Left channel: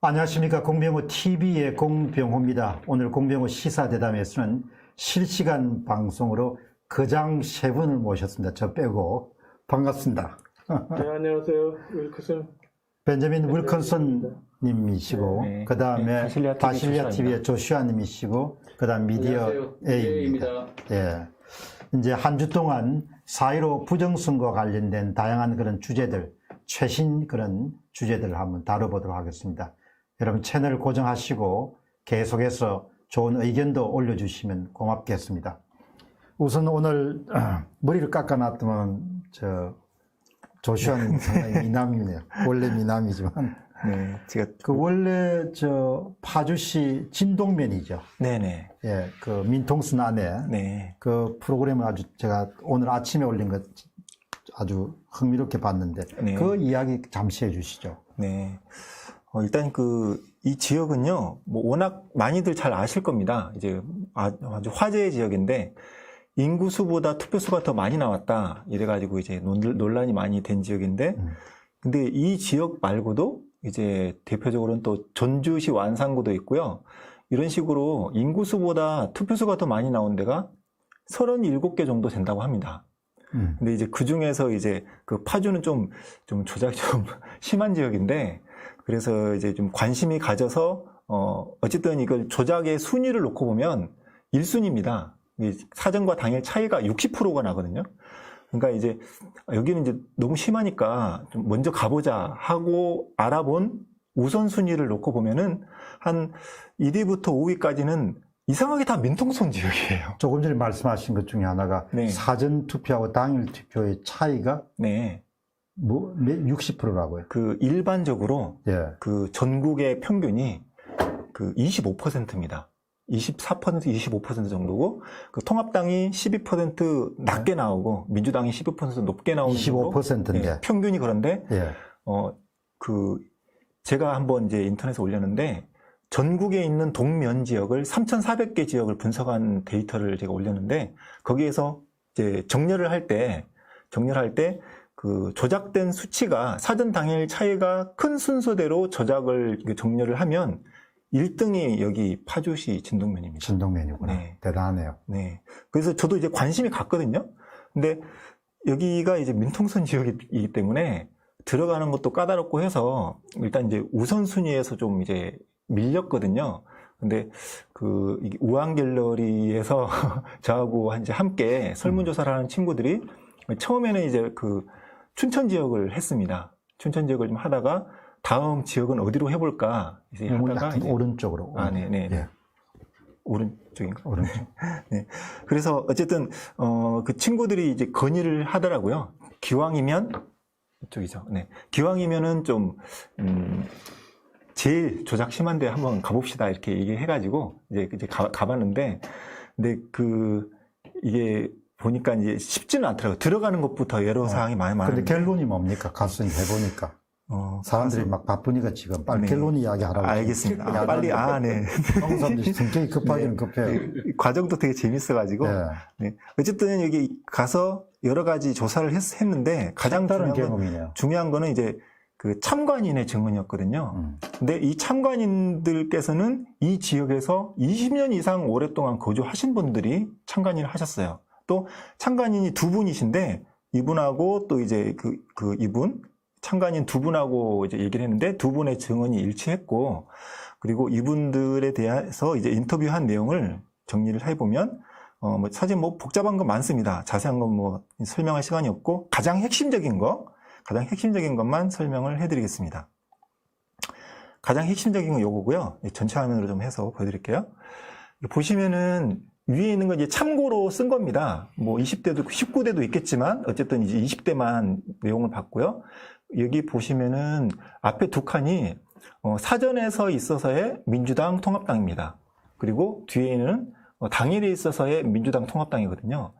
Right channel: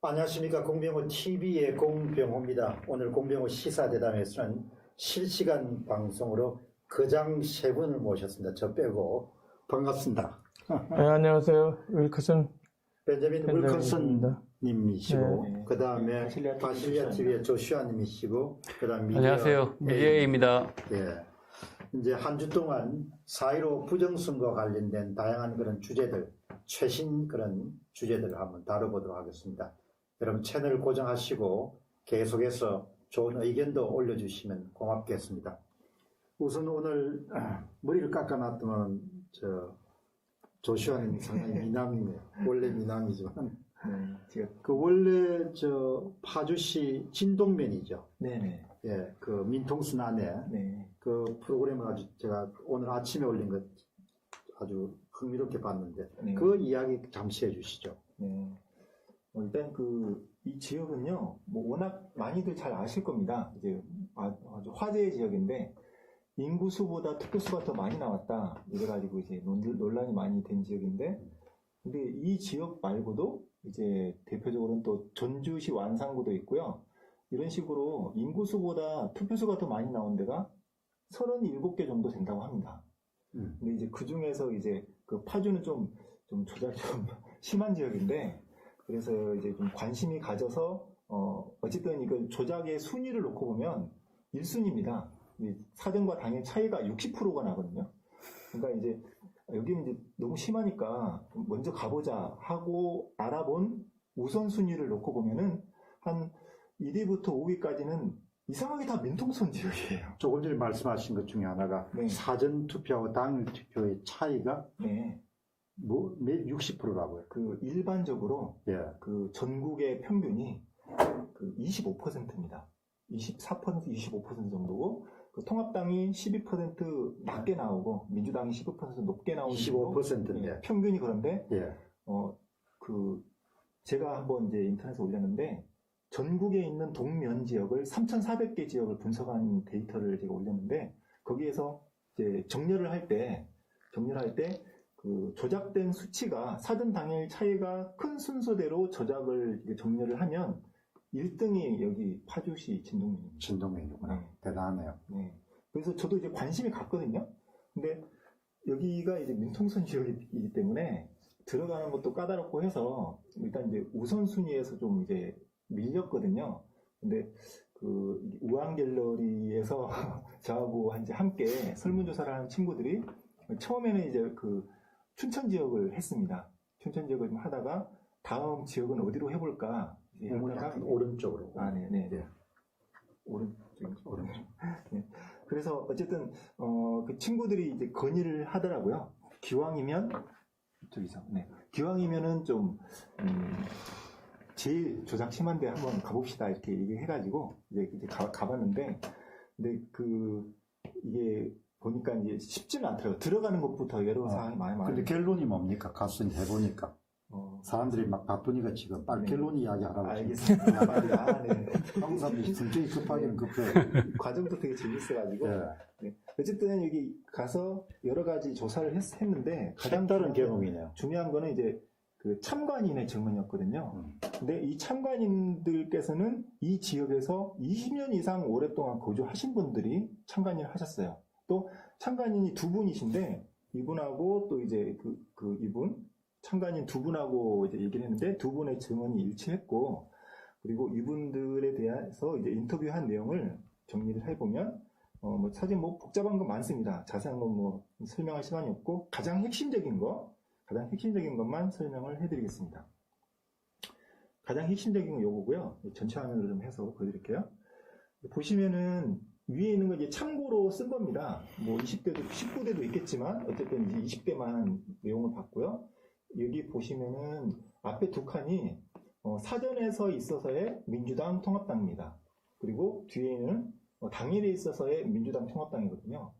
안녕하십니까. 공병호 TV의 공병호입니다. 오늘 공병호 시사대담에서는 실시간 방송으로 거장 세 분을 모셨습니다. 저 빼고 반갑습니다. 네, 안녕하세요. 윌크슨 벤자민 윌컨슨 님이시고 네, 네. 그 다음에 네, 바실리아 TV의 조슈아 님이시고 그 다음 미디어 안녕하세요. 미디어입니다. 예. 이제 한 주 동안 4.15 부정선거와 관련된 다양한 그런 주제들, 최신 그런 주제들을 한번 다뤄보도록 하겠습니다. 여러분 채널 고정하시고 계속해서 좋은 의견도 올려주시면 고맙겠습니다. 우선 오늘 머리를 깎아놨더만 조슈아님 상당히 미남이네요. 원래 미남이지만 네, 제가 그 원래 파주시 진동면이죠. 네네. 예, 그 민통순 안에 네. 그 프로그램을 아주 제가 오늘 아침에 올린 것 아주 흥미롭게 봤는데 네. 그 이야기 잠시 해주시죠. 네. 일단 이 지역은요, 뭐 워낙 많이들 잘 아실 겁니다. 이제 아주 화제의 지역인데 인구수보다 투표수가 더 많이 나왔다. 이래가지고 이제 논란이 많이 된 지역인데, 근데 이 지역 말고도 이제 대표적으로는 또 전주시 완산구도 있고요. 이런 식으로 인구수보다 투표수가 더 많이 나온 데가 37개 정도 된다고 합니다. 근데 이제 그 중에서 이제 그 파주는 좀 조작이 좀 심한 지역인데, 그래서 이제 좀 관심이 가져서, 어쨌든 이걸 조작의 순위를 놓고 보면 1순위입니다. 사전과 당일 차이가 60%가 나거든요. 그러니까 이제 여기는 이제 너무 심하니까 좀 먼저 가보자 하고 알아본 우선순위를 놓고 보면은 한 1위부터 5위까지는 이상하게 다 민통선 지역이에요. 조금 전에 말씀하신 것 중에 하나가 네. 사전 투표하고 당일 투표의 차이가 네. 60%라고요. 그 일반적으로 예. 그 전국의 평균이 그 25%입니다. 24%, 25% 정도고, 그 통합당이 12% 낮게 나오고, 민주당이 12% 높게 나오는 25%인데. 네, 평균이 그런데, 예. 제가 한번 이제 인터넷에 올렸는데, 전국에 있는 동면 지역을 3,400개 지역을 분석한 데이터를 제가 올렸는데, 거기에서 이제 정렬을 할 때, 그 조작된 수치가 사전 당일 차이가 큰 순서대로 정렬을 하면 1등이 여기 파주시 진동면입니다. 진동면이구나. 네. 대단하네요. 네. 그래서 저도 이제 관심이 갔거든요. 근데 여기가 이제 민통선 지역이기 때문에 들어가는 것도 까다롭고 해서 일단 이제 우선순위에서 좀 이제 밀렸거든요. 근데 이 우한 갤러리에서 저하고 이제 함께 설문조사를 하는 친구들이 처음에는 이제 춘천 지역을 했습니다. 춘천 지역을 좀 하다가 다음 지역은 어디로 해볼까 이제 하다가 이제 오른쪽으로. 네네. 예. 오른쪽인가? 오른쪽. 네. 그래서 어쨌든 그 친구들이 이제 건의를 하더라고요. 기왕이면 이쪽이죠. 네. 기왕이면은 좀 제일 조작 심한데 한번 가봅시다 이렇게 얘기해가지고 이제 가봤는데, 근데 이게 보니까 이제 쉽지는 않더라고요. 들어가는 것부터 여러 사항이 많이 근데 많은데. 결론이 뭡니까? 갔으니 해보니까. 사람들이 막 바쁘니까 지금 빨리 네. 결론 이야기하라고. 알겠습니다. 빨리, 네. 항상 성격이 급하기는 네. 급해. 과정도 되게 재밌어가지고. 네. 네. 어쨌든 여기 가서 여러 가지 조사를 했는데 가장 다른 경험이네요. 중요한 거는 이제 그 참관인의 증언이었거든요. 근데 이 참관인들께서는 이 지역에서 20년 이상 오랫동안 거주하신 분들이 참관인을 하셨어요. 또 참관인이 두 분이신데 이분하고 또 이제 이분 참관인 두 분하고 이제 얘기를 했는데 두 분의 증언이 일치했고, 그리고 이분들에 대해서 이제 인터뷰한 내용을 정리를 해보면 사실 복잡한 거 많습니다. 자세한 건 설명할 시간이 없고 가장 핵심적인 것만 설명을 해드리겠습니다. 가장 핵심적인 건 요거고요. 전체 화면으로 좀 해서 보여드릴게요. 보시면은 위에 있는 건 이제 참고로 쓴 겁니다. 20대도 19대도 있겠지만 어쨌든 이제 20대만 내용을 봤고요. 여기 보시면은 앞에 두 칸이 사전에서 있어서의 민주당 통합당입니다. 그리고 뒤에는 당일에 있어서의 민주당 통합당이거든요.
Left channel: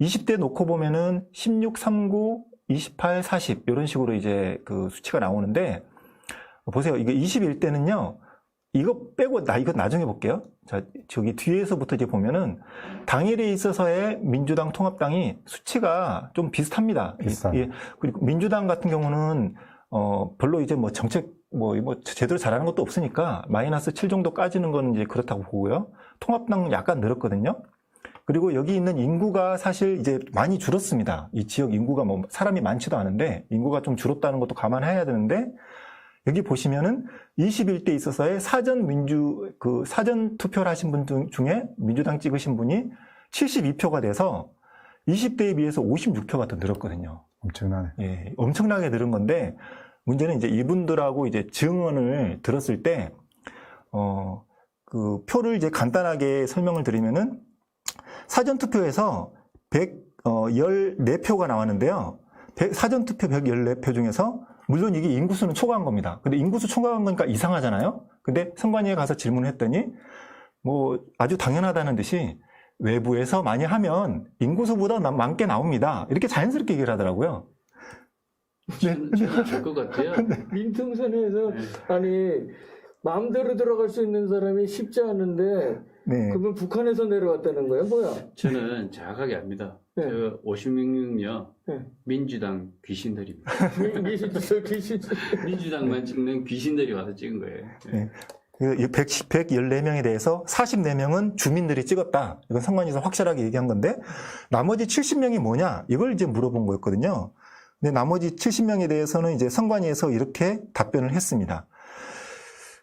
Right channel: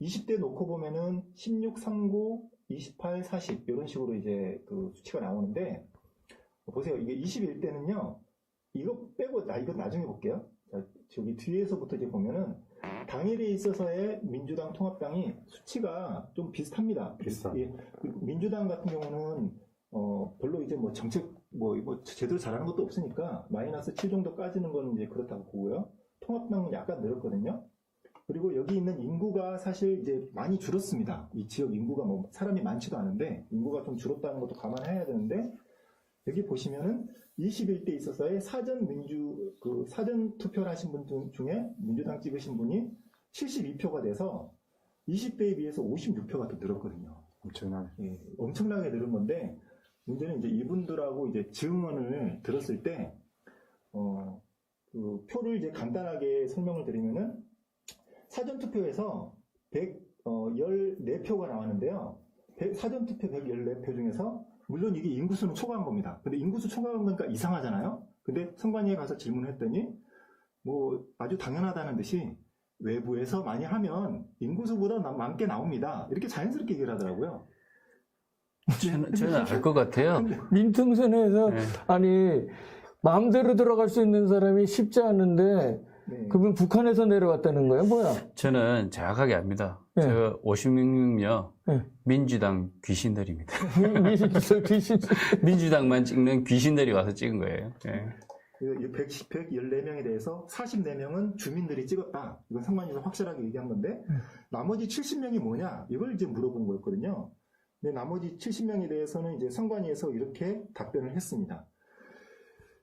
20대 놓고 보면은 16, 39, 28, 40 이런 식으로 이제 그 수치가 나오는데, 보세요. 이거 21대는요. 이거 빼고 이거 나중에 볼게요. 자, 저기 뒤에서부터 이제 보면은 당일에 있어서의 민주당 통합당이 수치가 좀 비슷합니다. 비슷한. 그리고 민주당 같은 경우는 별로 이제 정책 뭐 제대로 잘하는 것도 없으니까 마이너스 7 정도 까지는 건 이제 그렇다고 보고요. 통합당 약간 늘었거든요. 그리고 여기 있는 인구가 사실 이제 많이 줄었습니다. 이 지역 인구가 뭐 사람이 많지도 않은데 인구가 좀 줄었다는 것도 감안해야 되는데 여기 보시면은 21대 있어서의 사전 투표를 하신 분 중에 민주당 찍으신 분이 72표가 돼서 20대에 비해서 56표가 더 늘었거든요. 엄청나네. 예, 엄청나게 늘은 건데 문제는 이제 이분들하고 이제 증언을 들었을 때, 그 표를 이제 간단하게 설명을 드리면은 사전투표에서 114표가 나왔는데요. 사전투표 114표 중에서 물론 이게 인구수는 초과한 겁니다. 근데 인구수 초과한 거니까 이상하잖아요. 근데 선관위에 가서 질문을 했더니 뭐 아주 당연하다는 듯이 외부에서 많이 하면 인구수보다 많게 나옵니다. 이렇게 자연스럽게 얘기를 하더라고요. 저는 알 것 같아요. 민통선에서 네. 아니 마음대로 들어갈 수 있는 사람이 쉽지 않은데 네. 그러면 북한에서 내려왔다는 거야 뭐야? 저는 정확하게 압니다. 네. 저 56명요 네. 민주당 귀신들입니다. 미시주석 귀신. 민주당만 찍는 귀신들이 와서 찍은 거예요. 예. 114명에 대해서 44명은 주민들이 찍었다. 이건 선관위에서 확실하게 얘기한 건데 나머지 70명이 뭐냐? 이걸 이제 물어본 거였거든요. 근데 나머지 70명에 대해서는 이제 선관위에서 이렇게 답변을 했습니다.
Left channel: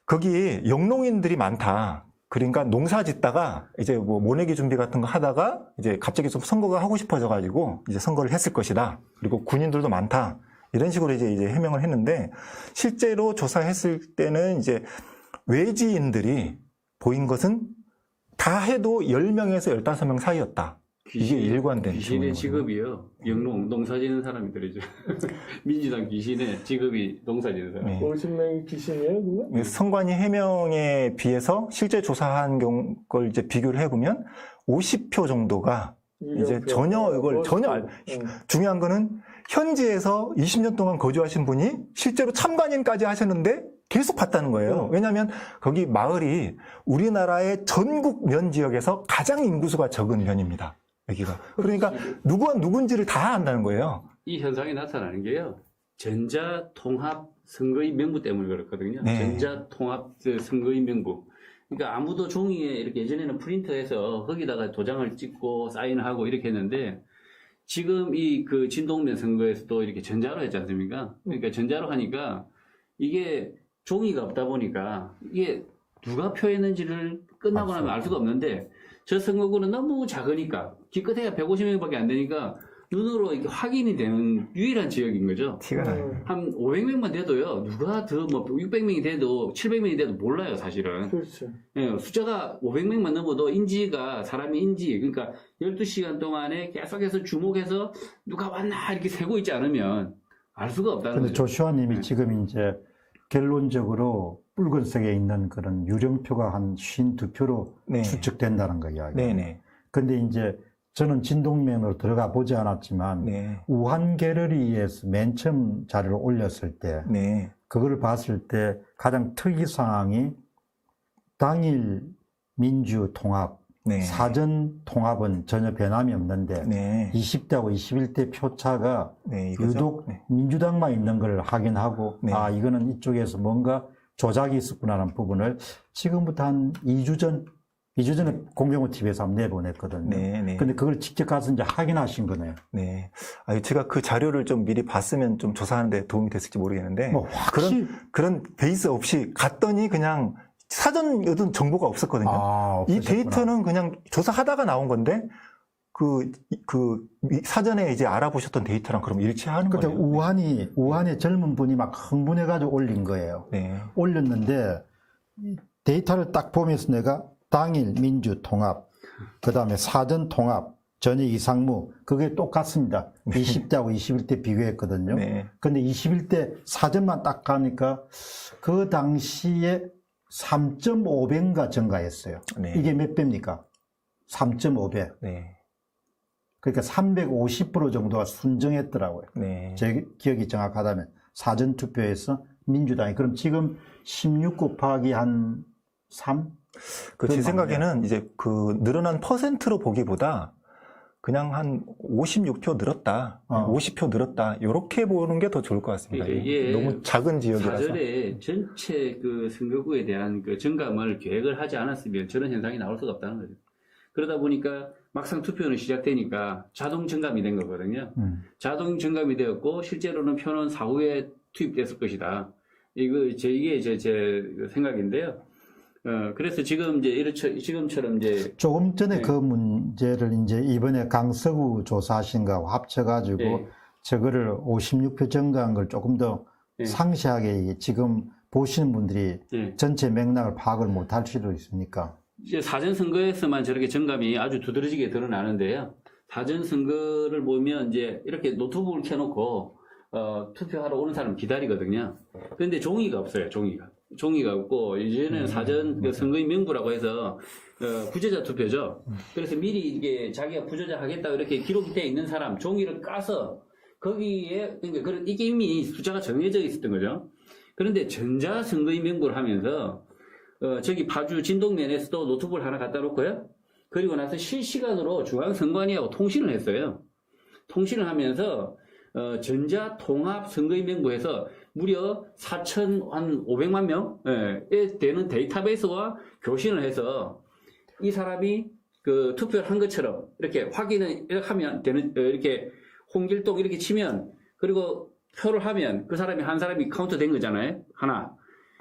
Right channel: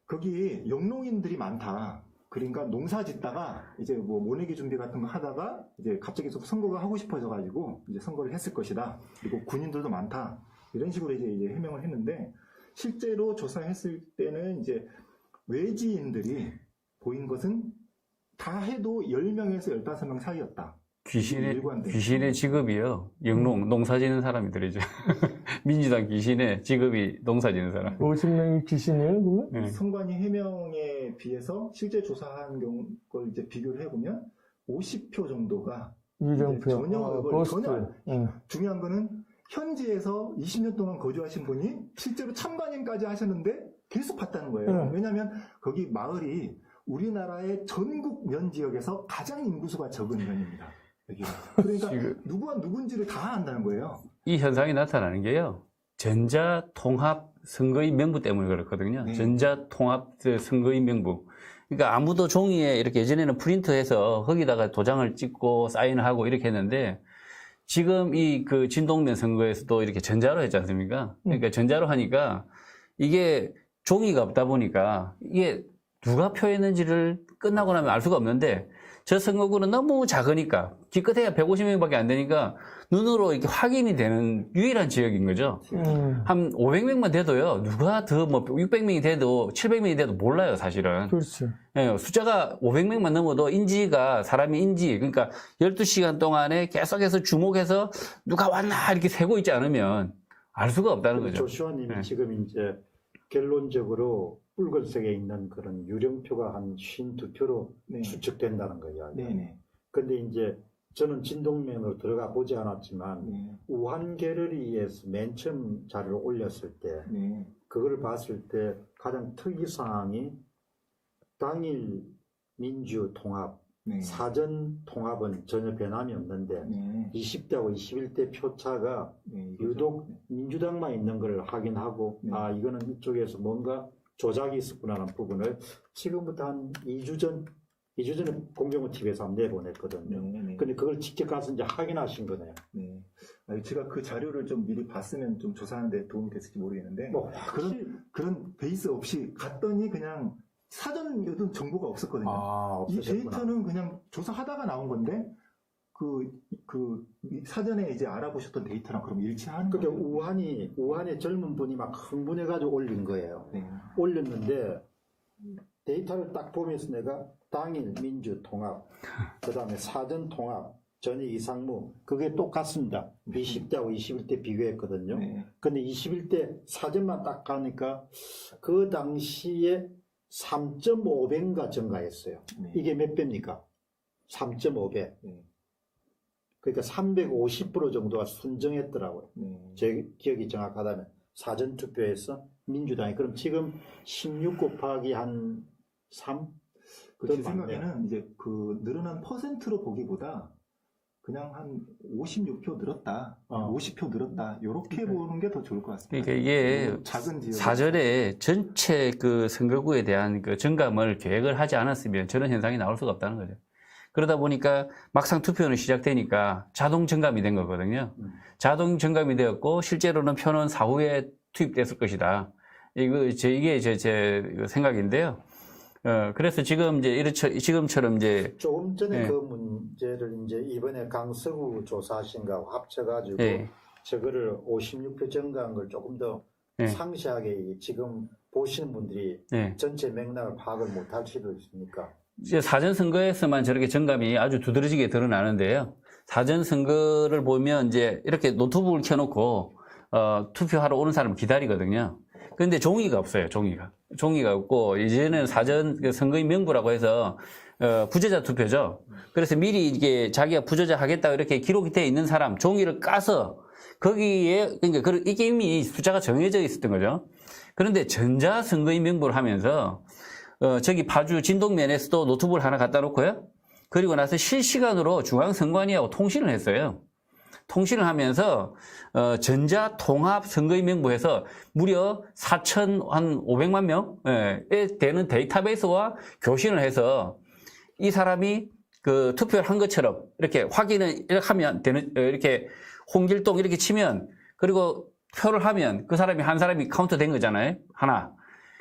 거기 영농인들이 많다. 그러니까 농사 짓다가 이제 뭐 모내기 준비 같은 거 하다가 이제 갑자기 좀 선거가 하고 싶어져 가지고 이제 선거를 했을 것이다. 그리고 군인들도 많다. 이런 식으로 이제 해명을 했는데 실제로 조사했을 때는 이제 외지인들이 보인 것은 다 해도 10명에서 15명 사이였다. 이게 일관된. 귀신의 직업이요. 영농, 농사 짓는 사람들이죠. 민주당 귀신의 직업이 농사 짓는 사람. 네. 50명이 귀신이에요? 그거? 선관위 해명에 비해서 실제 조사한 걸 이제 비교를 해보면 50표 정도가 이제 전혀 이걸 전혀 중요한 거는 현지에서 20년 동안 거주하신 분이 실제로 참관인까지 하셨는데 계속 봤다는 거예요. 왜냐하면 거기 마을이 우리나라의 전국 면 지역에서 가장 인구수가 적은 면입니다. 여기가. 그러니까 누구와 누군지를 다 안다는 거예요. 이 현상이 나타나는 게요. 전자통합 선거인 명부 때문에 그렇거든요. 네. 전자통합 선거인 명부. 그러니까 아무도 종이에 이렇게 예전에는 프린터해서 거기다가 도장을 찍고 사인을 하고 이렇게 했는데 지금 이 그 진동면 선거에서도 이렇게 전자로 했지 않습니까? 그러니까 전자로 하니까 이게 종이가 없다 보니까 이게 누가 표했는지를 끝나고 나면 알 수가 없는데 저 선거구는 너무 작으니까 기껏해야 150명밖에 안 되니까 눈으로 이렇게 확인이 되는 유일한 지역인 거죠. 한 500명만 돼도요. 누가 더 뭐 600명이 돼도 700명이 돼도 몰라요, 사실은. 그렇죠. 예, 숫자가 500명만 넘어도 인지가 사람의 인지 그러니까 12시간 동안에 계속해서 주목해서 누가 왔나 이렇게 세고 있지 않으면 알 수가 없다는 근데 거죠. 조슈아님이 네. 지금 이제 결론적으로 붉은색에 있는 그런 유령표가 한 52표로 네. 추측된다는 거 이야기. 네네. 근데 이제 저는 진동면으로 들어가 보지 않았지만 네. 우한 갤러리에서 맨 처음 자료를 올렸을 때 네. 그걸 봤을 때 가장 특이사항이 당일 민주통합, 네. 사전통합은 전혀 변함이 없는데 네. 20대하고 21대 표차가 네. 이거죠. 유독 네. 민주당만 있는 걸 확인하고 네. 아 이거는 이쪽에서 뭔가 조작이 있었구나라는 부분을 지금부터 한 2주 전에 공병호 TV에서 한번 내보냈거든요. 네. 네. 근데 그걸 직접 가서 이제 확인하신 거네요. 네. 아니, 제가 그 자료를 좀 미리 봤으면 좀 조사하는데 도움이 됐을지 모르겠는데 뭐 확실히 그런 베이스 없이 갔더니 그냥 사전 어떤 정보가 없었거든요. 이 없으셨구나. 데이터는 그냥 조사하다가 나온 건데 사전에 이제 알아보셨던 데이터랑 그럼 일치하는 그때 거예요. 우한의 젊은 분이 막 흥분해가지고 올린 거예요. 네. 올렸는데 데이터를 딱 보면서 내가 당일 민주통합, 그 다음에 사전통합, 전역 이상무 그게 똑같습니다. 20대하고 21대 비교했거든요. 네. 근데 21대 사전만 딱 가니까 그 당시에 3.5배인가 증가했어요. 네. 이게 몇 배입니까? 3.5배. 네. 그러니까 350% 정도가 순정했더라고요. 네. 제 기억이 정확하다면 사전투표에서 민주당이 그럼 지금 16 곱하기 한 3? 제 생각에는 이제 그 늘어난 퍼센트로 보기보다 그냥 한 56표 늘었다, 50표 늘었다 이렇게 보는 게 더 좋을 것 같습니다. 이게 너무 작은 지역이라서. 사전에 전체 그 선거구에 대한 그 정감을 계획을 하지 않았으면 저런 현상이 나올 수가 없다는 거죠. 그러다 보니까 막상 투표는 시작되니까 자동 정감이 된 거거든요. 자동 정감이 되었고 실제로는 표는 사후에 투입됐을 것이다. 이게 제 생각인데요. 그래서 지금 지금처럼 조금 전에 네. 그 문제를 이제 이번에 강서구 조사하신 거하고 합쳐가지고 네. 저거를 56표 정도한 걸 조금 더 네. 상세하게 지금 보시는 분들이 네. 전체 맥락을 파악을 못할 수도 있으니까. 이제 사전 선거에서만 저렇게 정감이 아주 두드러지게 드러나는데요. 사전 선거를 보면 이제 이렇게 노트북을 켜놓고 투표하러 오는 사람 기다리거든요. 그런데 종이가 없어요. 종이가 없고 이제는 사전 그 선거인 명부라고 해서 부재자 투표죠. 그래서 미리 이게 자기가 부재자 하겠다고 이렇게 기록이 되어 있는 사람 종이를 까서 거기에 그러니까 이게 이미 숫자가 정해져 있었던 거죠. 그런데 전자 선거인 명부를 하면서 저기 파주 진동면에서도 노트북을 하나 갖다 놓고요. 그리고 나서 실시간으로 중앙선관위하고 통신을 했어요. 통신을 하면서 전자 통합 선거인 명부에서 무려 4,500만 명에 되는 데이터베이스와 교신을 해서 이 사람이 그 투표를 한 것처럼 이렇게 확인을 이렇게 하면 되는, 이렇게 홍길동 이렇게 치면 그리고 표를 하면 그 사람이 한 사람이 카운트 된 거잖아요. 하나.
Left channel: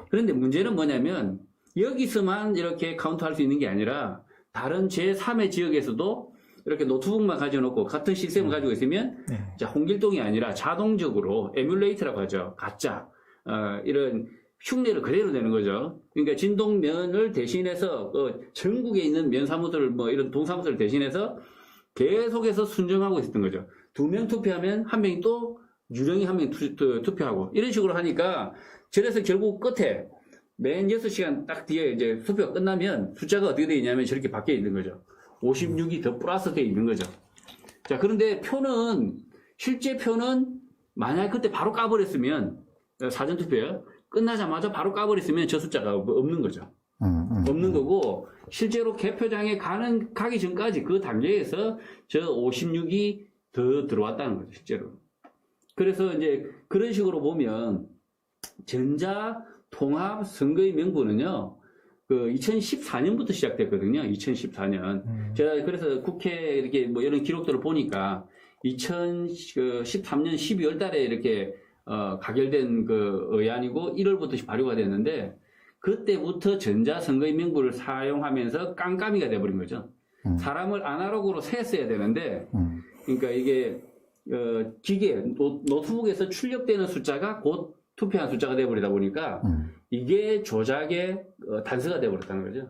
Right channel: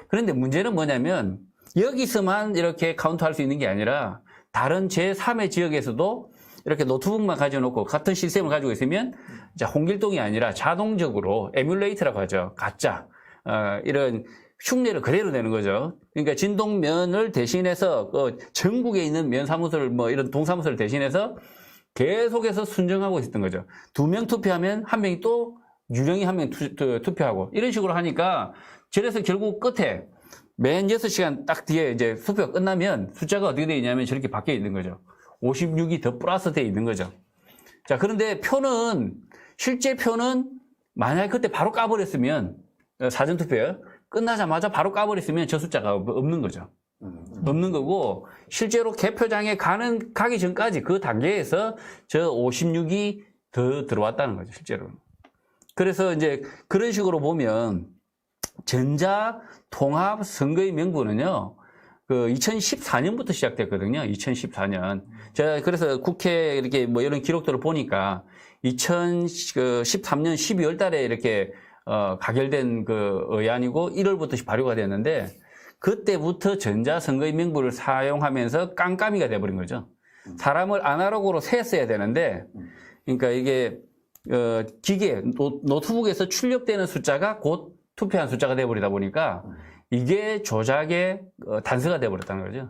그런데 문제는 뭐냐면 여기서만 이렇게 카운트할 수 있는 게 아니라 다른 제3의 지역에서도 이렇게 노트북만 가져놓고 같은 시스템을 가지고 있으면 자, 홍길동이 아니라 자동적으로 에뮬레이터라고 하죠. 가짜 이런 흉내를 그대로 내는 거죠. 그러니까 진동면을 대신해서 전국에 있는 면사무소를 뭐 이런 동사무소를 대신해서 계속해서 순정하고 있었던 거죠. 2명 투표하면 한 명이 또 유령이 한 명 투표하고 이런 식으로 하니까 그래서 결국 끝에 맨 6시간 딱 뒤에 이제 투표가 끝나면 숫자가 어떻게 되어 있냐면 저렇게 바뀌어 있는 거죠. 56이 더 플러스 되어 있는 거죠. 자, 그런데 실제 표는 만약에 그때 바로 까버렸으면, 사전투표요. 끝나자마자 바로 까버렸으면 저 숫자가 없는 거죠. 없는 거고, 실제로 개표장에 가기 전까지 그 단계에서 저 56이 더 들어왔다는 거죠, 실제로. 그래서 이제 그런 식으로 보면, 전자 통합 선거인 명부는요, 그 2014년부터 시작됐거든요. 2014년. 제가 그래서 국회 이렇게 뭐 이런 기록들을 보니까 2013년 12월 달에 이렇게 가결된 그 의안이고 1월부터 발효가 됐는데 그때부터 전자선거인 명부를 사용하면서 깜깜이가 돼버린 거죠. 사람을 아날로그로 세었어야 되는데 그러니까 이게 기계 노트북에서 출력되는 숫자가 곧 투표한 숫자가 돼버리다 보니까 이게 조작의 단서가 돼버렸다는 거죠.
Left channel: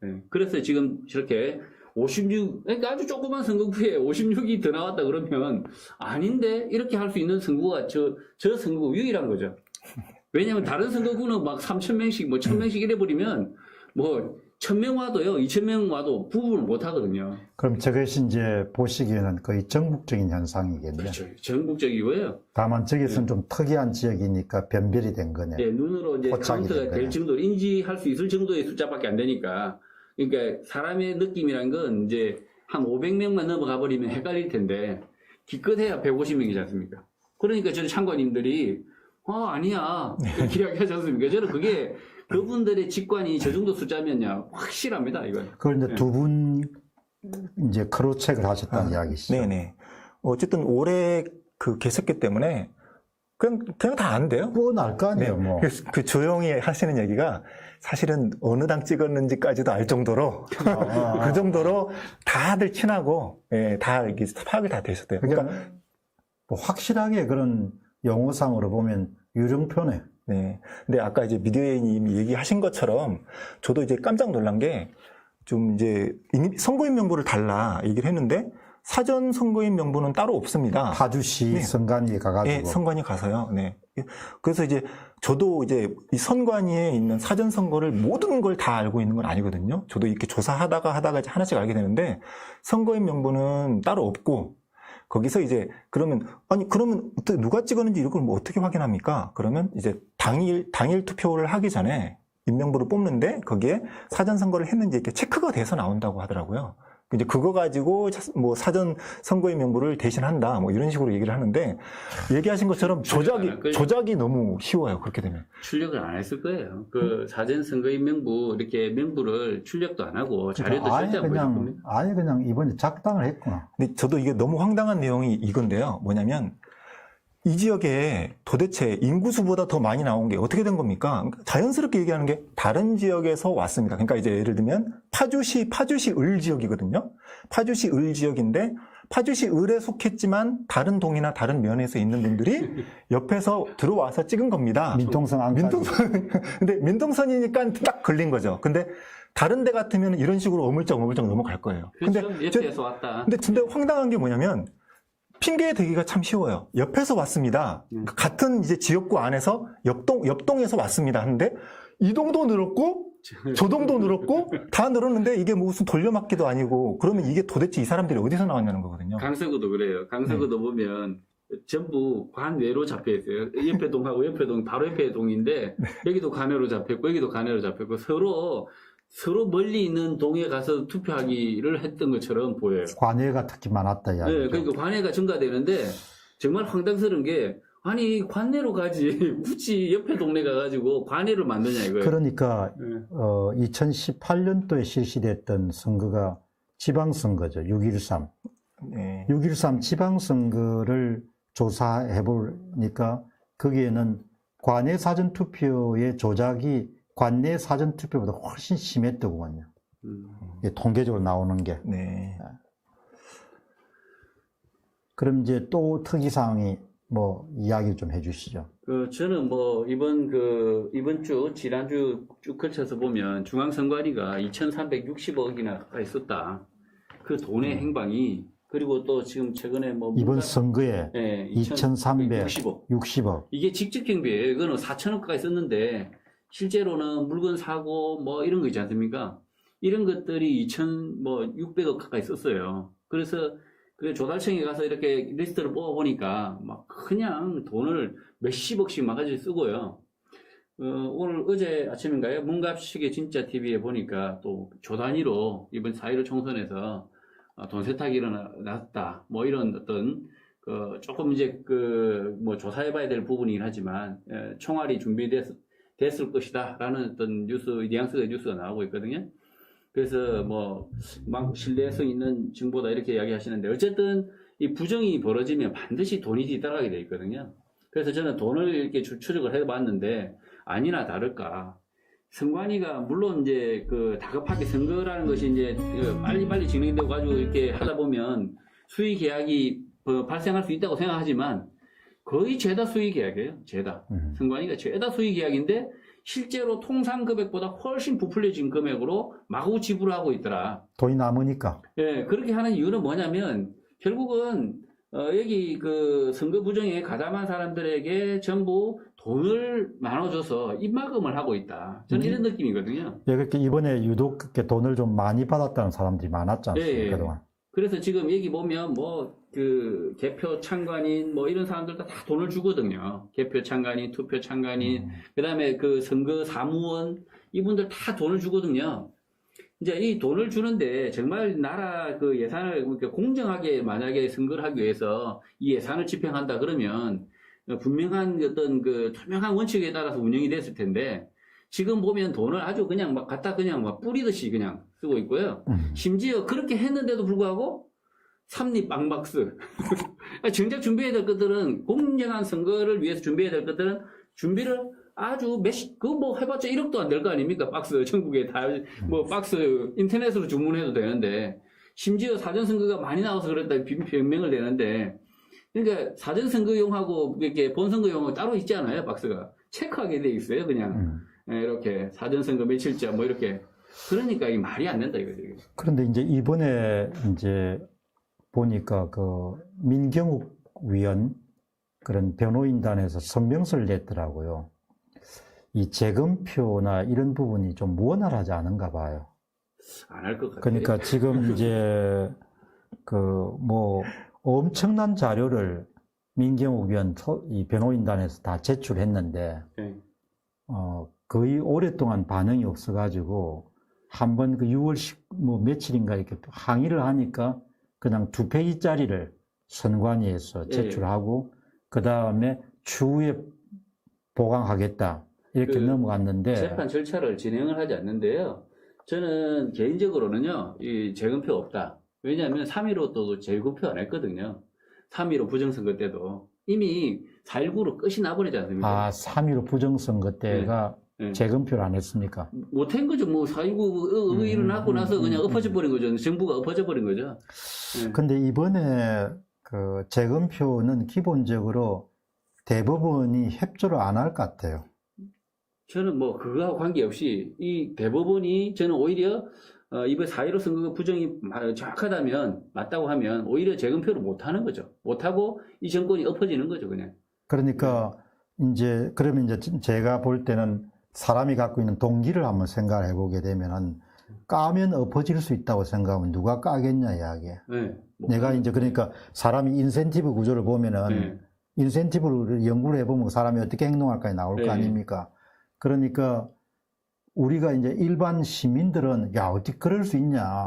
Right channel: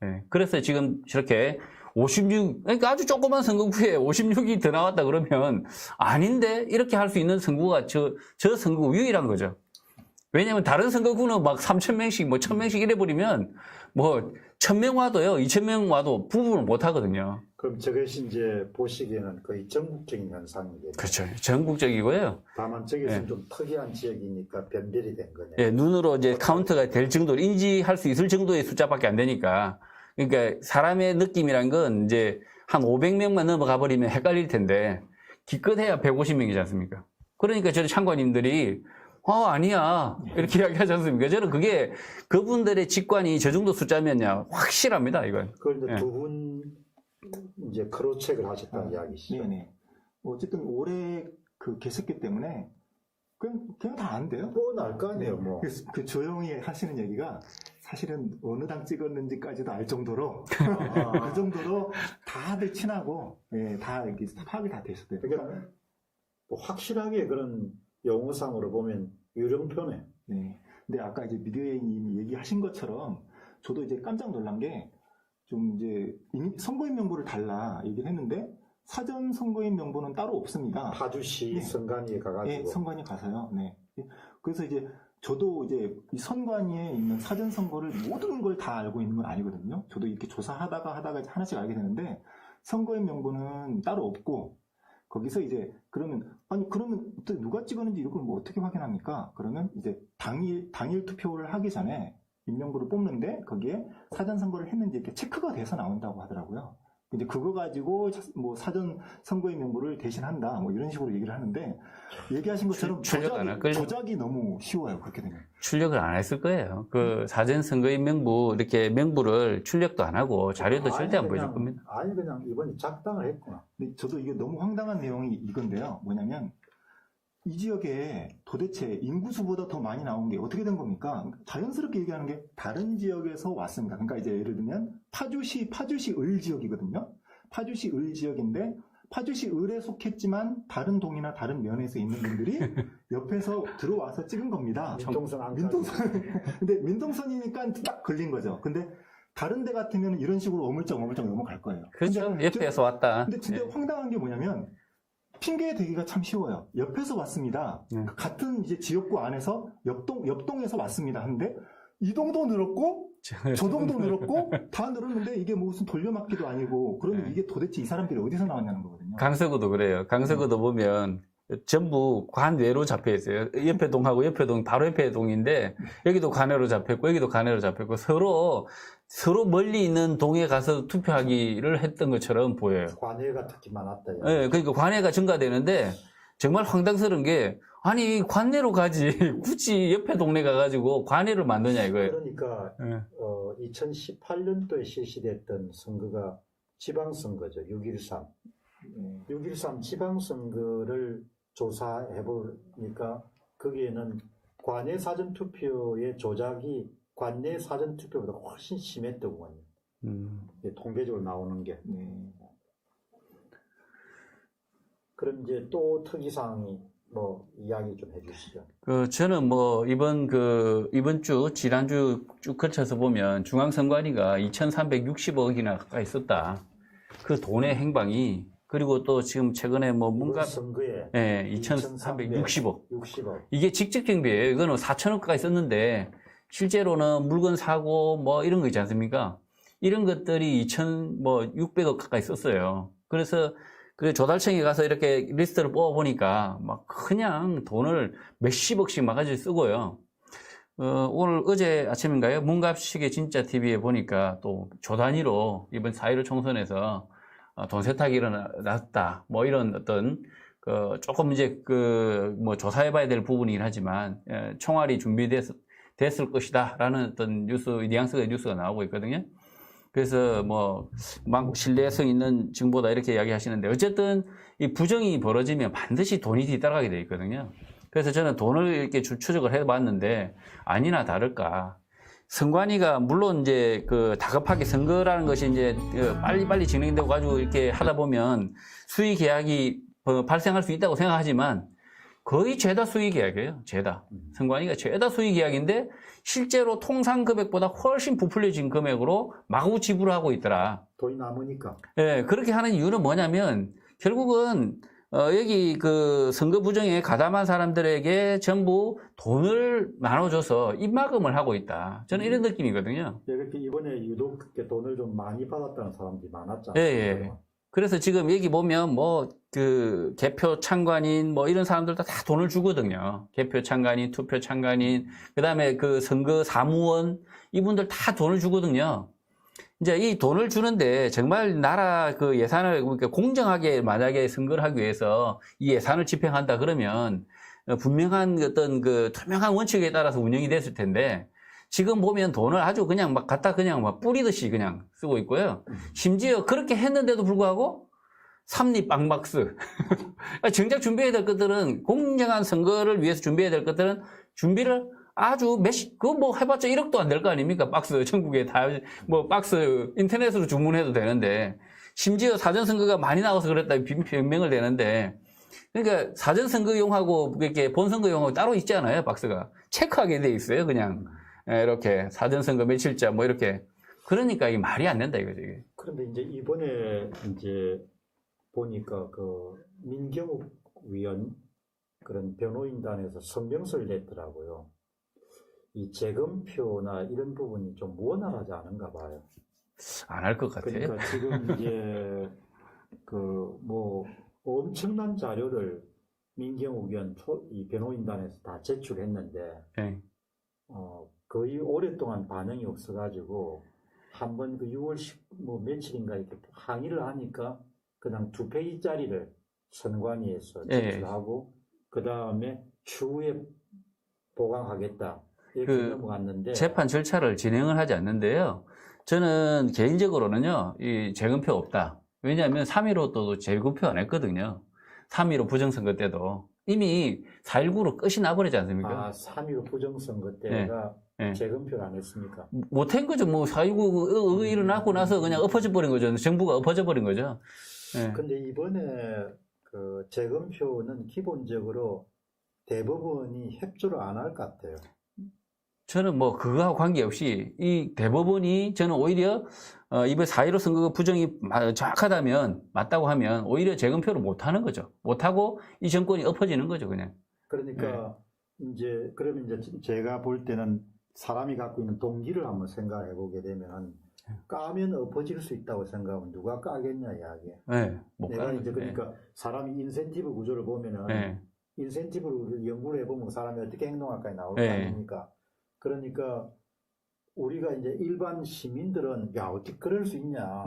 네. 그래서 지금 저렇게 56, 그러니까 아주 조그만 선거구에 56이 더 나왔다 그러면 아닌데 이렇게 할 수 있는 선거구가 저 선거구 유일한 거죠. 왜냐하면 다른 선거구는 막 3,000명씩 뭐 1,000명씩 이래버리면 뭐 1,000명 와도요, 2,000명 와도 부분을 못 하거든요. 그럼 저것이 이제 보시기에는 거의 전국적인 현상이겠네요. 그렇죠. 전국적이고요. 다만 저기서는 좀 특이한 지역이니까 변별이 된 거네요. 네, 눈으로 이제 카운트가 될 정도로 인지할 수 있을 정도의 숫자밖에 안 되니까. 그러니까 사람의 느낌이란 건 이제 한 500명만 넘어가 버리면 헷갈릴 텐데 기껏해야 150명이지 않습니까? 그러니까 저희 참관인들이 아니야. 이렇게 이야기하지 않습니까? 저는 그게 그분들의 직관이 저 정도 숫자면야 확실합니다, 이건. 그걸 이제 두 분 이제 크로체크를 하셨다는 이야기시죠. 네네. 어쨌든 올해 그 개석기 때문에 그냥 다 안 돼요. 뻔할 거 아니에요, 뭐. 그 조용히 하시는 얘기가 사실은 어느 당 찍었는지까지도 알 정도로 그 정도로 다들 친하고 다 이렇게 파악이 다 되셨대요. 그러니까 뭐 확실하게 그런 용어상으로 보면 유령표네. 네. 근데 아까 이제 미디어님이 얘기하신 것처럼 저도 이제 깜짝 놀란 게 좀 이제 선거인 명부를 달라 얘기를 했는데 사전 선거인 명부는 따로 없습니다. 파주시 선관위 가가지고. 네, 선관위 가서요. 네. 그래서 이제 저도 이제 이 선관위에 있는 사전 선거를 모든 걸 다 알고 있는 건 아니거든요. 저도 이렇게 조사하다가 이제 하나씩 알게 되는데 선거인 명부는 따로 없고 거기서 이제 그러면 누가 찍었는지 이걸 뭐 어떻게 확인합니까? 그러면 이제 당일 투표를 하기 전에 인명부를 뽑는데 거기에 사전 선거를 했는지 이렇게 체크가 돼서 나온다고 하더라고요. 이제 그거 가지고 뭐 사전 선거인 명부를 대신한다. 뭐 이런 식으로 얘기를 하는데 얘기하신 것처럼 출력 안 할 거예요. 조작이 너무 쉬워요. 그렇게 되면. 출력을 안 했을 거예요. 그 사전 선거인 명부 이렇게 명부를 출력도 안 하고 자료도 절대 안 보여줄 겁니다. 아예 그냥 이번에 작당을 했구나. 근데 저도 이게 너무 황당한 내용이 이건데요. 뭐냐면 이 지역에 도대체 인구수보다 더 많이 나온 게 어떻게 된 겁니까? 그러니까 자연스럽게 얘기하는 게 다른 지역에서 왔습니다. 그러니까 이제 예를 들면 파주시 을 지역이거든요. 파주시 을 지역인데 파주시 을에 속했지만 다른 동이나 다른 면에서 있는 분들이 옆에서 들어와서 찍은 겁니다. 민통선 안까지. 근데 민통선이니까 딱 걸린 거죠. 근데 다른 데 같으면 이런 식으로 어물쩍 넘어갈 거예요. 그렇죠. 근데 옆에서 왔다. 근데 황당한 게 뭐냐면 핑계 대기가 참 쉬워요. 옆에서 왔습니다. 같은 이제 지역구 안에서 옆동에서 왔습니다. 하는데 이 동도 늘었고 저 동도 늘었고 다 늘었는데 이게 무슨 돌려막기도 아니고 그러면 이게 도대체 이 사람들이 어디서 나왔냐는 거거든요. 강서구도 그래요. 강서구도 보면 전부 관외로 잡혀 있어요. 옆에 동하고 옆에 동 바로 옆에 동인데 여기도 관외로 잡혔고 여기도 관외로 잡혔고 서로 멀리 있는 동에 가서 투표하기를 했던 것처럼 보여요. 관외가 특히 많았다. 네, 그러니까 관외가 증가되는데 정말 황당스러운 게 아니 관내로 가지 굳이 옆에 동네 가가지고 관외를 만드냐 이거예요. 그러니까 네. 2018년도에 실시됐던 선거가 지방선거죠. 6.13. 네. 6.13 지방선거를 조사해 보니까 거기에는 관내 사전투표의 조작이 관내 사전투표보다 훨씬 심했더군요. 이게 통계적으로 나오는 게. 네. 그럼 이제 또 특이사항이 뭐 이야기 좀 해주시죠. 저는 뭐 이번 주 지난주 쭉 거쳐서 보면 중앙선관위가 2,360억이나 가까이 썼다. 그 돈의 행방이 그리고 또 지금 최근에 뭐 이번 선거에 네, 2,360억. 60억. 이게 직접 경비예요. 이거는 4천억 가까이 썼는데 실제로는 물건 사고 뭐 이런 거 있지 않습니까? 이런 것들이 2,600억 가까이 썼어요. 그래서 그 조달청에 가서 이렇게 리스트를 뽑아보니까 막 그냥 돈을 몇십억씩 막아지 쓰고요. 오늘 어제 아침인가요? 문갑식의 진짜 TV에 보니까 또 조 단위로 이번 4.15 총선에서 돈 세탁이 일어났다. 뭐 이런 어떤 조금 이제 뭐 조사해봐야 될 부분이긴 하지만 총알이 준비됐을 것이다. 라는 어떤 뉘앙스의 뉴스가 나오고 있거든요. 그래서 뭐 막 신뢰성 있는 정보다 이렇게 이야기하시는데 어쨌든 이 부정이 벌어지면 반드시 돈이 뒤따라가게 돼 있거든요. 그래서 저는 돈을 이렇게 추적을 해봤는데 아니나 다를까 선관위가 물론 이제 다급하게 선거라는 것이 이제 빨리빨리 진행되고 가지고 이렇게 하다 보면 수의 계약이 발생할 수 있다고 생각하지만 거의 죄다 수의 계약이에요. 죄다. 선관위가 죄다 수의 계약인데 실제로 통상 금액보다 훨씬 부풀려진 금액으로 마구 지불하고 있더라. 돈이 남으니까. 예, 그렇게 하는 이유는 뭐냐면 결국은 여기 선거 부정에 가담한 사람들에게 전부 돈을 나눠줘서 입막음을 하고 있다. 저는 이런 느낌이거든요. 예, 그렇게 이번에 유독 그렇게 돈을 좀 많이 받았다는 사람들이 많았지 않습니까? 예, 예. 그동안. 그래서 지금 여기 보면 개표 참관인 뭐 이런 사람들도 다 돈을 주거든요. 개표 참관인, 투표 참관인, 그 다음에 선거 사무원, 이분들 다 돈을 주거든요. 이제 이 돈을 주는데 정말 나라 예산을 그러니까 공정하게 만약에 선거를 하기 위해서 이 예산을 집행한다 그러면 분명한 어떤 투명한 원칙에 따라서 운영이 됐을 텐데 지금 보면 돈을 아주 그냥 막 갖다 그냥 막 뿌리듯이 그냥 쓰고 있고요. 심지어 그렇게 했는데도 불구하고 삼립방박스. 정작 준비해야 될 것들은 공정한 선거를 위해서 준비해야 될 것들은 준비를 아주 해봤자 1억도 안 될 거 아닙니까? 박스, 전국에 다, 박스, 인터넷으로 주문해도 되는데, 심지어 사전선거가 많이 나와서 그랬다는 변명을 대는데, 그러니까 사전선거용하고, 이렇게 본선거용하고 따로 있잖아요, 박스가. 체크하게 돼 있어요, 그냥. 이렇게, 사전선거 며칠자, 뭐 이렇게. 그러니까 이게 말이 안 된다, 이거지. 그런데 이제 이번에 이제 보니까 민경욱 위원, 그런 변호인단에서 성명서를 냈더라고요. 이 재검표나 이런 부분이 좀 원활하지 않은가 봐요. 안 할 것 같아요. 그러니까 지금 이제 엄청난 자료를 민경욱 위원 이 변호인단에서 다 제출했는데 네. 거의 오랫동안 반응이 없어가지고 한번 그 6월 뭐 며칠인가 이렇게 항의를 하니까 그냥 2페이지짜리를 선관위에서 제출하고 그 다음에 추후에 보강하겠다 이렇게 넘어갔는데 재판 절차를 진행을 하지 않는데요. 저는 개인적으로는요, 이 재검표 없다. 왜냐하면 3.15도 재검표 안 했거든요. 3.15 부정선거 때도 이미 4.19로 끝이 나버리지 않습니까? 3.15 부정선거 때가 재검표를 안 했습니까? 못한 거죠. 뭐 4.19 일어나고 나서 그냥 엎어져 버린 거죠. 정부가 엎어져 버린 거죠. 근데 이번에 그 재검표는 기본적으로 대법원이 협조를 안 할 것 같아요. 저는 뭐 그거하고 관계없이 이 대법원이 저는 오히려 이번 4.15 선거가 부정이 정확하다면 맞다고 하면 오히려 재검표를 못 하는 거죠. 못 하고 이 정권이 엎어지는 거죠, 그냥. 그러니까 이제 그러면 이제 제가 볼 때는 사람이 갖고 있는 동기를 한번 생각을 해보게 되면은 까면 엎어질 수 있다고 생각하면 누가 까겠냐 이야기에. 네, 내가 이제 그러니까 사람이 인센티브 구조를 보면은 인센티브를 연구를 해보면 사람이 어떻게 행동할까 나올 거 아닙니까? 그러니까 우리가 이제 일반 시민들은 야 어떻게 그럴 수 있냐.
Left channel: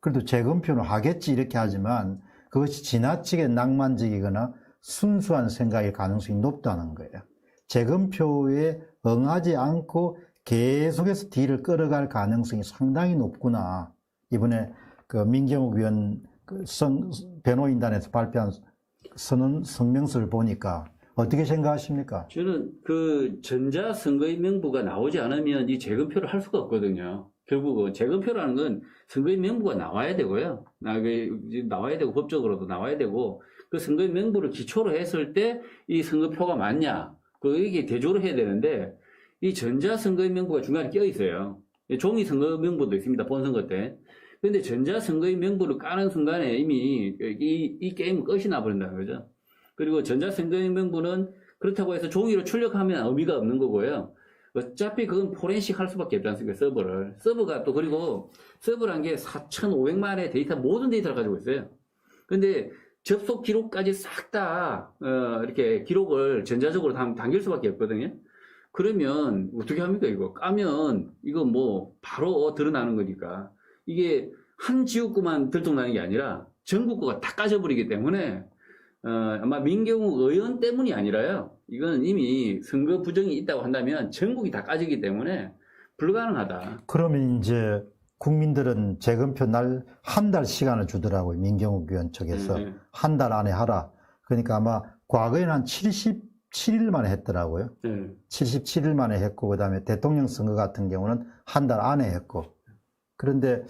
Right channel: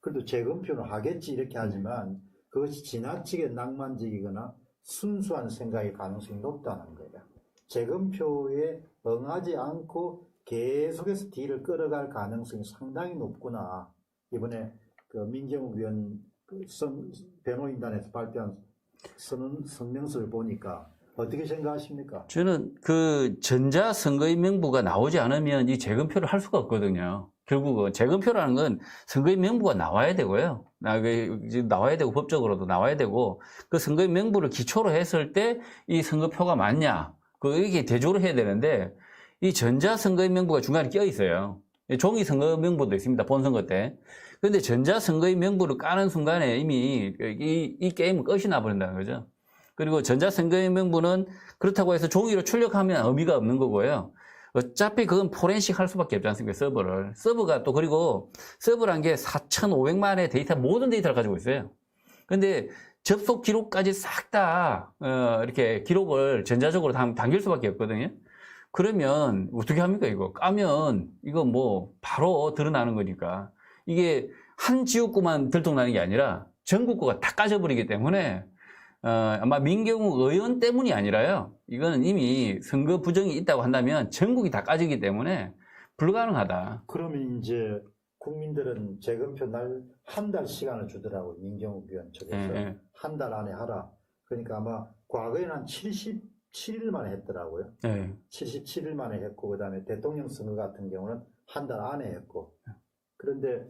그래도 재검표는 하겠지 이렇게 하지만 그것이 지나치게 낭만적이거나 순수한 생각일 가능성이 높다는 거예요. 재검표에 응하지 않고 계속해서 뒤를 끌어갈 가능성이 상당히 높구나. 이번에 그 민경욱 위원 변호인단에서 발표한 성명서를 보니까 어떻게 생각하십니까? 저는 그 전자선거인 명부가 나오지 않으면 이 재검표를 할 수가 없거든요. 결국은 재검표라는 건 선거인 명부가 나와야 되고요. 나와야 되고 법적으로도 나와야 되고 그 선거인 명부를 기초로 했을 때 이 선거표가 맞냐 이렇게 대조를 해야 되는데 이 전자선거인 명부가 중간에 껴 있어요. 종이 선거 명부도 있습니다. 본선거 때. 그런데 전자선거인 명부를 까는 순간에 이미 이 게임은 끝이 나버린다는 거죠. 그리고 전자선거인 명부는 그렇다고 해서 종이로 출력하면 의미가 없는 거고요. 어차피 그건 포렌식 할 수밖에 없지 않습니까? 서버를. 서버가 또 그리고 서버란 게 4,500만의 데이터, 모든 데이터를 가지고 있어요. 근데 접속 기록까지 싹 다, 이렇게 기록을 전자적으로 당길 수밖에 없거든요. 그러면 어떻게 합니까, 이거? 까면 이거 뭐 바로 드러나는 거니까. 이게 한 지역구만 들통나는 게 아니라 전국구가 다 까져버리기 때문에 아마 민경욱 의원 때문이 아니라요. 이거는 이미 선거 부정이 있다고 한다면 전국이 다 까지기 때문에 불가능하다. 그러면 이제 국민들은 재검표 날 한 달 시간을 주더라고요. 민경욱 의원 측에서. 한 달 안에 하라. 그러니까 아마 과거에는 한 77일 만에 했더라고요. 77일 만에 했고 그다음에 대통령 선거 같은 경우는 한 달 안에 했고. 그런데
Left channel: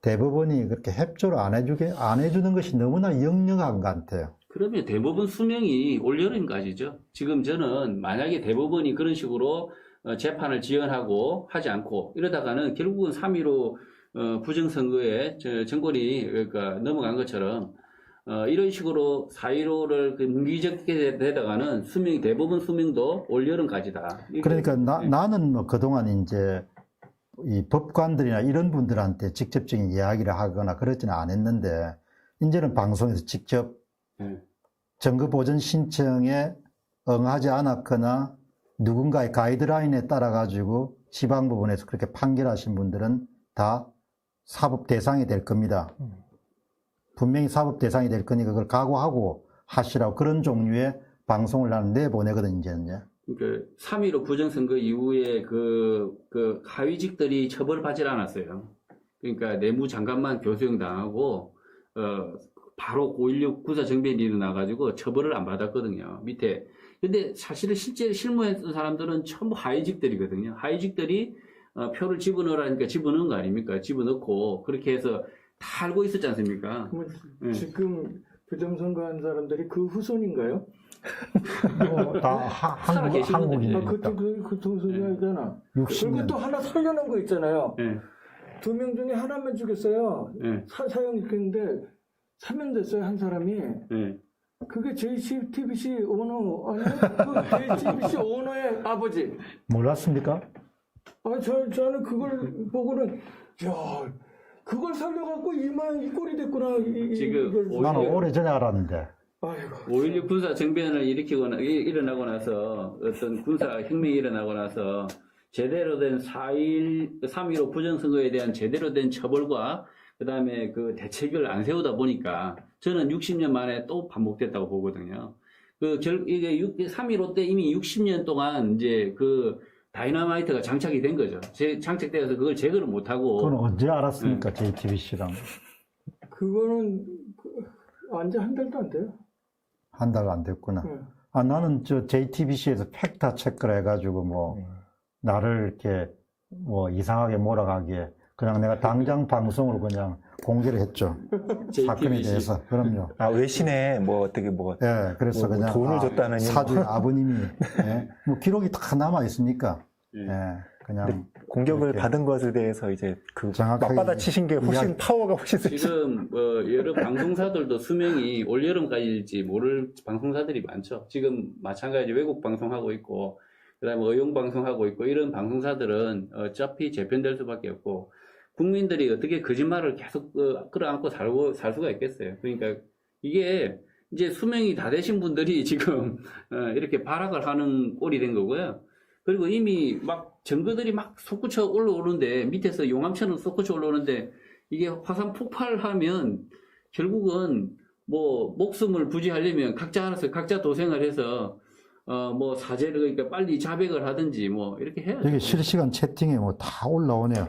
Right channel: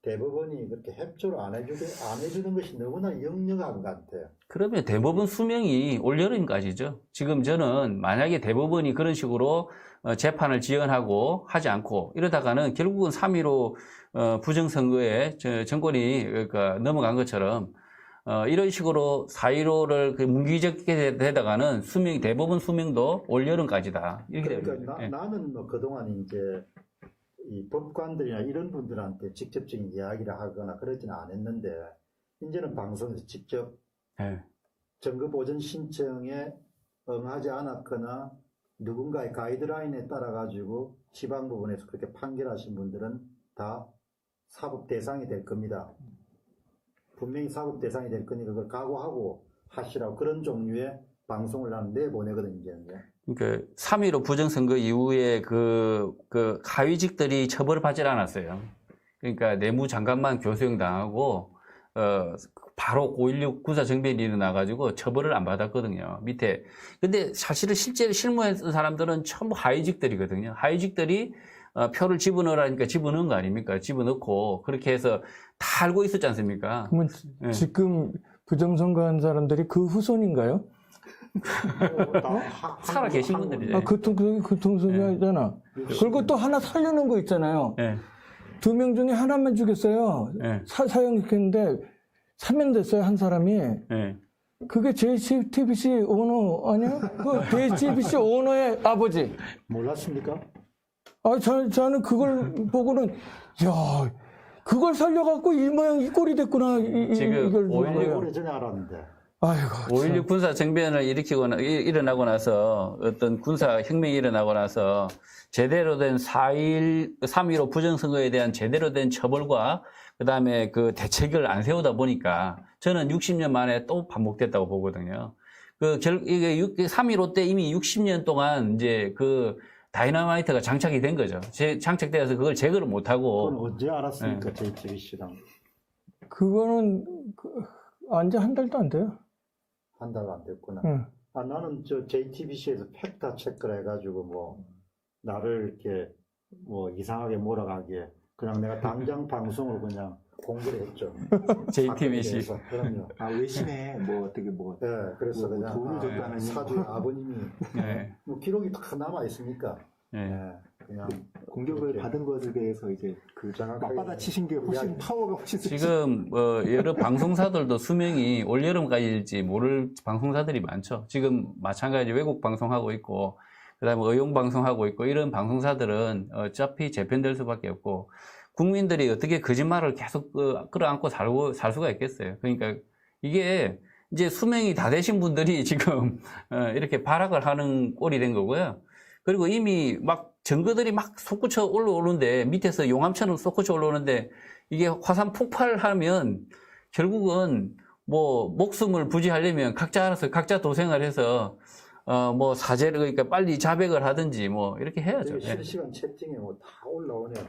대법원이 그렇게 협조를 안 해주는 것이 너무나 역력한 것 같아요. 그러면 대법원 수명이 올여름까지죠. 지금 저는 만약에 대법원이 그런 식으로 재판을 지연하고 하지 않고 이러다가는 결국은 3.15 부정선거에 정권이 그러니까 넘어간 것처럼 이런 식으로 4.15를 문기적게 되다가는 대법원 수명도 올여름까지다. 그러니까 나는 뭐 그동안 이제 이 법관들이나 이런 분들한테 직접적인 이야기를 하거나 그러지는 않았는데 이제는 방송에서 직접 증거 보전 신청에 응하지 않았거나 누군가의 가이드라인에 따라 가지고 지방법원에서 그렇게 판결하신 분들은 다 사법 대상이 될 겁니다. 분명히 사법 대상이 될 거니까 그걸 각오하고 하시라고 그런 종류의 방송을 나는 내보내거든요, 이제는요. 그러니까 3.15 부정선거 이후에 그 하위직들이 처벌을 받질 않았어요. 그러니까 내무장관만 교수형 당하고 바로 5.16 군사정변이 일어나가지고 처벌을 안 받았거든요. 밑에. 근데 사실은 실제로 실무했던 사람들은 전부 하위직들이거든요. 하위직들이 표를 집어넣으라니까 집어넣은 거 아닙니까? 집어넣고 그렇게 해서 다 알고 있었지 않습니까? 그러면 지금 부정선거한 사람들이 그 후손인가요? 다 살아 계신 분들이네. 그 통순이잖아. 그리고 또 하나 살려는 거 있잖아요. 2명 중에 하나만 죽였어요. 사형했는데 3년 됐어요, 한 사람이. 그게 JTBC 오너 아니에요? 그 JTBC 오너의 아버지. 몰랐습니까? 저는 그걸 보고는 야, 그걸 살려갖고 이 모양 이 꼴이 됐구나. 지금 나는 오래전에 알았는데. 아이고. 5.16 군사 정변을 일어나고 나서 어떤 군사 혁명이 일어나고 나서 제대로 된 3.15 부정선거에 대한 제대로 된 처벌과 그다음에 그 대책을 안 세우다 보니까 저는 60년 만에 또 반복됐다고 보거든요. 이게 3.15 때 이미 60년 동안 이제 그 다이너마이트가 장착이 된 거죠. 장착되어서 그걸 제거를 못 하고. 그건 언제 알았습니까? JTBC랑. 그거는 안지 한 달도 안 돼요. 한 달 안 됐구나. 아, 나는 JTBC에서 팩트 체크를 해가지고 나를 이렇게 이상하게 몰아가기에 그냥 내가 당장 방송으로 그냥 공개를 했죠. JTBC. 그럼요. 아, 외신에 어떻게 예, 그래서 그냥 돈을 줬다는 사주의 아버님이 기록이 다 남아 있으니까 그냥 공격을 이렇게. 받은 것에 대해서 이제 정확하게 맞받아 치신 게 훨씬 파워가 훨씬 세죠. 지금 여러 방송사들도 수명이 올여름까지일지 모를 방송사들이 많죠. 지금 마찬가지 외국 방송하고 있고 그다음에 의용 방송하고 있고 이런 방송사들은 어차피 재편될 수밖에 없고 국민들이 어떻게 거짓말을 계속 끌어안고 살 수가 있겠어요. 그러니까 이게 이제 수명이 다 되신 분들이 지금 이렇게 발악을 하는 꼴이 된 거고요. 그리고 이미 막 증거들이 막 솟구쳐 올라오는데 밑에서 용암처럼 솟구쳐 올라오는데 이게 화산 폭발하면 결국은 목숨을 부지하려면 각자 알아서 각자 도생을 해서 사죄를 그러니까 빨리 자백을 하든지 이렇게 해야죠. 여기 실시간 채팅에 다 올라오네요.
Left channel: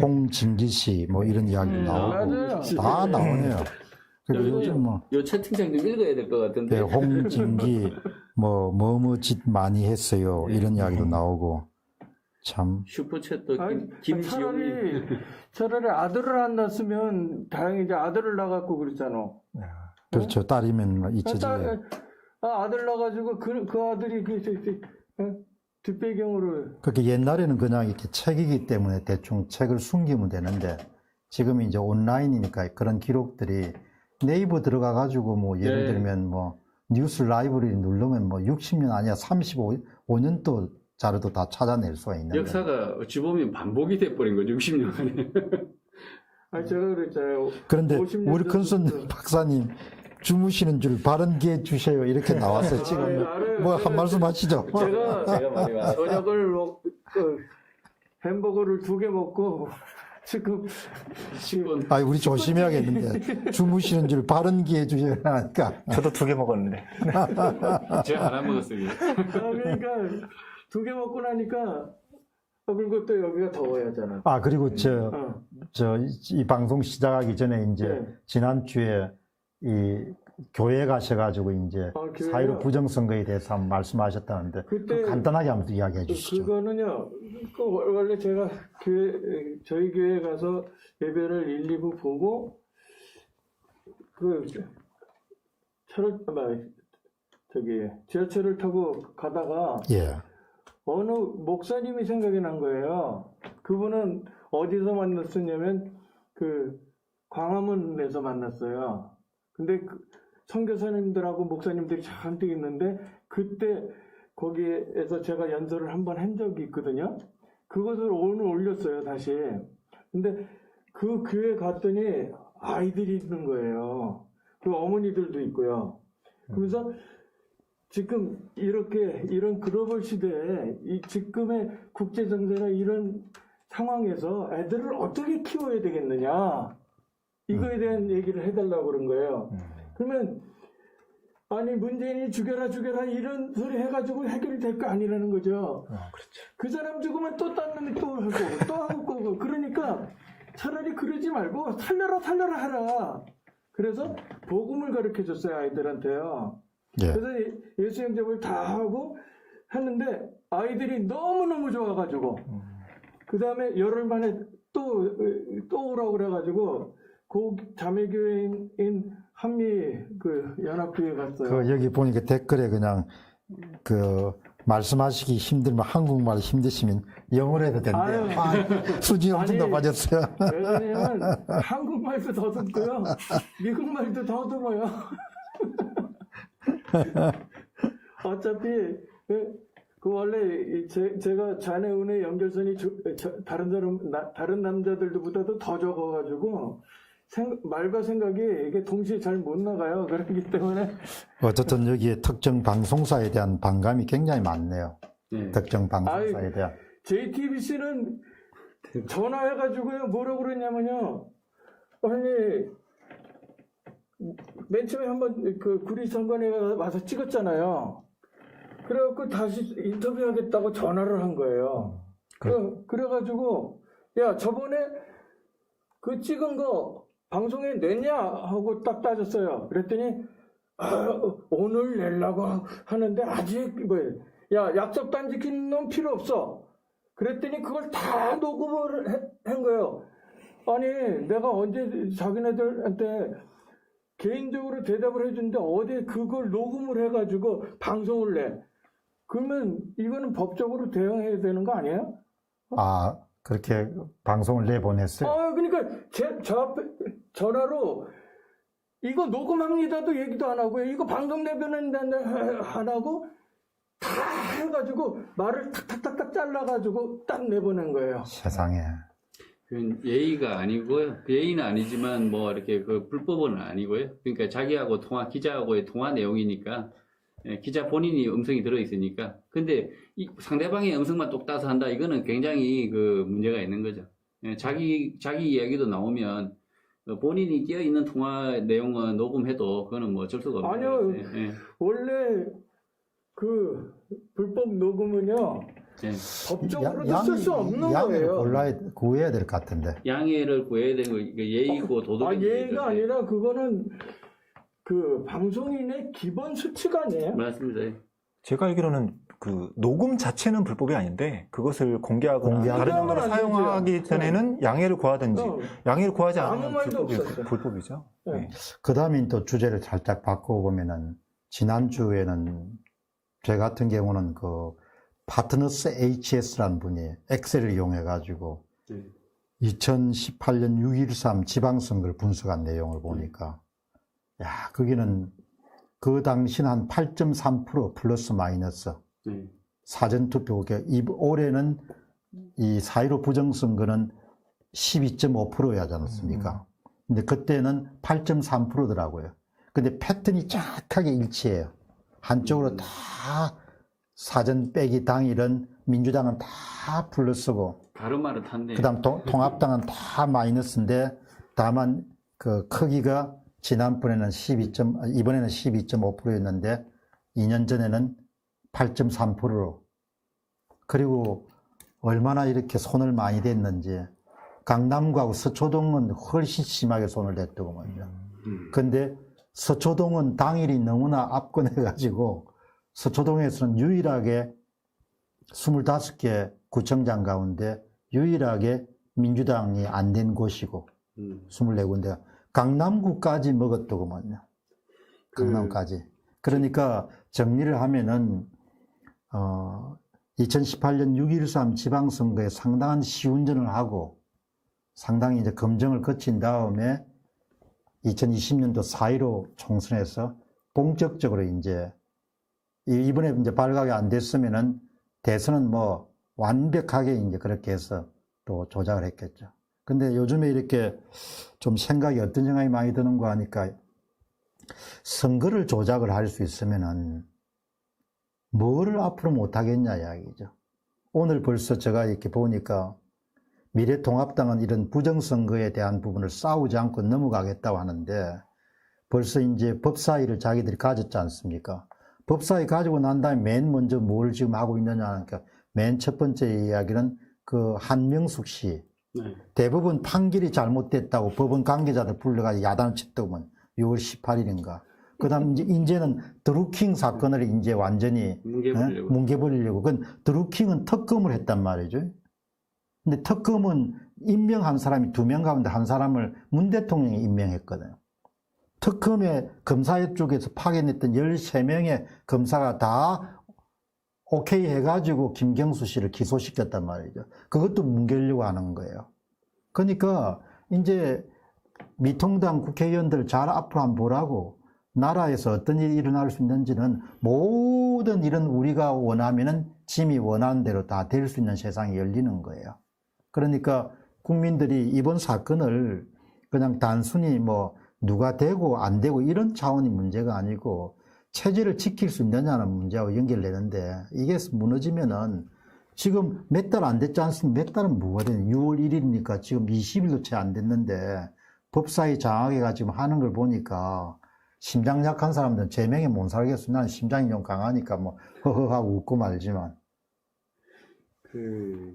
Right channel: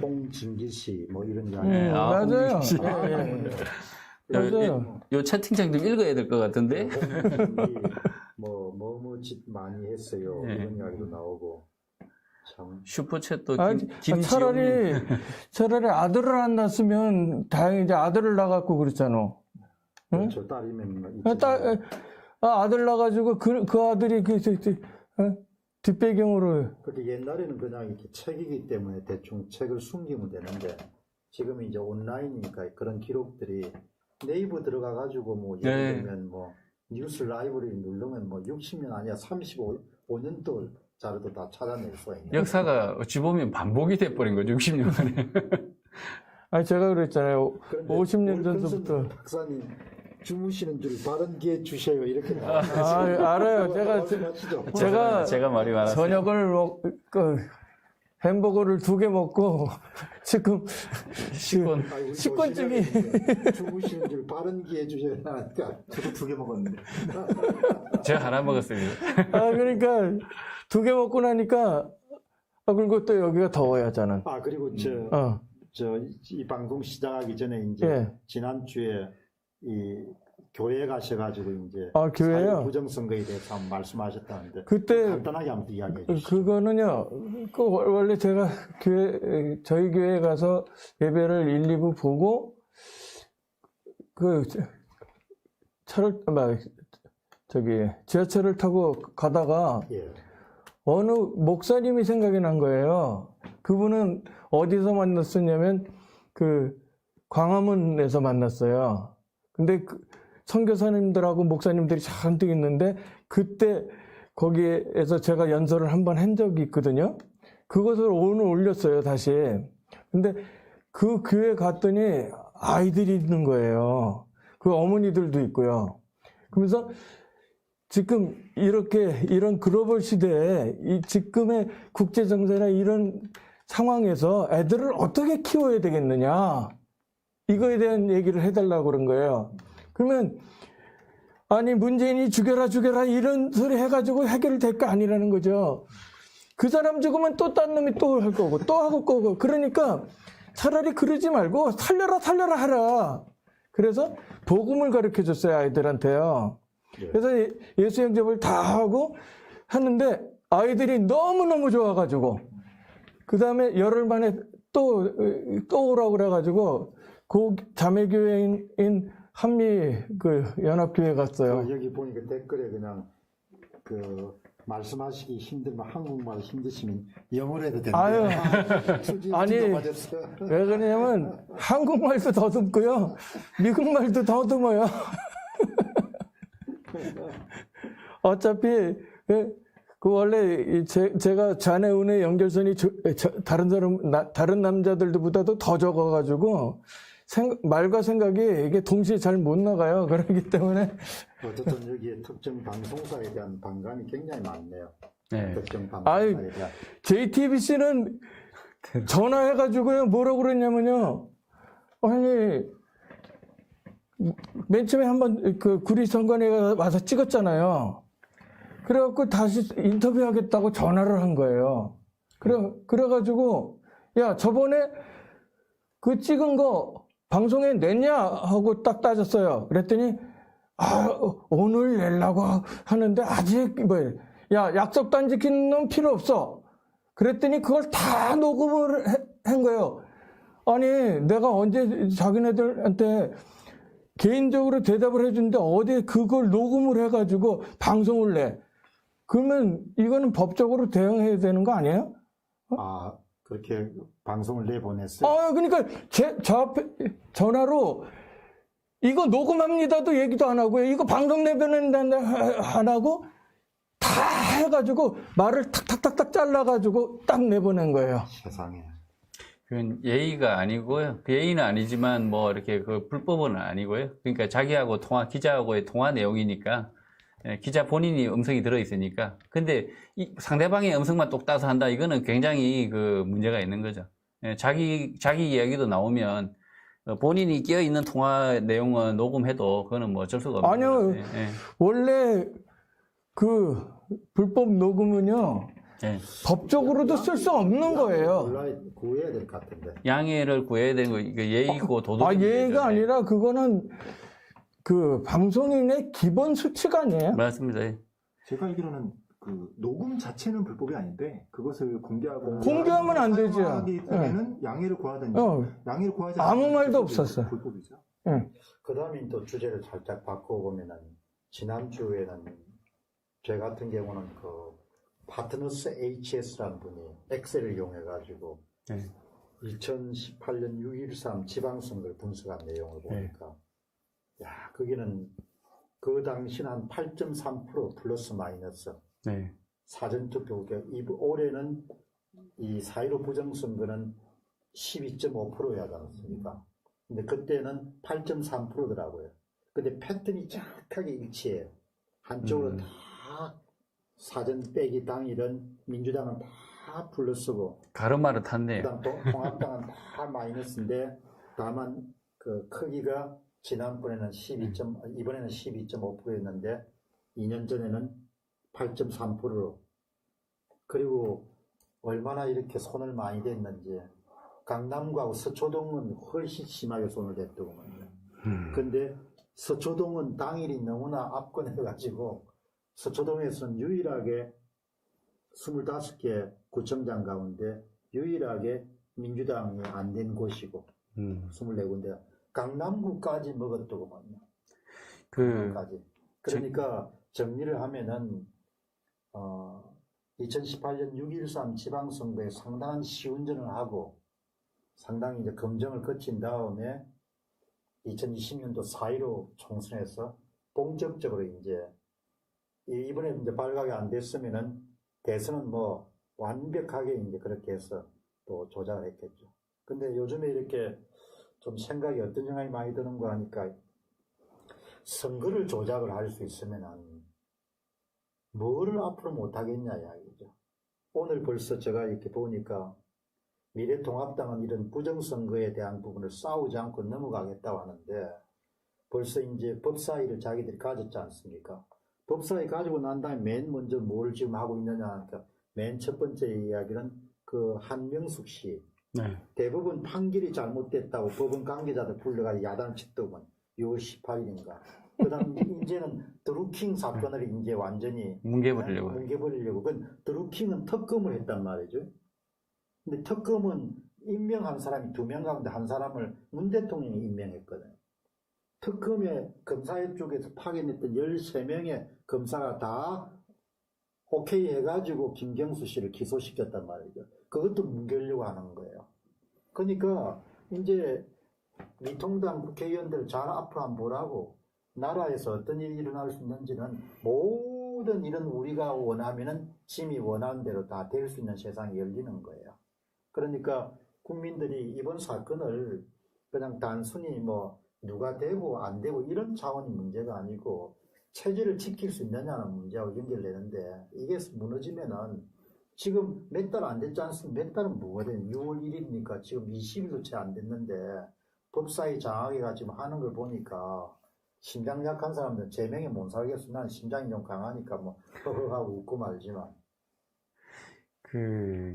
홍진기 씨 이런 이야기 나오고 다 나오네요. 그래서 요 채팅창 좀 읽어야 될 것 같은데. 홍진기 뭐뭐 짓 많이 했어요. 이런 이야기도 나오고 참. 슈퍼챗도 차라리 아들을 안 낳았으면 다행히 이제 아들을 낳았고 그랬잖아. 그렇죠. 딸이면 잊혀지죠. 아들 낳아가지고 그 아들이 뒷배경으로. 그렇게 옛날에는 그냥 이렇게 책이기 때문에 대충 책을 숨기면 되는데 지금은 이제 온라인이니까 그런 기록들이 네이버 들어가가지고 예를 들면 뉴스 라이브러리 누르면 60년 아니야 35년도 자료도 다 찾아낼 수가 있는 역사가 어찌 보면 반복이 돼버린 거죠. 60년 만에. 아니 제가 그랬잖아요. 그런데 우리 큰손 박사님 주무시는 줄 바른 기회 주세요 이렇게 나왔어요. 지금 알아요. 한 말씀 하시죠. 제가 말이 많았어요. 저녁을 햄버거를 2개 먹고 지금 10분. 아, 우리 조심해야겠는데 주무시는 줄 바른 기회 주세요 하니까 저도 2개 먹었는데. 제가 하나 먹었습니다. 그러니까 2개 먹고 나니까 그리고 또 여기가 더워요 저는. 아 그리고 이 방송 시작하기 전에 이제 지난주에 이 교회 가셔가지고 이제 사회 부정선거에 대해서 한번 말씀하셨다는데 그때 간단하게 한번 이야기해 주시죠. 그거는요. 원래 제가 저희 교회에 가서 예배를 1, 2부 보고 지하철을 타고 가다가 어느 목사님이 생각이 난 거예요. 그분은 어디서 만났었냐면 광화문에서 만났어요. 근데 선교사님들하고 목사님들이 잔뜩 있는데 그때 거기에서 제가 연설을 한번 한 적이 있거든요. 그것을 오늘 올렸어요, 다시. 근데 그 교회 갔더니 아이들이 있는 거예요. 그 어머니들도 있고요. 그러면서 지금 이런 글로벌 시대에 지금의 국제 정세나 이런 상황에서 애들을 어떻게 키워야 되겠느냐. 이거에 대한 얘기를 해달라고 그런 거예요. 그러면 아니 문재인이 죽여라 이런 소리 해가지고 해결될 거 아니라는 거죠. 그 사람 죽으면 또 딴 놈이 또 할 거고 또 하고 거고 그러니까 차라리 그러지 말고 살려라 하라. 그래서 복음을 가르쳐 줬어요 아이들한테요. 그래서 예수 영접을 다 하고 하는데 아이들이 너무너무 좋아가지고 그 다음에 열흘 만에 또 오라고 그래가지고 그 자매교회인 한미 연합교회 갔어요. 여기 보니까 댓글에 그냥 말씀하시기 힘들면 한국말 힘드시면 영어로 해도 된대요. 수지 엄청 높아졌어요. 왜 그러냐면 한국말도 더듬고요. 미국말도 더듬어요. 어차피 원래 제가 자네 운의 연결선이 다른 남자들보다도 더 적어가지고 말과 생각이 이게 동시에 잘 못 나가요. 그렇기 때문에 어쨌든 여기에 특정 방송사에 대한 반감이 굉장히 많네요. 특정 방송사에 대한. JTBC는 전화해가지고요, 뭐라고 그랬냐면요. 아니, 맨 처음에 한번 그 구리선관위가 와서 찍었잖아요. 그래갖고 다시 인터뷰하겠다고 전화를 한 거예요. 그래가지고, 야, 저번에 그 찍은 거 방송에 냈냐? 하고 딱 따졌어요. 그랬더니, 오늘 내려고 하는데 아직, 야, 약속도 안 지킨 놈 필요 없어. 그랬더니 그걸 다 녹음을 한 거예요. 아니, 내가 언제 자기네들한테 개인적으로 대답을 해준데 어디 그걸 녹음을 해가지고 방송을 내. 그러면 이거는 법적으로 대응해야 되는 거 아니에요? 그렇게 방송을 내보냈어요? 그러니까 저 앞에 전화로 이거 녹음합니다도 얘기도 안 하고 이거 방송 내보낸다는데 안 하고 다 해가지고 말을 탁탁탁탁 잘라가지고 딱 내보낸 거예요. 세상에. 그건 예의가 아니고요. 예의는 아니지만 뭐 이렇게 그 불법은 아니고요. 그러니까 자기하고 기자하고의 통화 내용이니까 기자 본인이 음성이 들어있으니까. 근데 상대방의 음성만 똑 따서 한다. 이거는 굉장히 그 문제가 있는 거죠. 자기 이야기도 나오면 본인이 끼어 있는 통화 내용은 녹음해도 그거는 뭐 어쩔 수가 없는 아니요. 거죠. 원래 그 불법 녹음은요. 법적으로도 쓸 수 없는 거예요. 구해야 될 것 같은데. 양해를 구해야 되는 거, 이거 예의고 도덕. 예의가 아니라 그거는 그 방송인의 기본 수칙 아니에요? 맞습니다. 제가 알기로는 그 녹음 자체는 불법이 아닌데 그것을 공개하거나 공개하면 안 되죠. 사용하기 전에는 양해를 구하든지 양해를 구하지 않으면 아무 말도 없었어요. 불법이죠. 그 다음에 또 주제를 살짝 바꿔보면은 지난주에는 저 같은 경우는 그 파트너스 HS라는 분이 엑셀을 이용해가지고 2018년 6.13 지방선거를 분석한 내용을 보니까 거기는 그 당시는 한 8.3% 플러스 마이너스 사전투표, 올해는 이 4.15 부정선거는 12.5%였지 않습니까? 근데 그때는 8.3%더라고요. 근데 패턴이 정확하게 일치해요. 한쪽으로 다 사전 빼기 당일은 민주당은 다 플러스고 가르마를 탔네. 그다음 통합당은 다 마이너스인데 다만 그 크기가 지난번에는 이번에는 12.5%였는데 2년 전에는 8.3%로 그리고 얼마나 이렇게 손을 많이 댔는지 강남구하고 서초동은 훨씬 심하게 손을 댔더군요. 근데 서초동은 당일이 너무나 압권해가지고 서초동에서는 유일하게 25개 구청장 가운데 유일하게 민주당이 안 된 곳이고 24군데가 강남구까지 먹었더구먼요. 강남까지. 그러니까 정리를 하면은 2018년 6.13 지방선거에 상당한 시운전을 하고 상당히 이제 검증을 거친 다음에 2020년도 4.15 총선에서 본격적으로 이번에 이제 발각이 안 됐으면은 대선은 뭐 완벽하게 이제 그렇게 해서 또 조작을 했겠죠. 근데 요즘에 이렇게 좀 어떤 생각이 많이 드는 거 하니까 선거를 조작을 할 수 있으면은 뭐를 앞으로 못 하겠냐 이야기죠. 오늘 벌써 제가 이렇게 보니까 미래통합당은 이런 부정선거에 대한 부분을 싸우지 않고 넘어가겠다고 하는데 벌써 이제 법사위를 자기들이 가졌지 않습니까? 법사위 가지고 난 다음에 맨 먼저 뭘 지금 하고 있느냐 하니까 맨 첫 번째 이야기는 그 한명숙 씨. 대법원 판결이 잘못됐다고 법원 관계자들 불러가지고 야단을 쳤더구먼 6월 18일인가. 그 다음 이제는 드루킹 사건을 이제 완전히 뭉개버리려고. 그건 드루킹은 특검을 했단 말이죠. 근데 특검은 임명한 사람이 2명 가운데 한 사람을 문 대통령이 임명했거든요. 특검의 검사 쪽에서 파견했던 13명의 검사가 다 오케이 해가지고 김경수 씨를 기소시켰단 말이죠. 그것도 뭉개려고 하는 거예요. 그러니까 이제 미통당 국회의원들 잘 앞으로 한번 보라고 나라에서 어떤 일이 일어날 수 있는지는 모든 일은 우리가 원하면은 짐이 원하는 대로 다 될 수 있는 세상이 열리는 거예요. 그러니까 국민들이 이번 사건을 그냥 단순히 뭐 누가 되고 안 되고 이런 차원의 문제가 아니고 체제를 지킬 수 있느냐는 문제하고 연결되는데 이게 무너지면은 지금 몇 달 안 됐지 않습니까? 몇 달은 뭐가 되냐? 6월 1일이니까 지금 20일도 채 안 됐는데 법사위 장악회가 지금 하는 걸 보니까 심장 약한 사람들은 제명에 못 살겠어. 나는 심장이 좀 강하니까 뭐 허허하고 웃고 말지만.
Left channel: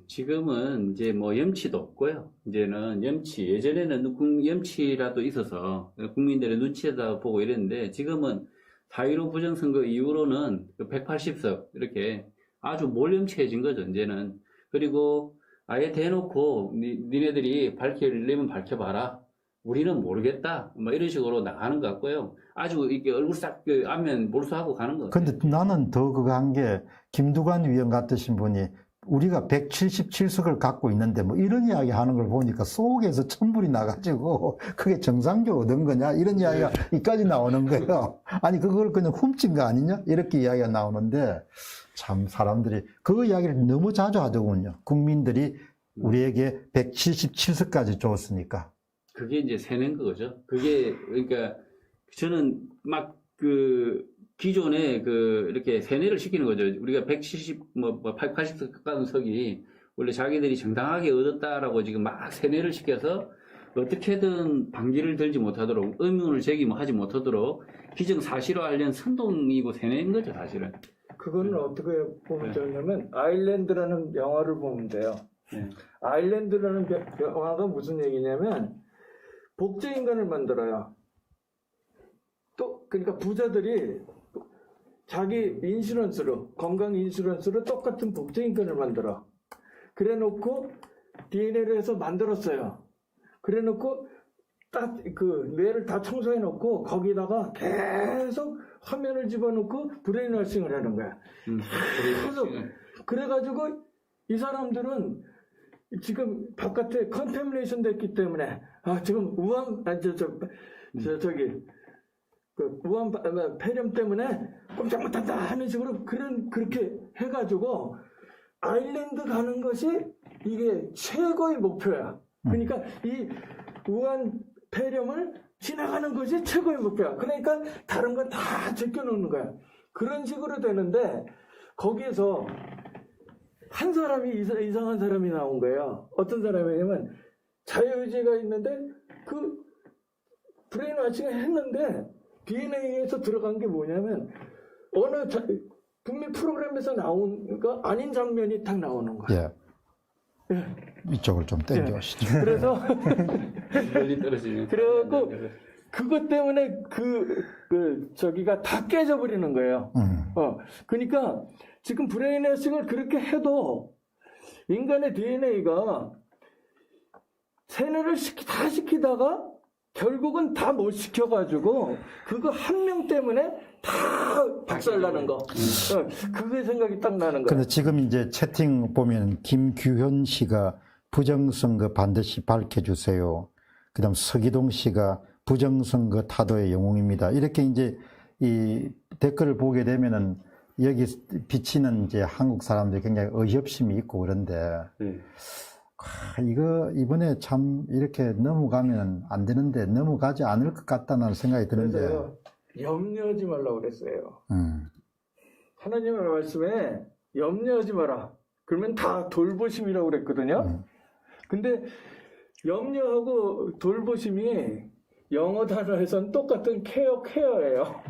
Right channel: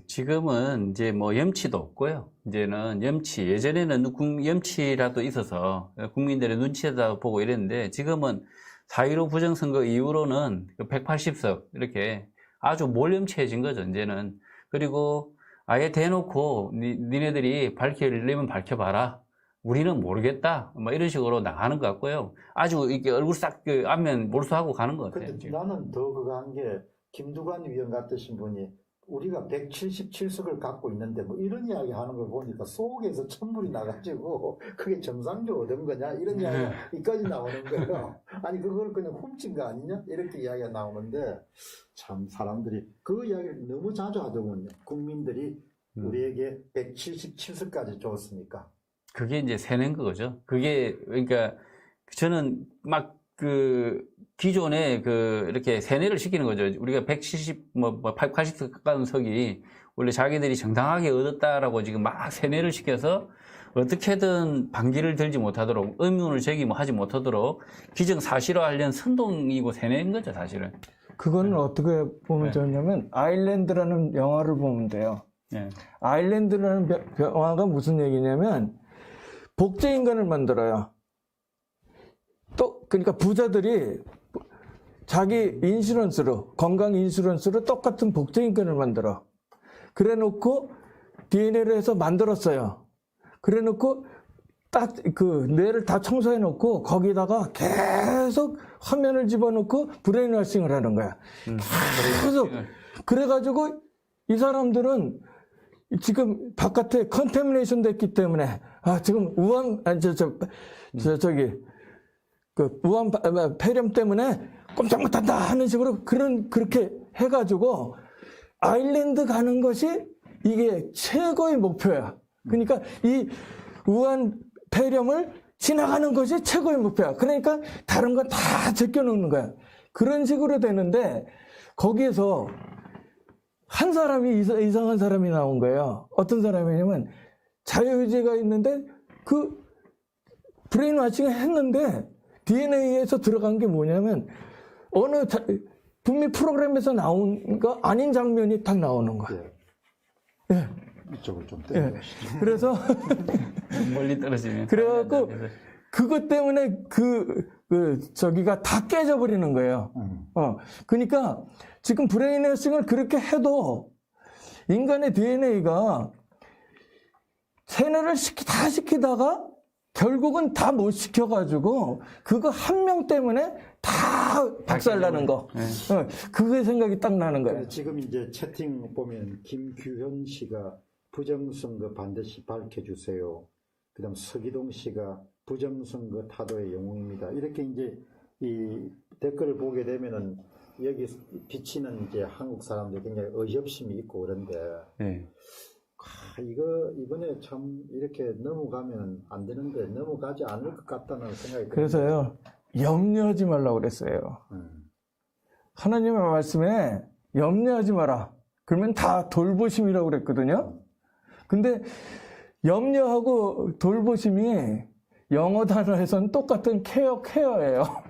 지금은 이제 뭐 염치도 없고요. 이제는 예전에는 염치라도 있어서 국민들의 눈치에다 보고 이랬는데 지금은 4.15 부정선거 이후로는 180석 이렇게 아주 몰염치해진 거죠, 이제는. 그리고 아예 대놓고 니네들이 밝히려면 밝혀봐라. 우리는 모르겠다. 뭐 이런 식으로 나가는 것 같고요. 아주 이렇게 얼굴 싹 안면 몰수하고 가는 것 같아요. 근데 나는 더 그거 한 게 김두관 위원 같으신 분이 우리가 177석을 갖고 있는데 뭐 이런 이야기 하는 걸 보니까 속에서 천불이 나가지고 그게 정상적으로 얻은 거냐 이런 이야기가 이까지 나오는 거예요. 아니 그걸 그냥 훔친 거 아니냐 이렇게 이야기가 나오는데 참 사람들이 그 이야기를 너무 자주 하더군요. 국민들이 우리에게 177석까지 줬으니까. 그게 이제 세낸 거죠. 그게 그러니까 저는 막 기존에 이렇게 세뇌를 시키는 거죠. 우리가 170, 80석 가까운 석이 원래 자기들이 정당하게 얻었다라고 지금 막 세뇌를 시켜서 어떻게든 반기를 들지 못하도록 의문을 제기하지 못하도록 기정사실화하려는 선동이고 세뇌인 거죠, 사실은. 그거는 어떻게 보면 되냐면 아일랜드라는 영화를 보면 돼요. 네. 아일랜드라는 영화가 무슨 얘기냐면 복제인간을 만들어요. 그러니까 부자들이 자기 인슈런스로, 건강 인슈런스로 똑같은 복제인간을 만들어. 그래 놓고 DNA를 해서 만들었어요. 그래 놓고 딱 뇌를 다 청소해 놓고 거기다가 계속 화면을 집어넣고 브레인워싱을 하는 거야. 계속. 그래가지고 이 사람들은 지금 바깥에 컨테미네이션 됐기 때문에 지금 우한 우한 폐렴 때문에 꼼짝 못한다 하는 식으로 그렇게 해가지고 아일랜드 가는 것이 이게 최고의 목표야. 그러니까 이 우한 폐렴을 지나가는 것이 최고의 목표야. 그러니까 다른 거 다 제껴놓는 거야. 그런 식으로 되는데 거기에서 한 사람이 이상한 사람이 나온 거예요. 어떤 사람이냐면 자유의지가 있는데 브레인워싱을 했는데 DNA에서 들어간 게 뭐냐면 분명히 프로그램에서 나온 거 아닌 장면이 딱 나오는 거예요. 예. 이쪽을 좀 땡겨오시죠. 그래서 멀리 떨어지면 그래갖고 그것 때문에 저기가 다 깨져버리는 거예요. 그러니까 지금 브레인워싱을 그렇게 해도 인간의 DNA가 세뇌를 다 시키다가 결국은 다 못 시켜가지고 그거 한 명 때문에 다 박살나는 거. 그게 생각이 딱 나는 거예요. 근데 지금 이제 채팅 보면 김규현 씨가 부정선거 반드시 밝혀주세요. 그 다음 서기동 씨가 부정선거 타도의 영웅입니다. 이렇게 이제 이 댓글을 보게 되면은 여기 비치는 이제 한국 사람들이 굉장히 의협심이 있고 그런데 이거 이번에 참 이렇게 넘어가면 안 되는데 넘어가지 않을 것 같다는 생각이 드는데. 그래서요 염려하지 말라고 그랬어요. 하나님의 말씀에 염려하지 마라. 그러면 다 돌보심이라고 그랬거든요. 근데 염려하고 돌보심이 영어 단어에서는 똑같은 케어예요.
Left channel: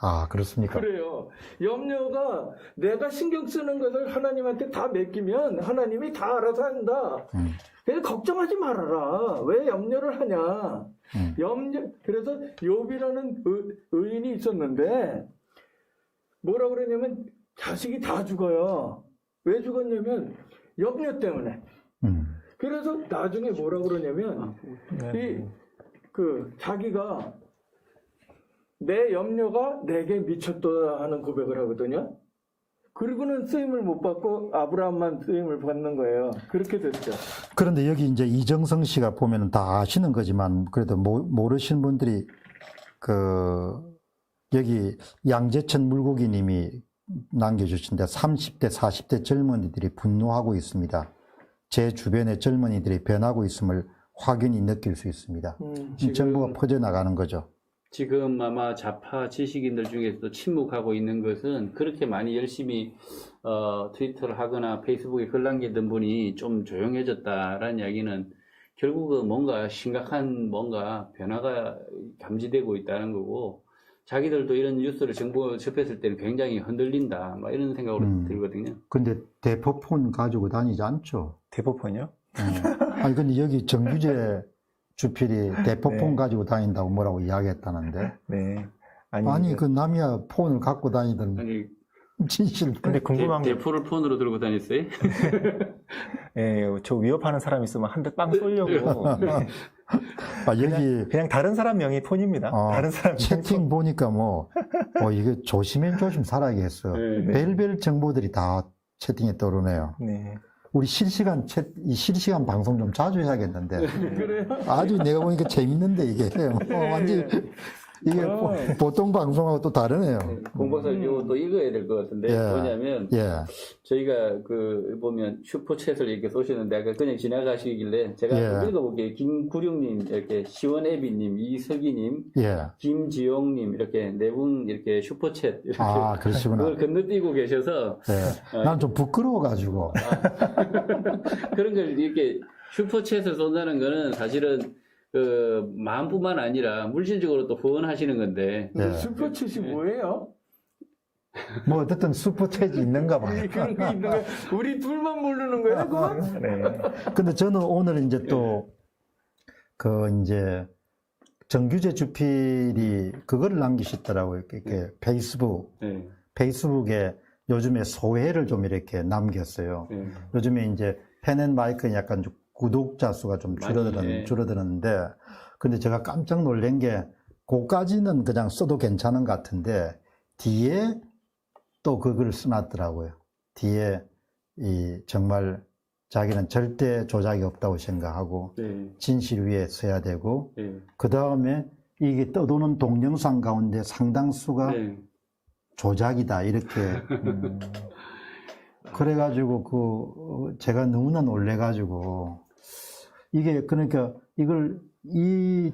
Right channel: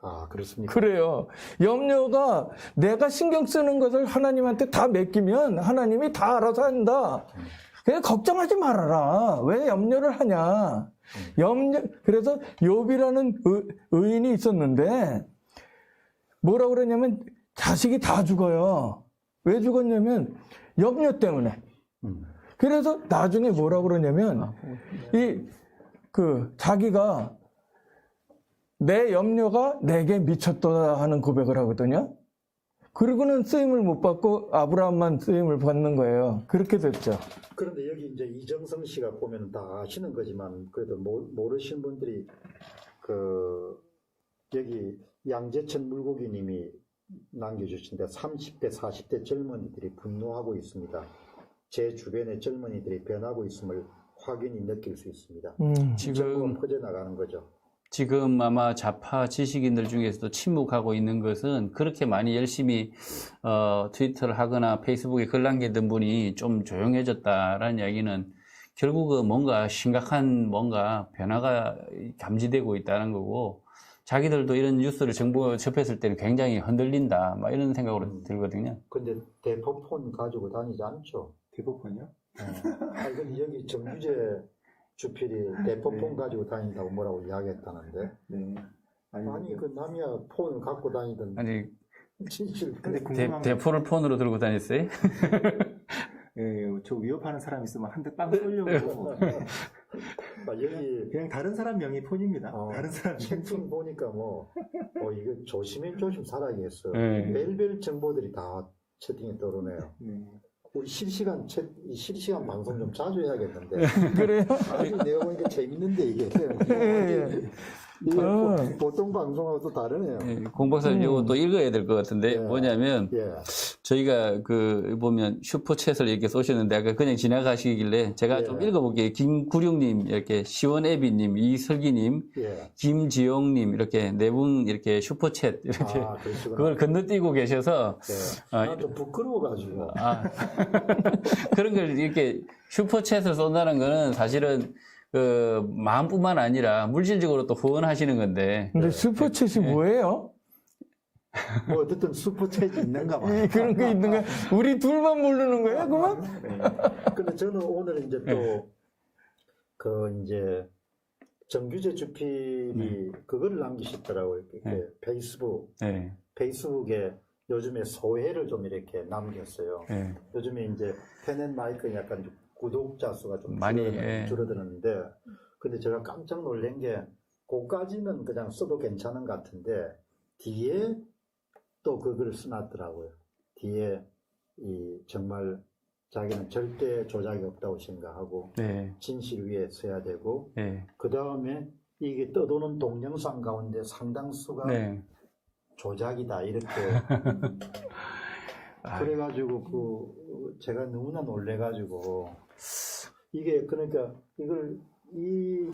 아, 그렇습니까? 그래요. 염려가 내가 신경 쓰는 것을 하나님한테 다 맡기면 하나님이 다 알아서 한다. 그냥 걱정하지 말아라. 왜 염려를 하냐. 그래서 욥이라는 의인이 있었는데 뭐라고 그러냐면 자식이 다 죽어요. 왜 죽었냐면 염려 때문에. 그래서 나중에 뭐라고 그러냐면 자기가 내 염려가 내게 미쳤도다 하는 고백을 하거든요. 그리고는 쓰임을 못 받고 아브라함만 쓰임을 받는 거예요. 그렇게 됐죠. 그런데 여기 이제 이정성 씨가 보면은 다 아시는 거지만 그래도 모르시는 분들이 여기 양재천 물고기 님이 남겨주신데 30대, 40대 젊은이들이 분노하고 있습니다. 제 주변의 젊은이들이 변하고 있음을 확연히 느낄 수 있습니다. 이 정보가 퍼져나가는 거죠. 지금 아마 좌파 지식인들 중에서도 침묵하고 있는 것은 그렇게 많이 열심히 트위터를 하거나 페이스북에 글 남기던 분이 좀 조용해졌다라는 이야기는 결국은 뭔가 심각한 뭔가 변화가 감지되고 있다는 거고, 자기들도 이런 뉴스를 정보에 접했을 때는 굉장히 흔들린다, 막 이런 생각으로 들거든요. 근데 대포폰 가지고 다니지 않죠? 대포폰이요? 아니, 근데 여기 정규재 주필이 대포폰 네. 가지고 다닌다고 뭐라고 이야기했다는데. 네. 아니, 그 남이야 폰을 갖고 다니던 아니, 진실. 근데 궁금한 게, 대포를 폰으로 들고 다녔어요? 예, 저 위협하는 사람 있으면 한 대 빵 쏠려고. 아, 여기 그냥 다른 사람 명의 폰입니다. 다른 사람 채팅 보니까 이게 조심 살아야겠어. 네. 별별 정보들이 다 채팅에 떠오르네요. 네. 우리 이 실시간 방송 좀 자주 해야겠는데. 그래요? 아주 내가 보니까 재밌는데 이게. 완전 이게 보통 방송하고 또 다르네요. 공 박사님 이거 또 읽어야 될 것 같은데, 예. 뭐냐면 예. 저희가 보면 슈퍼챗을 이렇게 쏘시는데 아까 그냥 지나가시길래 제가 예. 좀 읽어볼게요. 김구룡님, 이렇게 시원애비님, 이슬기님, 예. 김지용님, 이렇게 네 분 이렇게 슈퍼챗 이렇게 아, 그러시구나. 그걸 건너뛰고 계셔서 네. 난 좀 부끄러워가지고. 그런 걸 이렇게 슈퍼챗을 쏜다는 거는 사실은 마음뿐만 아니라 물질적으로 또 후원하시는 건데. 근데 네. 슈퍼챗이 뭐예요? 뭐 어쨌든 슈퍼챗이 있는가 봐. 그런 거 있는 거 우리 둘만 모르는 거야, 그만? 네. 근데 저는 오늘 이제 또, 이제, 정규재 주필이 그거를 남기시더라고요. 이렇게 페이스북에 요즘에 소회를 좀 이렇게 남겼어요. 요즘에 이제 펜앤마이크는 약간 좀 구독자 수가 좀 줄어드는데, 근데 제가 깜짝 놀란 게, 그까지는 그냥 써도 괜찮은 것 같은데, 뒤에 또 그걸 써놨더라고요. 뒤에 정말 자기는 절대 조작이 없다고 생각하고, 진실 위에 서야 되고, 그 다음에 이게 떠도는 동영상 가운데 상당수가 조작이다, 이렇게. 그래가지고, 제가 너무나 놀래가지고, 이게, 그러니까, 이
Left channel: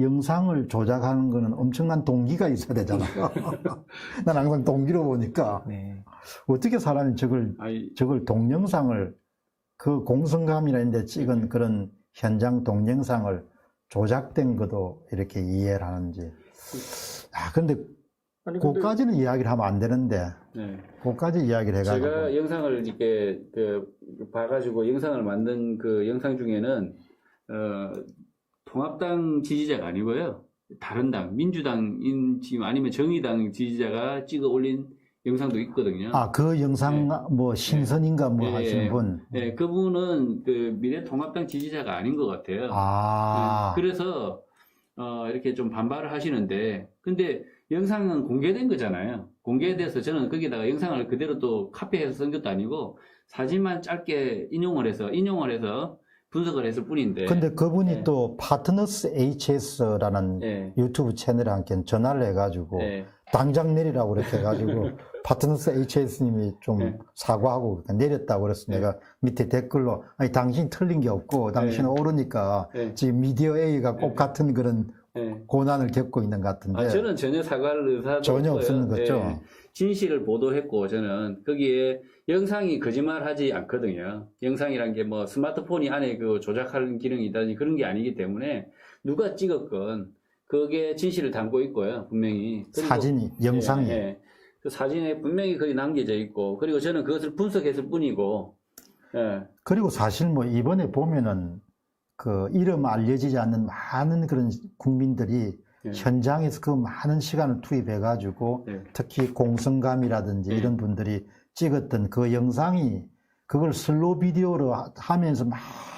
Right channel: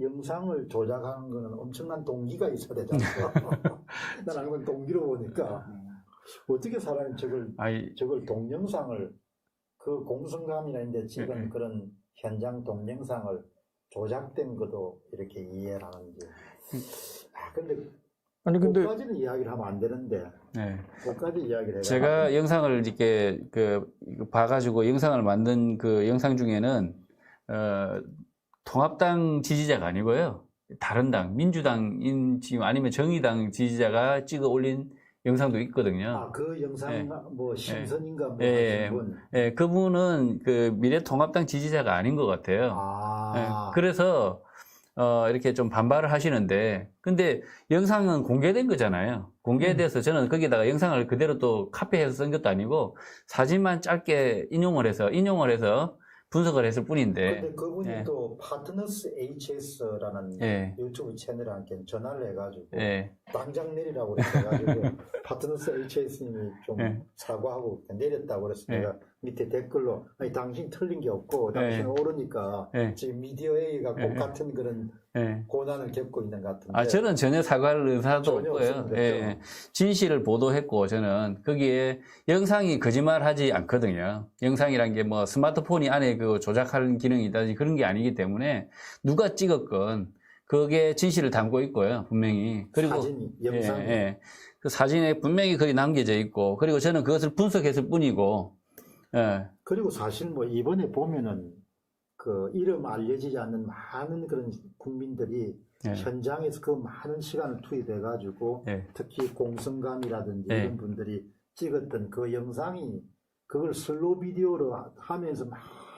영상을 조작하는 거는 엄청난 동기가 있어야 되잖아요. 난 항상 동기로 보니까, 어떻게 사람이 저걸 동영상을, 그 공성감이라는 데 찍은 그런 현장 동영상을 조작된 것도 이렇게 이해를 하는지. 근데, 그까지는 이야기를 하면 안 되는데, 그까지 이야기를 해가지고. 제가 영상을 이렇게 봐가지고 영상을 만든 그 영상 중에는 통합당 지지자가 아니고요, 다른 당, 민주당인 지금 아니면 정의당 지지자가 찍어 올린 영상도 있거든요. 그 영상 신선인가 하시는 분. 그분은 미래통합당 지지자가 아닌 것 같아요. 그래서 이렇게 좀 반발을 하시는데, 근데 영상은 공개된 거잖아요. 공개돼서 저는 거기다가 영상을 그대로 또 카피해서 쓴 것도 아니고 사진만 짧게 인용을 해서 분석을 했을 뿐인데. 근데 그분이 또 파트너스 HS라는 유튜브 채널에 함께 전화를 해가지고 당장 내리라고 그렇게 해가지고 파트너스 HS님이 좀 사과하고 내렸다고 그래서 내가 밑에 댓글로 당신 틀린 게 없고 당신은 옳으니까 지금 미디어 A가 꼭 같은 그런 고난을 겪고 있는 것 같은데. 저는 전혀 사과할 의사도 전혀 없고요. 없는 거죠. 진실을 보도했고, 저는 거기에 영상이 거짓말하지 않거든요. 영상이란 게 스마트폰이 안에 조작하는 기능이다든지 그런 게 아니기 때문에 누가 찍었건 그게 진실을 담고 있고요, 분명히. 그리고 사진이, 영상이. 그 사진에 분명히 거기 남겨져 있고, 그리고 저는 그것을 분석했을 뿐이고. 그리고 사실 이번에 보면은 이름 알려지지 않는 많은 그런 국민들이 현장에서 그 많은 시간을 투입해가지고 특히 공성감이라든지 이런 분들이 찍었던 그 영상이 그걸 슬로우 비디오로 하면서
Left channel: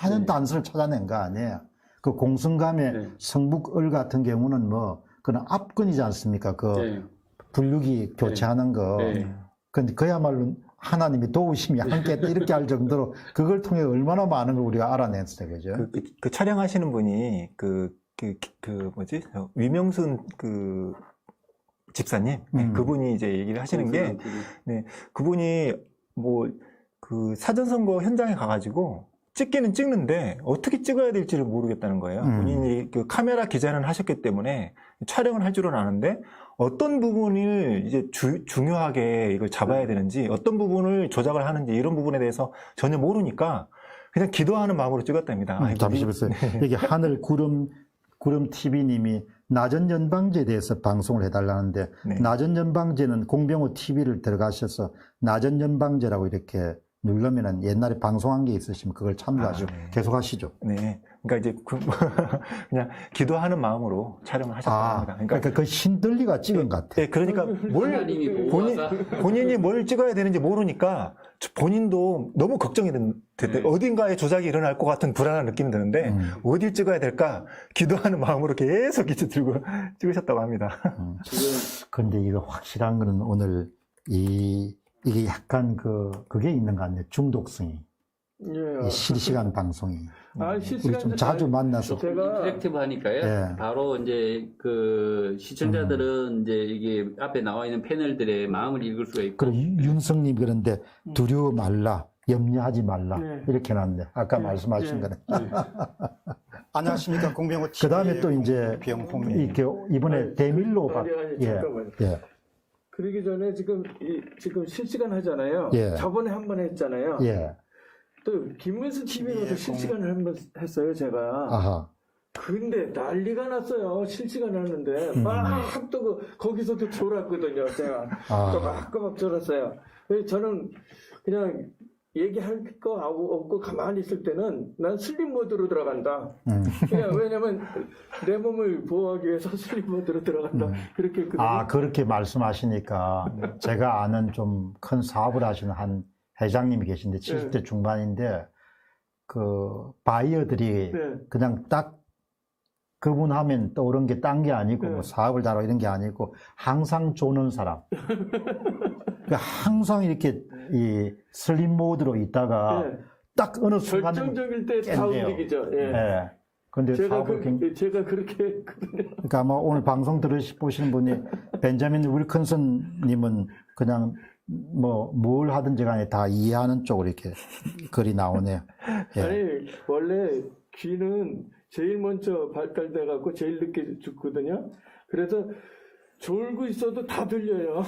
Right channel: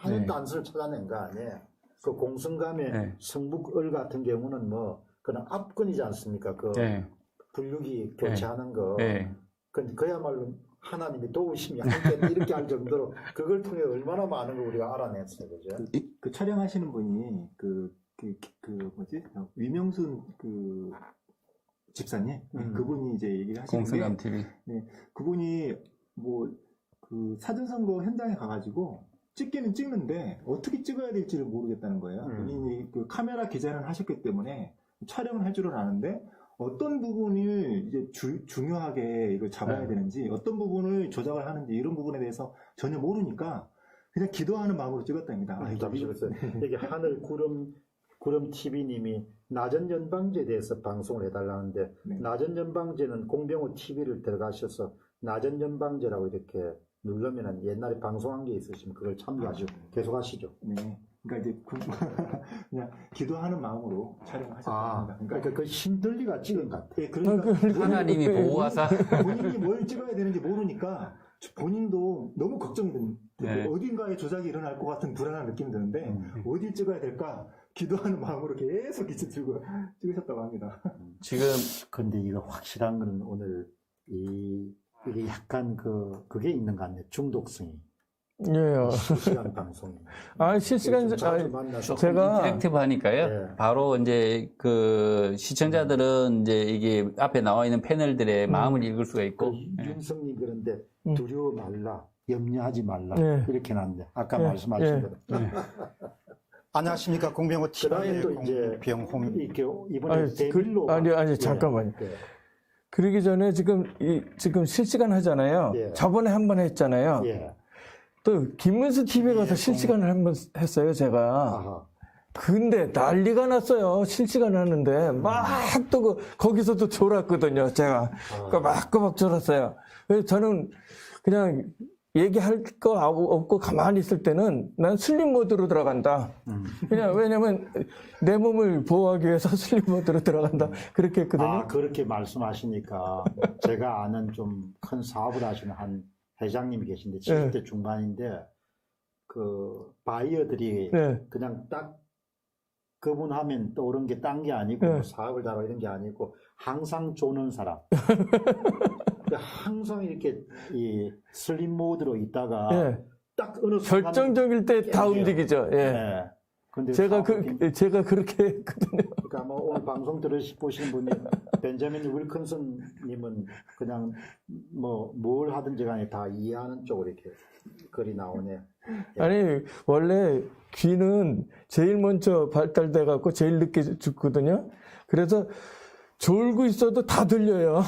많은 단서를 찾아낸 거 아니에요. 그 공성감의 성북을 같은 경우는 그런 압권이지 않습니까? 분류기 교체하는 거. 근데 그야말로 하나님이 도우심이 함께했다 이렇게 할 정도로 그걸 통해 얼마나 많은 걸 우리가 알아냈어요, 그죠? 그 촬영하시는 분이 위명순 집사님, 그분이 이제 얘기를 하시는 게, 그분이 사전선거 현장에 가가지고 찍기는 찍는데 어떻게 찍어야 될지를 모르겠다는 거예요. 본인이 카메라 기자는 하셨기 때문에 촬영을 할 줄은 아는데 어떤 부분을 이제 중요하게 이걸 잡아야 되는지 어떤 부분을 조작을 하는지 이런 부분에 대해서 전혀 모르니까 그냥 기도하는 마음으로 찍었답니다. 잠시만요. 이게 하늘 구름 TV님이 나전 연방제에 대해서 방송을 해달라는데 네. 나전 연방제는 공병호 TV를 들어가셔서 나전 연방제라고 이렇게 누르면은 옛날에 방송한 게 있으시면 그걸 참조하시고 네. 계속 하시죠. 네. 그러니까 이제 그냥 기도하는 마음으로 촬영을 하셨답니다. 그러니까 그 신들리가 찍은 것 같아. 네, 그러니까 하나님이 보호하사 본인이 뭘 찍어야 되는지 모르니까 본인도 너무 걱정이 된대. 네. 어딘가에 조작이 일어날 것 같은 불안한 느낌이 드는데 어딜 찍어야 될까 기도하는 마음으로 계속 이제 들고 찍으셨다고 합니다. 지금 근데 이거 확실한 거는 오늘 이게 약간 그게 있는 것 같네. 중독성이. 예. 이 실시간 방송이. 실시간 좀 자주 만나서. 제가 인터랙티브 하니까요. 네. 바로 이제 그 시청자들은 이제 이게 앞에 나와 있는 패널들의 마음을 읽을 수가 있고. 윤성님 그런데 두려워 말라, 염려하지 말라 이렇게 놨네. 아까 말씀하신 거는. 안녕하십니까 공병호 TV. 그다음에 또 이제 병홍이 이렇게 이번에 대밀로가 아니 잠깐만요. 예. 그러기 전에 지금 실시간 하잖아요. 예. 저번에 한 번 했잖아요. 예. 또 김문수 TV에 가서 실시간을 한 번 했어요, 제가. 아하. 근데 난리가 났어요. 실시간 하는데 막 또 거기서도 졸았거든요, 제가. 꼬박꼬박 졸았어요. 그래서 저는 그냥 얘기할 거 없고 가만히 있을 때는 난 슬립 모드로 들어간다. 그냥 왜냐면 내 몸을 보호하기 위해서 슬립 모드로 들어간다. 그렇게 했거든요. 그렇게 말씀하시니까 제가 아는 좀 큰 사업을 하시는 한 회장님이 계신데 70대 중반인데 그 바이어들이 그냥 딱 그분 하면 떠오른 게 딴 게 아니고 뭐 사업을 잘하고 이런 게 아니고 항상 조는 사람. 그러니까 항상 이렇게 이 슬립 모드로 있다가 딱 어느 순간 결정적일 때 다 움직이죠. 예. 근데 제가 그렇게 했거든요. 그러니까 아마 오늘 방송 보시는 분이 벤자민 윌컨슨님은 그냥 뭐 뭘 하든지 간에 다 이해하는 쪽으로 이렇게 글이 나오네요. 예. 아니 원래 귀는 제일 먼저 발달돼 갖고 제일 늦게 죽거든요. 그래서 졸고 있어도 다 들려요.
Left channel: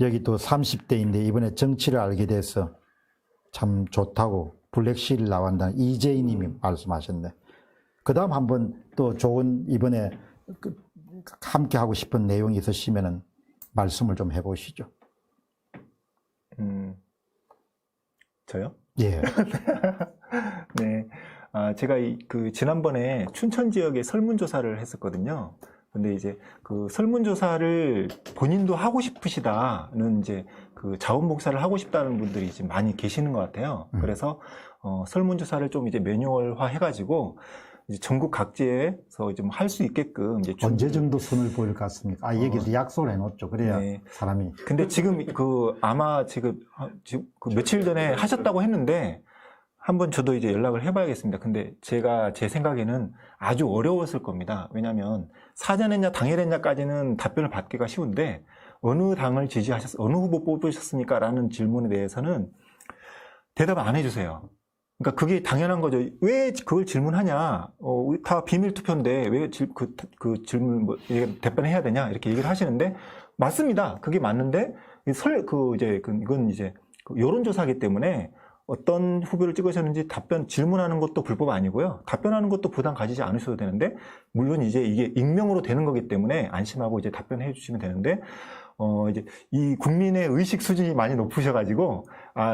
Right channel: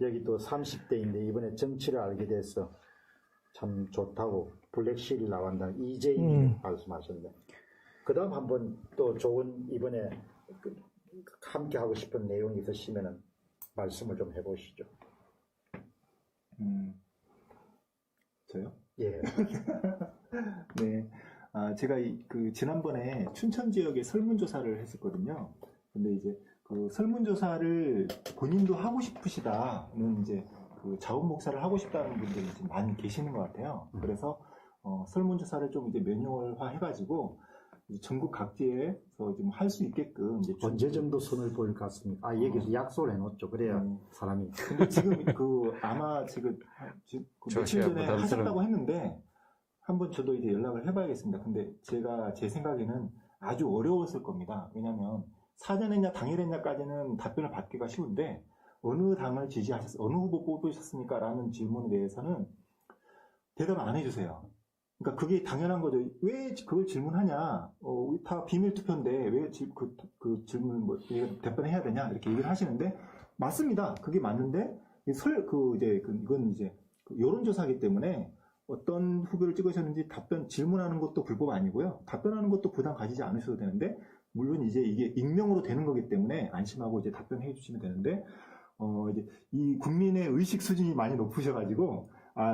여기 또 30대인데 이번에 정치를 알게 돼서 참 좋다고 블랙실 나온다는 이재희님이 말씀하셨네. 그 다음 한번 또 좋은 이번에 함께 하고 싶은 내용이 있으시면은 말씀을 좀 해보시죠. 저요? 예. 네. 제가 지난번에 춘천 지역에 설문조사를 했었거든요. 근데 이제 그 설문조사를 본인도 하고 싶으시다는 이제 그 자원봉사를 하고 싶다는 분들이 지금 많이 계시는 것 같아요. 그래서 설문조사를 좀 이제 매뉴얼화 해가지고 이제 전국 각지에서 좀 할 수 있게끔 이제 언제 정도 손을 보일 것 같습니까? 여기서 약속을 해놓죠. 그래야 네. 사람이. 근데 지금 아마 지금 며칠 전에 하셨다고 했는데 한번 저도 이제 연락을 해봐야겠습니다. 근데 제 생각에는 아주 어려웠을 겁니다. 왜냐하면 사전했냐 당일했냐까지는 답변을 받기가 쉬운데 어느 당을 어느 후보 뽑으셨습니까? 라는 질문에 대해서는 대답을 안 해주세요. 그러니까 그게 당연한 거죠. 왜 그걸 질문하냐? 다 비밀 투표인데 왜 그 질문 답변해야 되냐? 이렇게 얘기를 하시는데 맞습니다. 그게 맞는데 이건 이제 여론조사이기 때문에 어떤 후보를 찍으셨는지 질문하는 것도 불법 아니고요. 답변하는 것도 부담 가지지 않으셔도 되는데, 물론 이제 이게 익명으로 되는 거기 때문에 안심하고 이제 답변해 주시면 되는데, 이제 이 국민의 의식 수준이 많이 높으셔가지고,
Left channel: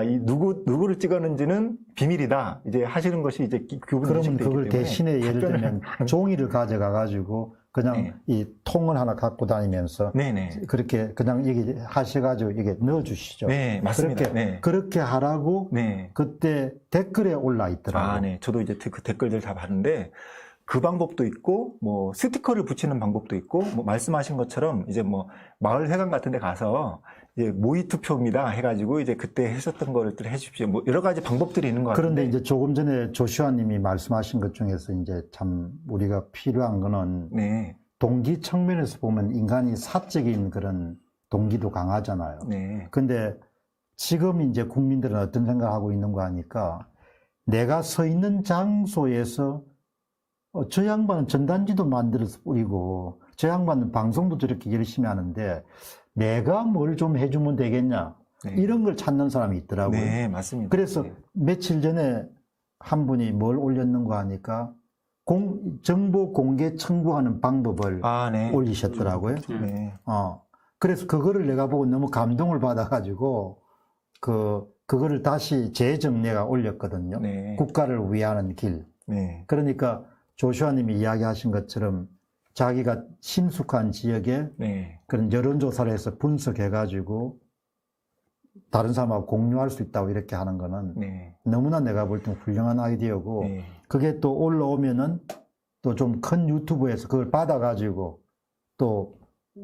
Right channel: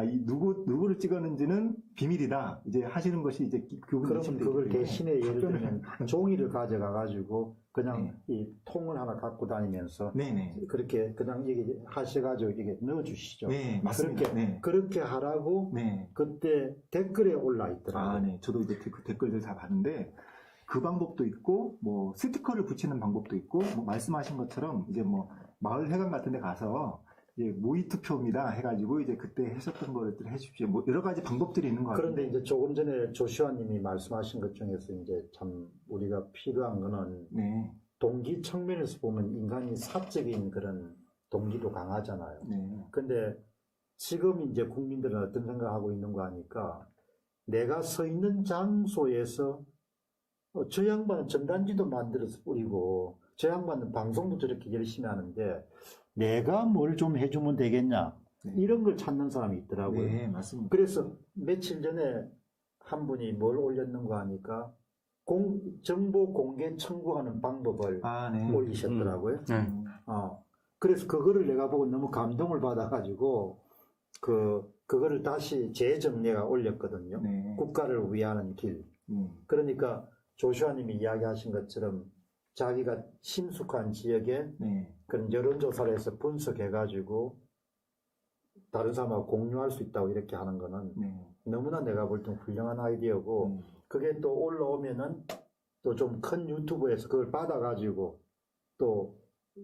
이 누구를 찍었는지는 비밀이다. 이제 하시는 것이 이제 그러면 그걸 대신에 예를 들면 종이를 가져가가지고 그냥 이 통을 하나 갖고 다니면서 그렇게 그냥 얘기 하셔가지고 이게 넣어주시죠. 네, 맞습니다. 그렇게 하라고 그때 댓글에 올라 있더라고요. 네. 저도 이제 그 댓글들 다 봤는데 그 방법도 있고 뭐 스티커를 붙이는 방법도 있고 뭐 말씀하신 것처럼 이제 뭐 마을 회관 같은 데 가서 이제 모의 투표입니다 해가지고 이제 그때 하셨던 거를 해주십시오. 뭐 여러 가지 방법들이 있는 것 같은데. 그런데 이제 조금 전에 조슈아님이 말씀하신 것 중에서 이제 참 우리가 필요한 거는 동기 측면에서 보면 인간이 사적인 그런 동기도 강하잖아요. 근데 지금 이제 국민들은 어떤 생각을 하고 있는 거 하니까 내가 서 있는 장소에서 저 양반은 전단지도 만들어서 뿌리고 저 양반은 방송도 저렇게 열심히 하는데 내가 뭘 좀 해주면 되겠냐 네. 이런 걸 찾는 사람이 있더라고요. 네, 맞습니다. 그래서 며칠 전에 한 분이 뭘 올렸는가 하니까 정보 공개 청구하는 방법을 네. 올리셨더라고요. 네. 그래서 그거를 내가 보고 너무 감동을 받아가지고 그거를 다시 재정리가 올렸거든요. 네. 국가를 위하는 길. 네. 그러니까 조슈아님이 이야기하신 것처럼 자기가 심숙한 지역에 네. 그런 여론조사를 해서 분석해가지고 다른 사람하고 공유할 수 있다고 이렇게 하는 거는 네. 너무나 내가 볼 때 훌륭한 아이디어고 네. 그게 또 올라오면은 또 좀 큰 유튜브에서 그걸 받아가지고 또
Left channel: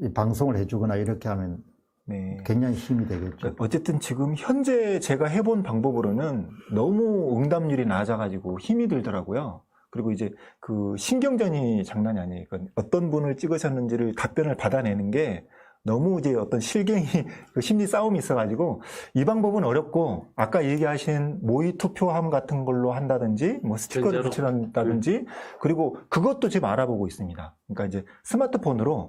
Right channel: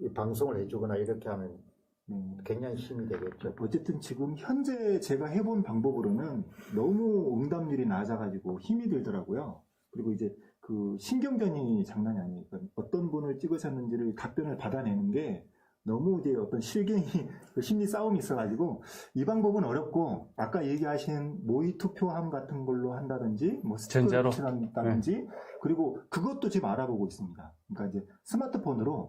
이 방송을 해주거나 이렇게 하면 네. 굉장히 힘이 되겠죠. 어쨌든 지금 현재 제가 해본 방법으로는 너무 응답률이 낮아가지고 힘이 들더라고요. 그리고 이제 그 신경전이 장난이 아니에요. 그러니까 어떤 분을 찍으셨는지를 답변을 받아내는 게 너무 이제 어떤 실갱이 그 심리 싸움이 있어가지고 이 방법은 어렵고 아까 얘기하신 모의 투표함 같은 걸로 한다든지 뭐 스티커를 붙여놓는다든지 그리고 그것도 지금 알아보고 있습니다. 그러니까 이제 스마트폰으로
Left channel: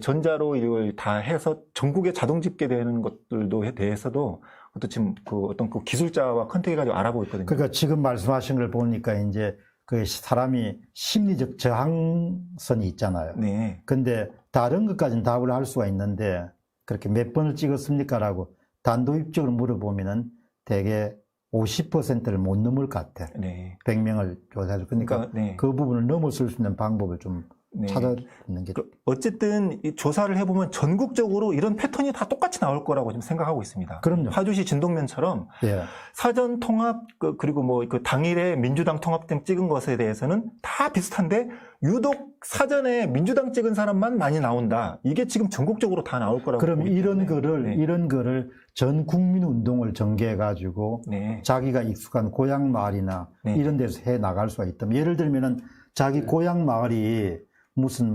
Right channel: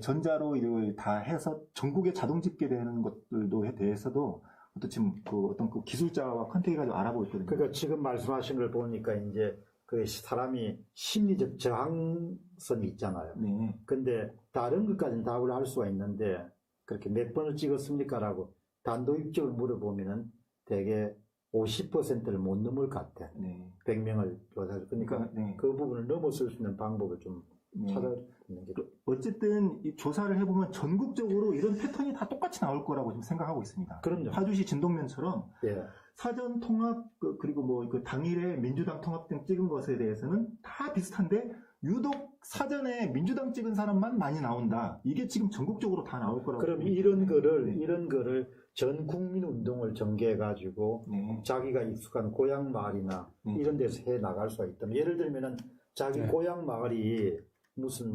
전자로 이걸 다 해서 전국에 자동 집계되는 것들도 대해서도 그것도 지금 그 어떤 그 기술자와 컨택해가지고 알아보고 있거든요. 그러니까 지금 말씀하신 걸 보니까 이제 그 사람이 심리적 저항선이 있잖아요. 네. 근데 다른 것까지는 답을 할 수가 있는데 그렇게 몇 번을 찍었습니까라고 단도직입적으로 물어보면은 대개 50%를 못 넘을 것 같아. 네. 100명을 조사해서. 그러니까 네. 그 부분을 넘어설 수 있는 방법을 좀 네. 찾아내는 게. 어쨌든 이 조사를 해보면 전국적으로 이런 패턴이 다 똑같이 나올 거라고 지금 생각하고 있습니다. 그럼요. 파주시 진동면처럼 예. 사전 통합 그리고 뭐 그 당일에 민주당 통합등 찍은 것에 대해서는 다 비슷한데 유독 사전에 민주당 찍은 사람만 많이 나온다. 이게 지금 전국적으로 다 나올 거라고. 그럼 보기 이런 때문에. 이런 거를 전 국민 운동을 전개해 가지고 네. 자기가 익숙한 고향 마을이나 네. 이런 데서 해 나갈 수가 있다면 예를 들면은 자기 고향 마을이 무슨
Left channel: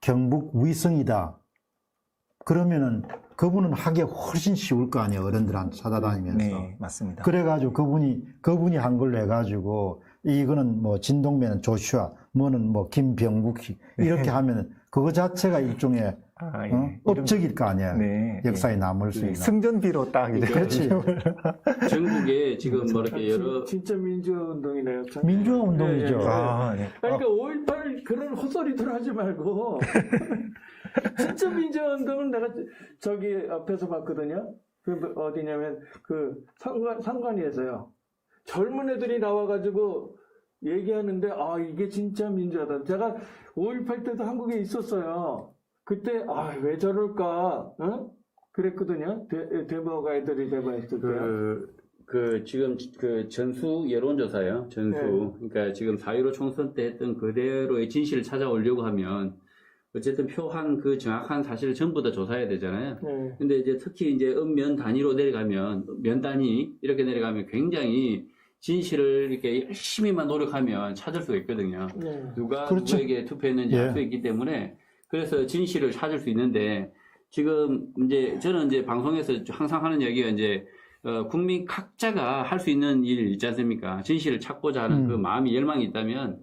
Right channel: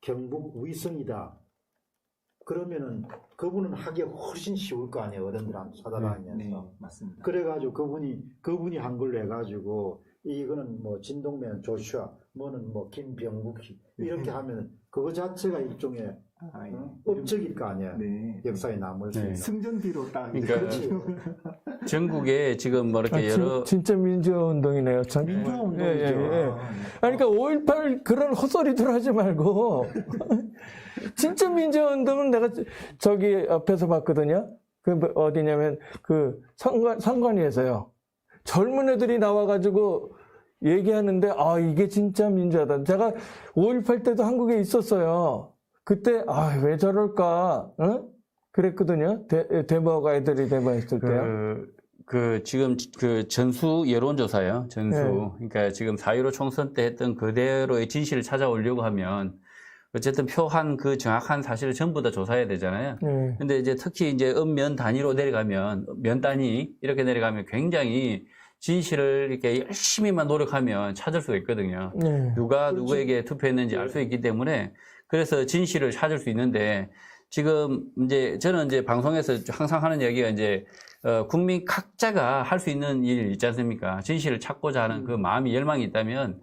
경북 위성이다. 그러면은 그분은 하기 훨씬 쉬울 거 아니에요. 어른들한테 찾아다니면서. 네, 맞습니다. 그래가지고 그분이 한 걸로 해가지고 이거는 뭐 진동면은 조슈아, 뭐는 뭐 김병국 이렇게 하면은 그거 자체가 일종의 업적일 거 아니야. 네. 역사에 남을 수 있는. 승전비로 딱 이제. 그렇지. 전국에 지금 뭐 이렇게 여러 진짜 민주화 운동이네요. 민주화 운동이죠. 네. 그러니까 5.18 그런 헛소리들 하지 말고 진짜 민주화 운동은 내가 저기 앞에서 봤거든요. 그 어디냐면 그 상관위에서요. 젊은 애들이 나와가지고 얘기하는데 이게 진짜 민주화다. 제가 5.18 때도 한국에 있었어요. 그때 왜 저럴까 그랬거든요. 데모가 애들이 데모했을 때요. 지금 그 전수 여론조사요. 전수. 네. 그러니까 지금 4.15 총선 때 했던 그대로의 진실을 찾아오려고 하면 어쨌든 표한 그 정확한 사실을 전부 다 조사해야 되잖아요. 네. 근데 이제 특히 이제 면 단위로 내려가면, 면 단위 이렇게 내려가면 굉장히 진실을 이렇게 열심히만 노력하면 찾을 수가 있거든요. 네. 누가 그렇지. 누구에게 투표했는지 알 수 있기 때문에 그래서 진실을 찾을 수 있는데 지금 이제 저는 이제 방송에서 항상 하는 얘기가 이제 국민 각자가 할 수 있는 일 있지 않습니까? 진실을 찾고자 하는 그 마음이 열망이 있다면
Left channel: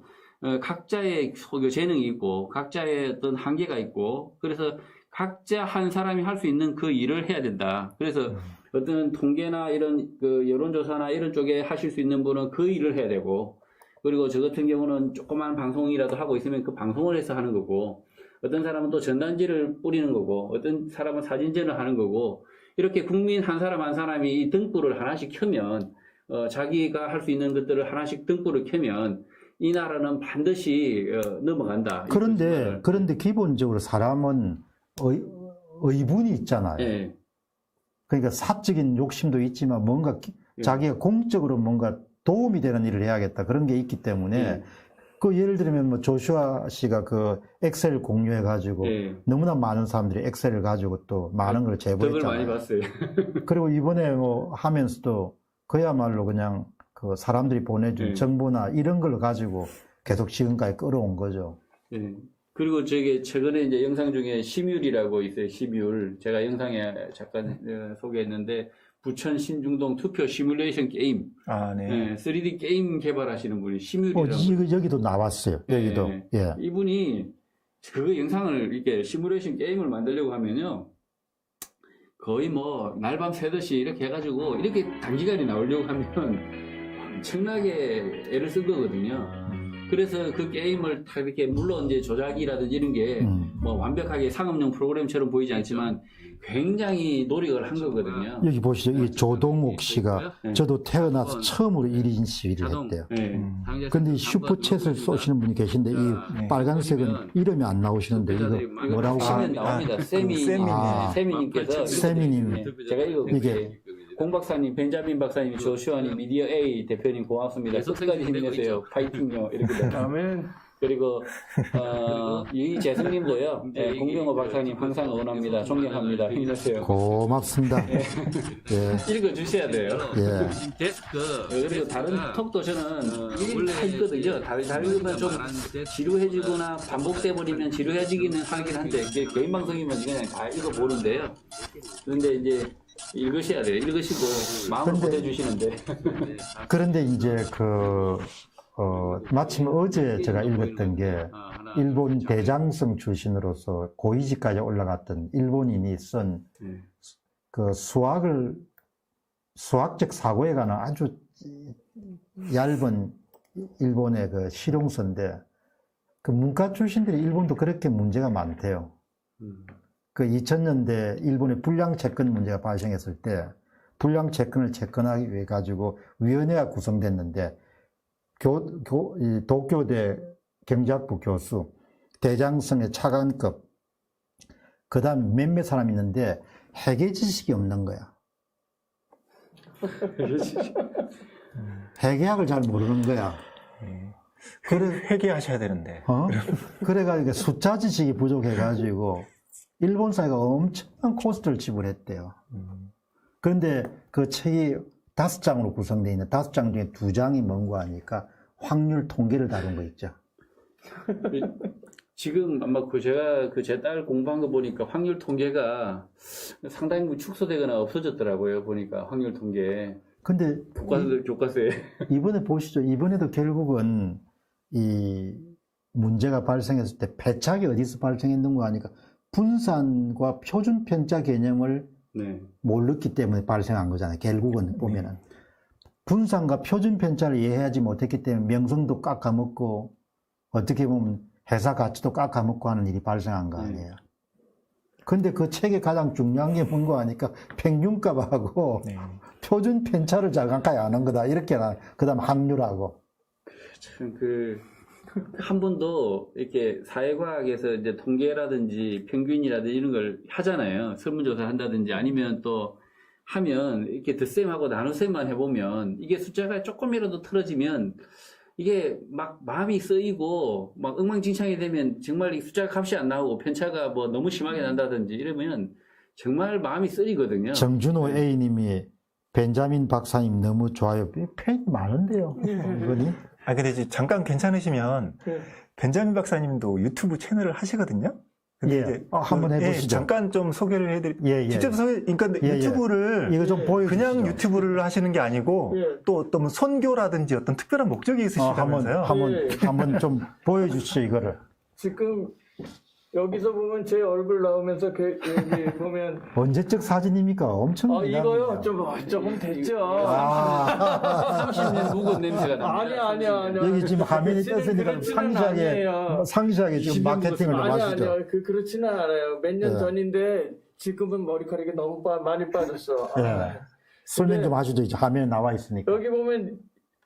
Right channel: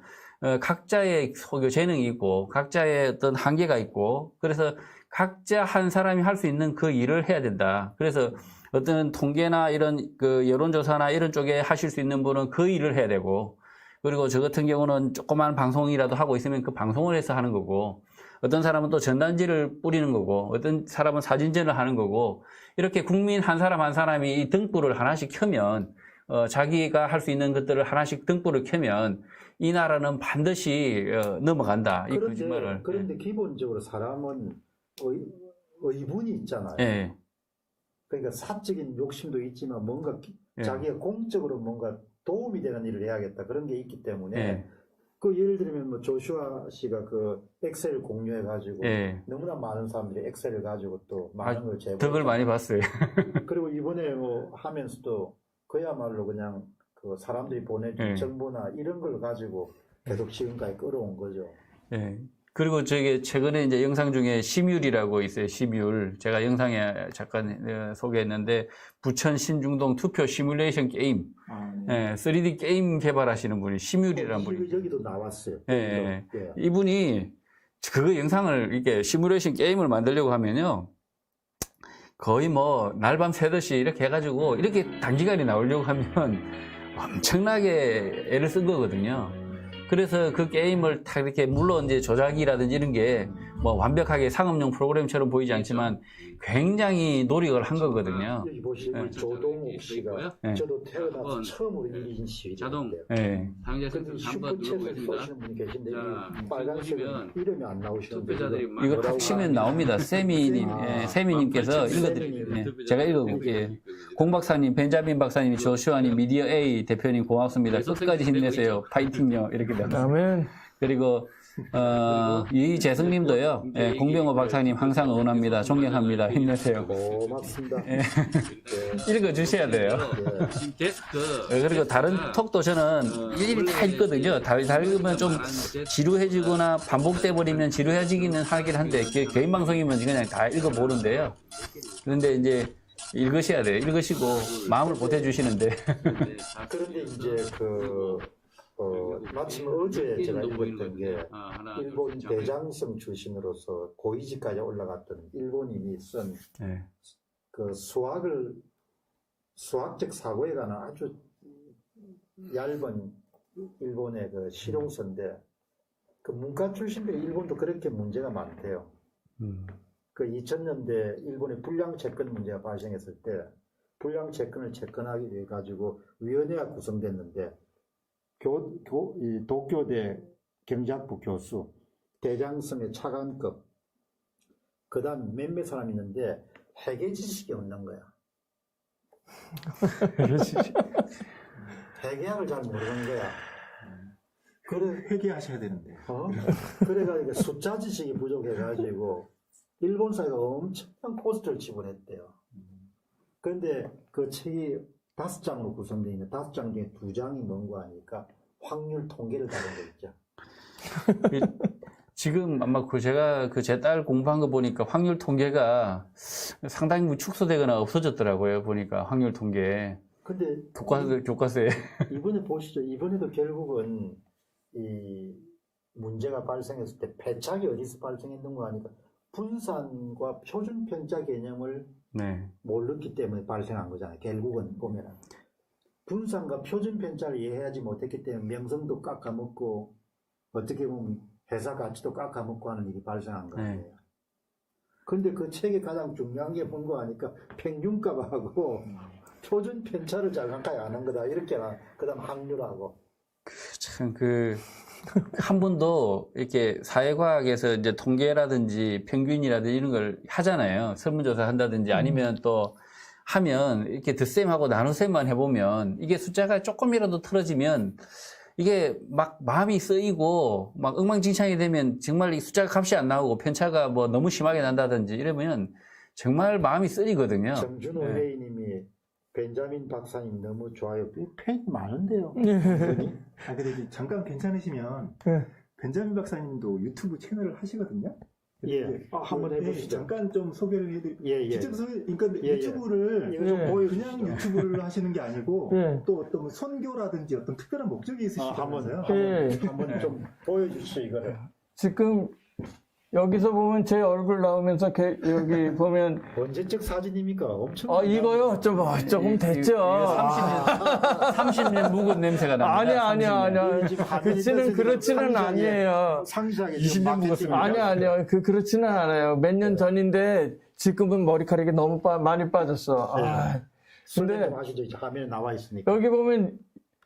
각자의 재능이 있고 각자의 어떤 한계가 있고 그래서 각자 한 사람이 할 수 있는 그 일을 해야 된다. 그래서 어떤 통계나 이런 그 여론조사나 이런 쪽에 하실 수 있는 분은 그 일을 해야 되고 그리고 저 같은 경우는 조그만 방송이라도 하고 있으면 그 방송을 해서 하는 거고 어떤 사람은 또 전단지를 뿌리는 거고 어떤 사람은 사진전을 하는 거고 이렇게 국민 한 사람 한 사람이 이 등불을 하나씩 켜면 자기가 할 수 있는 것들을 하나씩 등불을 켜면 이 나라는 반드시 넘어간다. 그런데 기본적으로 사람은 의분이 있잖아요. 네. 그러니까 사적인 욕심도 있지만 뭔가 자기가 공적으로 뭔가 도움이 되는 일을 해야겠다 그런 게 있기 때문에 그 예를 들면 뭐 조슈아 씨가 그 엑셀 공유해 가지고 너무나 많은 사람들이 엑셀을 가지고 또 많은 걸 제보했잖아요. 덕을 많이 봤어요. 그리고 이번에 뭐 하면서도 그야말로 그냥 그 사람들이 보내준 정보나 이런 걸 가지고 계속 지금까지 끌어온 거죠. 그리고 저게 최근에 이제 영상 중에 시뮬이라고 있어요. 시뮬. 제가 영상에 잠깐 소개했는데 부천 신중동 투표 시뮬레이션 게임. 아, 네. 네, 3D 게임 개발하시는 분이 시뮬이라는 분. 여기도 나왔어요. 여기도. 예. 예. 이분이 그 영상을 이렇게 시뮬레이션 게임을 만들려고 하면요. 거의 뭐 날밤 새듯이 이렇게 해가지고 이렇게 단기간에 나오려고 하면 엄청나게 애를 쓴 거거든요. 그래서 그 게임을 다 이렇게 물론 이제 조작이라든지 이런 게 뭐 완벽하게 상업용 프로그램처럼 보이지 않지만 굉장히 노력을 한 거거든요. 여기 보시죠. 이 조동욱 씨가 저도 태어나서 처음으로 1인 시위를 했대요. 근데 이 슈퍼챗을 쏘시는 분이 계신데 이 빨간색은 이름이 안 나오시는데 이거 뭐라고 치면 나옵니다. 세미님께서 제가 읽어볼게요. 공 박사님, 벤자민 박사님, 조슈아님, 미디어 A 대표님 고맙습니다. 끝까지 힘내세요. 파이팅요. 이렇게 그다음에 그리고 이재승님도요. 예, 공병호 박사님 항상 응원합니다. 존경합니다. 힘내세요. 고맙습니다. 예. 읽어주셔야 돼요. 예. 데스크. 그리고 다른 톡도 저는 일일이 다 읽거든요. 다 읽으면 좀 지루해지거나 반복돼 버리면 지루해지기는 하긴 한데 개인 방송이면 그냥 다 읽어보는데요. 그런데 이제 읽으셔야 돼요. 읽으시고 마음을 보태주시는데. 그런데 이제 마침 어제 제가 읽었던 게 일본 대장성 출신으로서 고위직까지 올라갔던 일본인이 쓴 그 수학적 사고에 관한 아주 얇은 일본의 그 실용서인데 그 문과 출신들이 일본도 그렇게 문제가 많대요. 그 2000년대 일본의 불량 채권 문제가 발생했을 때 불량 채권을 채권하기 위해 가지고 위원회가 구성됐는데 이 도쿄대 경제학부 교수, 대장성의 차관급, 그 다음 몇몇 사람이 있는데 회계 지식이 없는 거야. 회계학을 잘 모르는 거야. 회계하셔야 되는데. 그래가지고 숫자 지식이 부족해가지고 일본 사회가 엄청난 코스트를 지불했대요. 그런데 그 책이 5장으로 구성되어 있는 5장 중에 2장이 뭔가 하니까 확률 통계를 다룬 거 있죠. 지금 아마 제가 제 딸 공부한 거 보니까 확률 통계가 상당히 축소되거나 없어졌더라고요. 보니까 확률 통계. 근데 교과서에. 이번에 보시죠. 이번에도 결국은 이 문제가 발생했을 때 패착이 어디서 발생했는가 하니까 분산과 표준 편차 개념을 모르기 때문에 발생한 거잖아요. 결국은 보면은. 분산과 표준 편차를 이해하지 못했기 때문에 명성도 깎아먹고 어떻게 보면 회사 가치도 깎아먹고 하는 일이 발생한 거 아니에요. 근데 그 책의 가장 중요한 게 뭔가 하니까 평균값하고 표준 편차를 잘 가까이 아는 거다. 이렇게 그 다음 확률하고. 참 한 번도 이렇게 사회과학에서 이제 통계라든지 평균이라든지 이런 걸 하잖아요. 설문조사 한다든지 아니면 또 하면 이렇게 덧셈하고 나눗셈만 해보면 이게 숫자가 조금이라도 틀어지면 이게 막 마음이 쓰이고 막 엉망진창이 되면 정말 이 숫자 값이 안 나오고 편차가 뭐 너무 심하게 난다든지 이러면 정말 마음이 쓰이거든요. 정준호 A님이 벤자민 박사님 너무 좋아요. 팬이 많은데요. 근데 이제 잠깐 괜찮으시면 벤자민 박사님도 유튜브 채널을 하시거든요. 한번 해보시죠. 잠깐 좀 소개를 해드릴게요. 직접 그러니까 유튜브를 이거 좀 그냥 유튜브를 하시는 게 아니고 또 어떤 선교라든지 어떤 특별한 목적이 있으시다면서요. 한번 좀 보여주시죠, 이거를. 지금 여기서 보면 제 얼굴 나오면서 여기 보면 언제적 사진입니까? 엄청 이거요? 조금 됐죠. 30년 묵은 냄새가 납니다. 아니야. 여기 지금 화면이 그렇지는 않아요. 상시하게 지금 마케팅을 아니요. 그렇지는 않아요. 몇 년 전인데 지금은 머리카락이 너무 많이 빠졌어. 설명 좀 하시죠. 이제 화면에 나와 있으니까. 여기 보면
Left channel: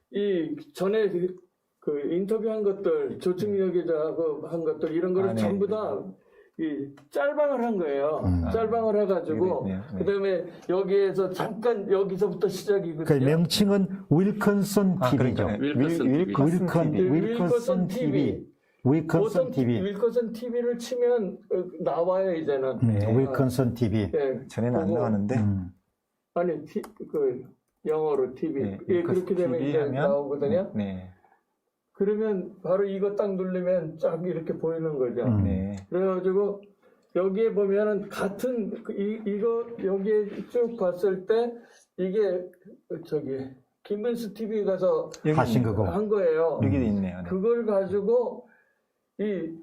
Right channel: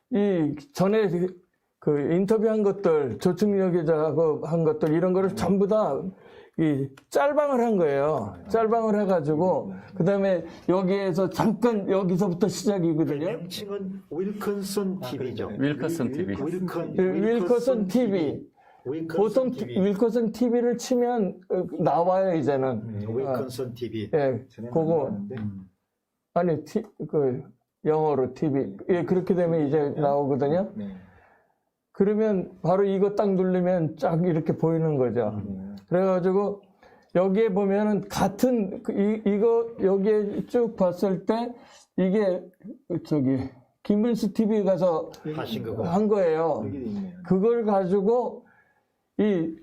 이 전에 그 인터뷰한 것들, 조충혁 기자하고 한 것들, 이런 거를 전부 다 이 짤방을 한 거예요. 짤방을 해가지고, 그 다음에 여기에서 잠깐, 여기서부터 시작이거든요. 그 명칭은 윌컨슨 TV죠. 윌컨슨 TV. 윌컨슨 TV. 윌컨슨 TV를 치면 나와요, 이제는. 윌컨슨 TV. 전에는 안 나왔는데. 아니, 영어로 TV. 그렇게 되면 이제 나오거든요. 그러면 바로 이거 딱 누르면 쫙 이렇게 보이는 거죠. 네. 그래가지고 여기에 보면은 같은 이거 여기에 쭉 봤을 때 이게 저기 김문수 TV 가서 하신 그거. 한 거예요. 여기 있네요. 네. 그걸 가지고 이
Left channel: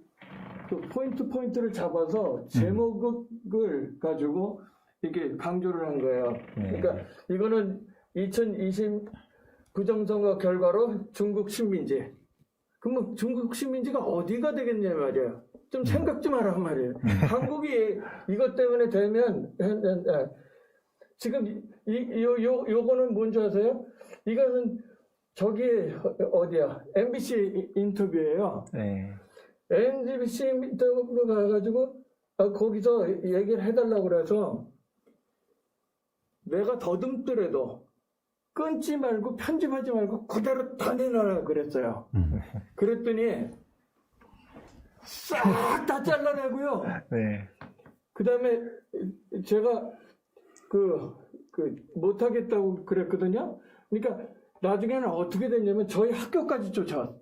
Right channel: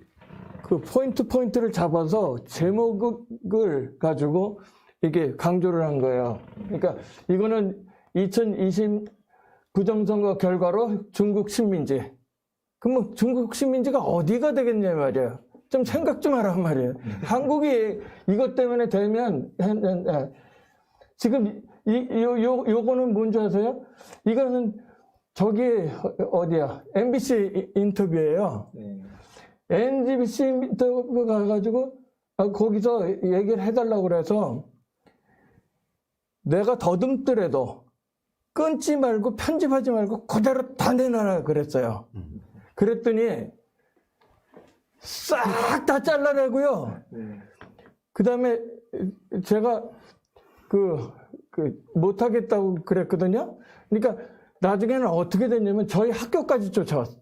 그 포인트를 잡아서 제목을 가지고 이게 강조를 한 거예요. 그러니까 이거는 2020 부정선거 결과로 중국 식민지. 그럼 중국 식민지가 어디가 되겠냐 말이에요. 좀 생각 좀 하란 말이에요. 한국이 이것 때문에 되면 지금 요거는 뭔지 아세요? 이거는 저기 어디야? MBC 인터뷰예요. 네. MBC 인터뷰 가가지고 거기서 얘기를 해달라고 그래서 내가 더듬더라도 끊지 말고 편집하지 말고 그대로 다 내놔라 그랬어요. 그랬더니 싹 다 잘라내고요. 네. 그 다음에 제가 못하겠다고 그랬거든요. 그러니까 나중에는 어떻게 됐냐면 저희 학교까지 쫓아와서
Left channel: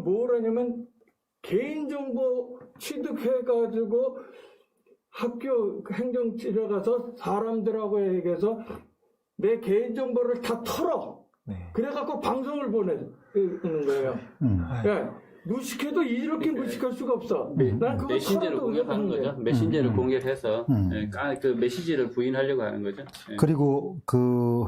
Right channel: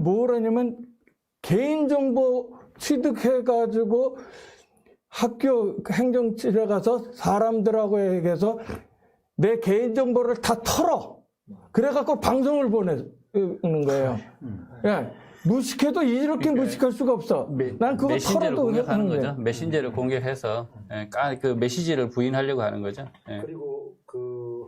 뭐라냐면 개인정보 취득해가지고 학교 행정실에 가서 사람들하고 얘기해서 내 개인정보를 다 털어. 네. 그래갖고 방송을 보내는 거예요. 예. 무식해도 이렇게 무식할 수가 없어. 난 그거 메신저를 털어도 공격하는 하는 거죠. 거예요. 메신저를 공격해서 그 메시지를 부인하려고 하는 거죠. 예. 그리고 그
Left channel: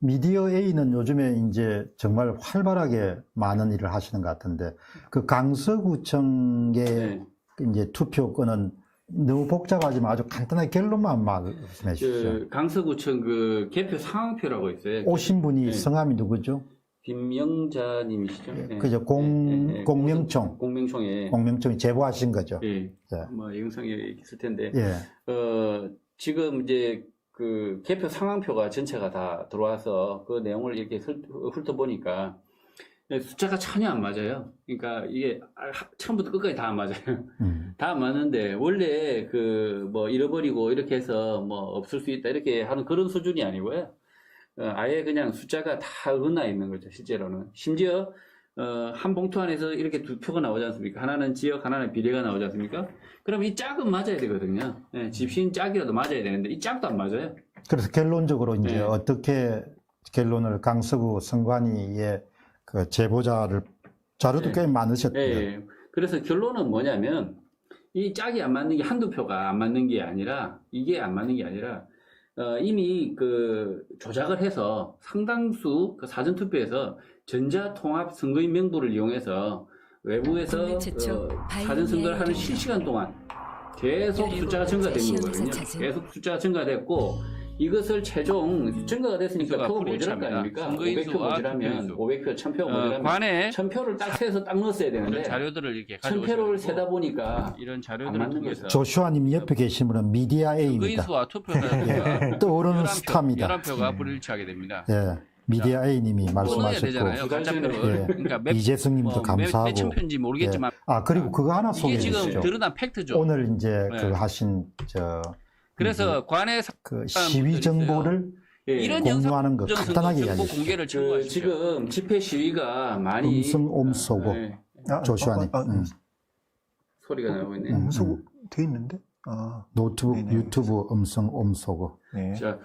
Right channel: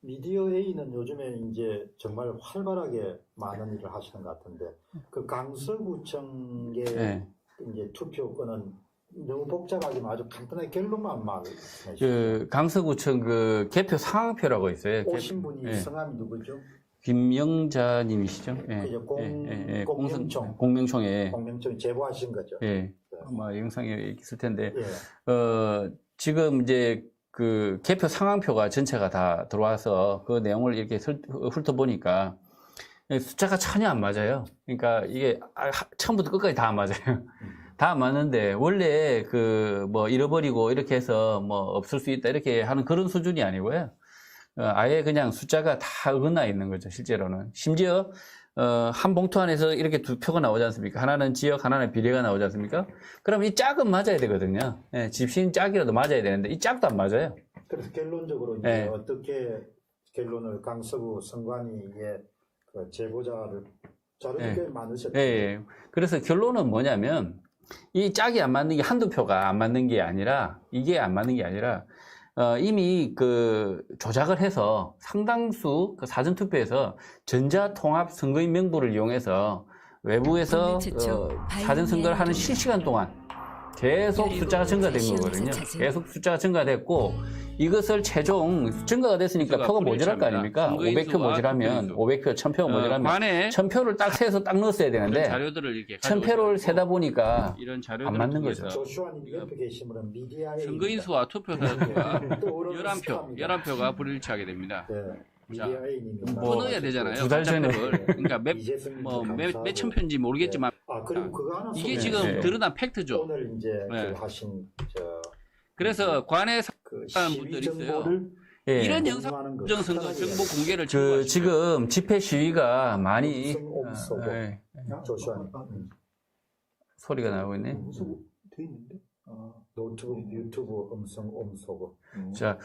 미디어 A는 요즘에 이제 정말 활발하게 많은 일을 하시는 것 같은데 그 강서구청의 네. 이제 투표권은 너무 복잡하지만 아주 간단하게 결론만 말씀해 주시죠. 그 강서구청 그 개표 상황표라고 있어요. 오신 분이 네. 성함이 누구죠? 김영자님이시죠? 예. 그죠? 공명총. 공명총에. 공명총이 제보하신 거죠. 예. 네. 아마 영상이 있을 텐데. 예. 지금 이제 그 개표 상황표가 전체가 다 들어와서 그 내용을 이렇게 훑어보니까 숫자가 전혀 안 맞아요. 그러니까 이게 처음부터 끝까지 다 안 맞아요. 다 안 맞는데 원래 그 뭐 잃어버리고 이렇게 해서 뭐 없을 수 있다 이렇게 하는 그런 수준이 아니고요. 아예 그냥 숫자가 다 어긋나 있는 거죠, 실제로는. 심지어, 한 봉투 안에서 이렇게 두 표가 나오지 않습니까? 하나는 지역, 하나는 비례가 나오지 않습니까? 그럼 이 짝은 맞아야 되거든요. 예, 집신 짝이라도 맞아야 되는데, 이 짝도 안 맞아요. 그래서 결론적으로 이제 네. 어떻게 결론을 강서구 선관위의 그 제보자를 자료도 네. 꽤 많으셨대요. 예. 그래서 결론은 뭐냐면, 이 짝이 안 맞는 게 한두 표가 안 맞는 게 아니라, 이게 안 맞는 게 아니라, 이미 그 조작을 해서 상당수 그 사전투표에서 전자통합 선거인 명부를 이용해서 외부에서 사전선거를 하는 실시간 동안 계속 숫자가 증가된 거거든요. 계속 숫자가 증가됐고 이것을 최종 증가가 됐으니까 표가 모자랄 거 아닙니까? 500표 모자라면 500표, 1000표 모자라면 관에 1000표를 딱 세서 딱 넣었어야 이런 되는데 자료들을 이렇게 가져오셔야 1000표를 되고 세다 보니까 이런 안 자료들을 맞는 통해서 거죠. 조슈아님 옆에 계신 분은 미디어 A입니다. 선거인수와 투표자가 떠오르는 11표, 스타입니다. 11표가 불일치하게 됩니다. 예, 미디어 A님이 끊어야 말씀하셨고 되잖아요. 두 달 전에 가짜표를. 예. 그러니까 몇, 이재승님도 뭐 감사하고 몇천 표인지 모르겠지만 예. 아 그리고 그거 하나 이게 소개해 지금 주시죠. 드러난 팩트죠. 오늘 이제 네. 그 하신 그래서 관에 그 사람들이 시위 정보를 예. 이런 영상 공유하는 거 부정선거 간단하게 정보 이야기해 공개를 그 청구하시죠. 지금 집회 시위가 많이 음성옴소고 예. 조슈아님 소리가 나오고 있네. 음소 돼 있는데? 아, 노트북, 네네. 유튜브 음성옴소고 네. 자,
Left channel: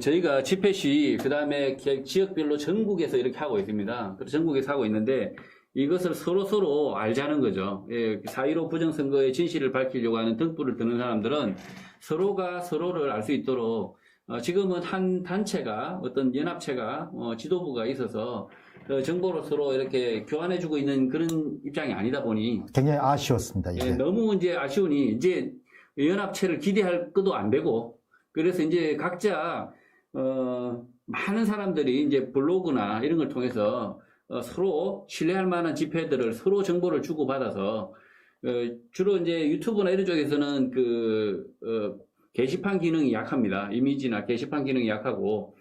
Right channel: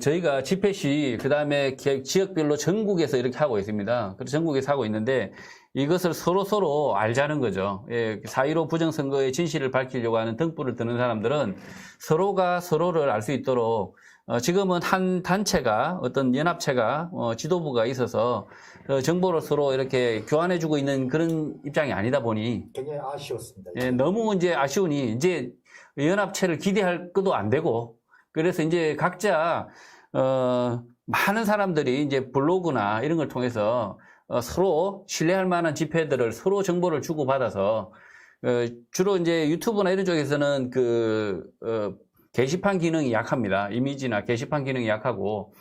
저희가 집회 시위, 그 다음에 지역별로 전국에서 이렇게 하고 있습니다. 그래서 전국에서 하고 있는데, 이것을 서로 알자는 거죠. 예, 4.15 부정선거의 진실을 밝히려고 하는 등불을 드는 사람들은 서로가 서로를 알 수 있도록, 지금은 한 단체가, 어떤 연합체가, 지도부가 있어서, 정보를 서로 이렇게 교환해주고 있는 그런 입장이 아니다 보니, 굉장히 아쉬웠습니다. 이제. 예, 너무 이제 아쉬우니, 이제 연합체를 기대할 것도 안 되고, 그래서 이제 각자, 많은 사람들이 이제 블로그나 이런 걸 통해서 서로 신뢰할 만한 집회들을 서로 정보를 주고받아서, 주로 이제 유튜브나 이런 쪽에서는 게시판 기능이 약합니다. 이미지나 게시판 기능이 약하고,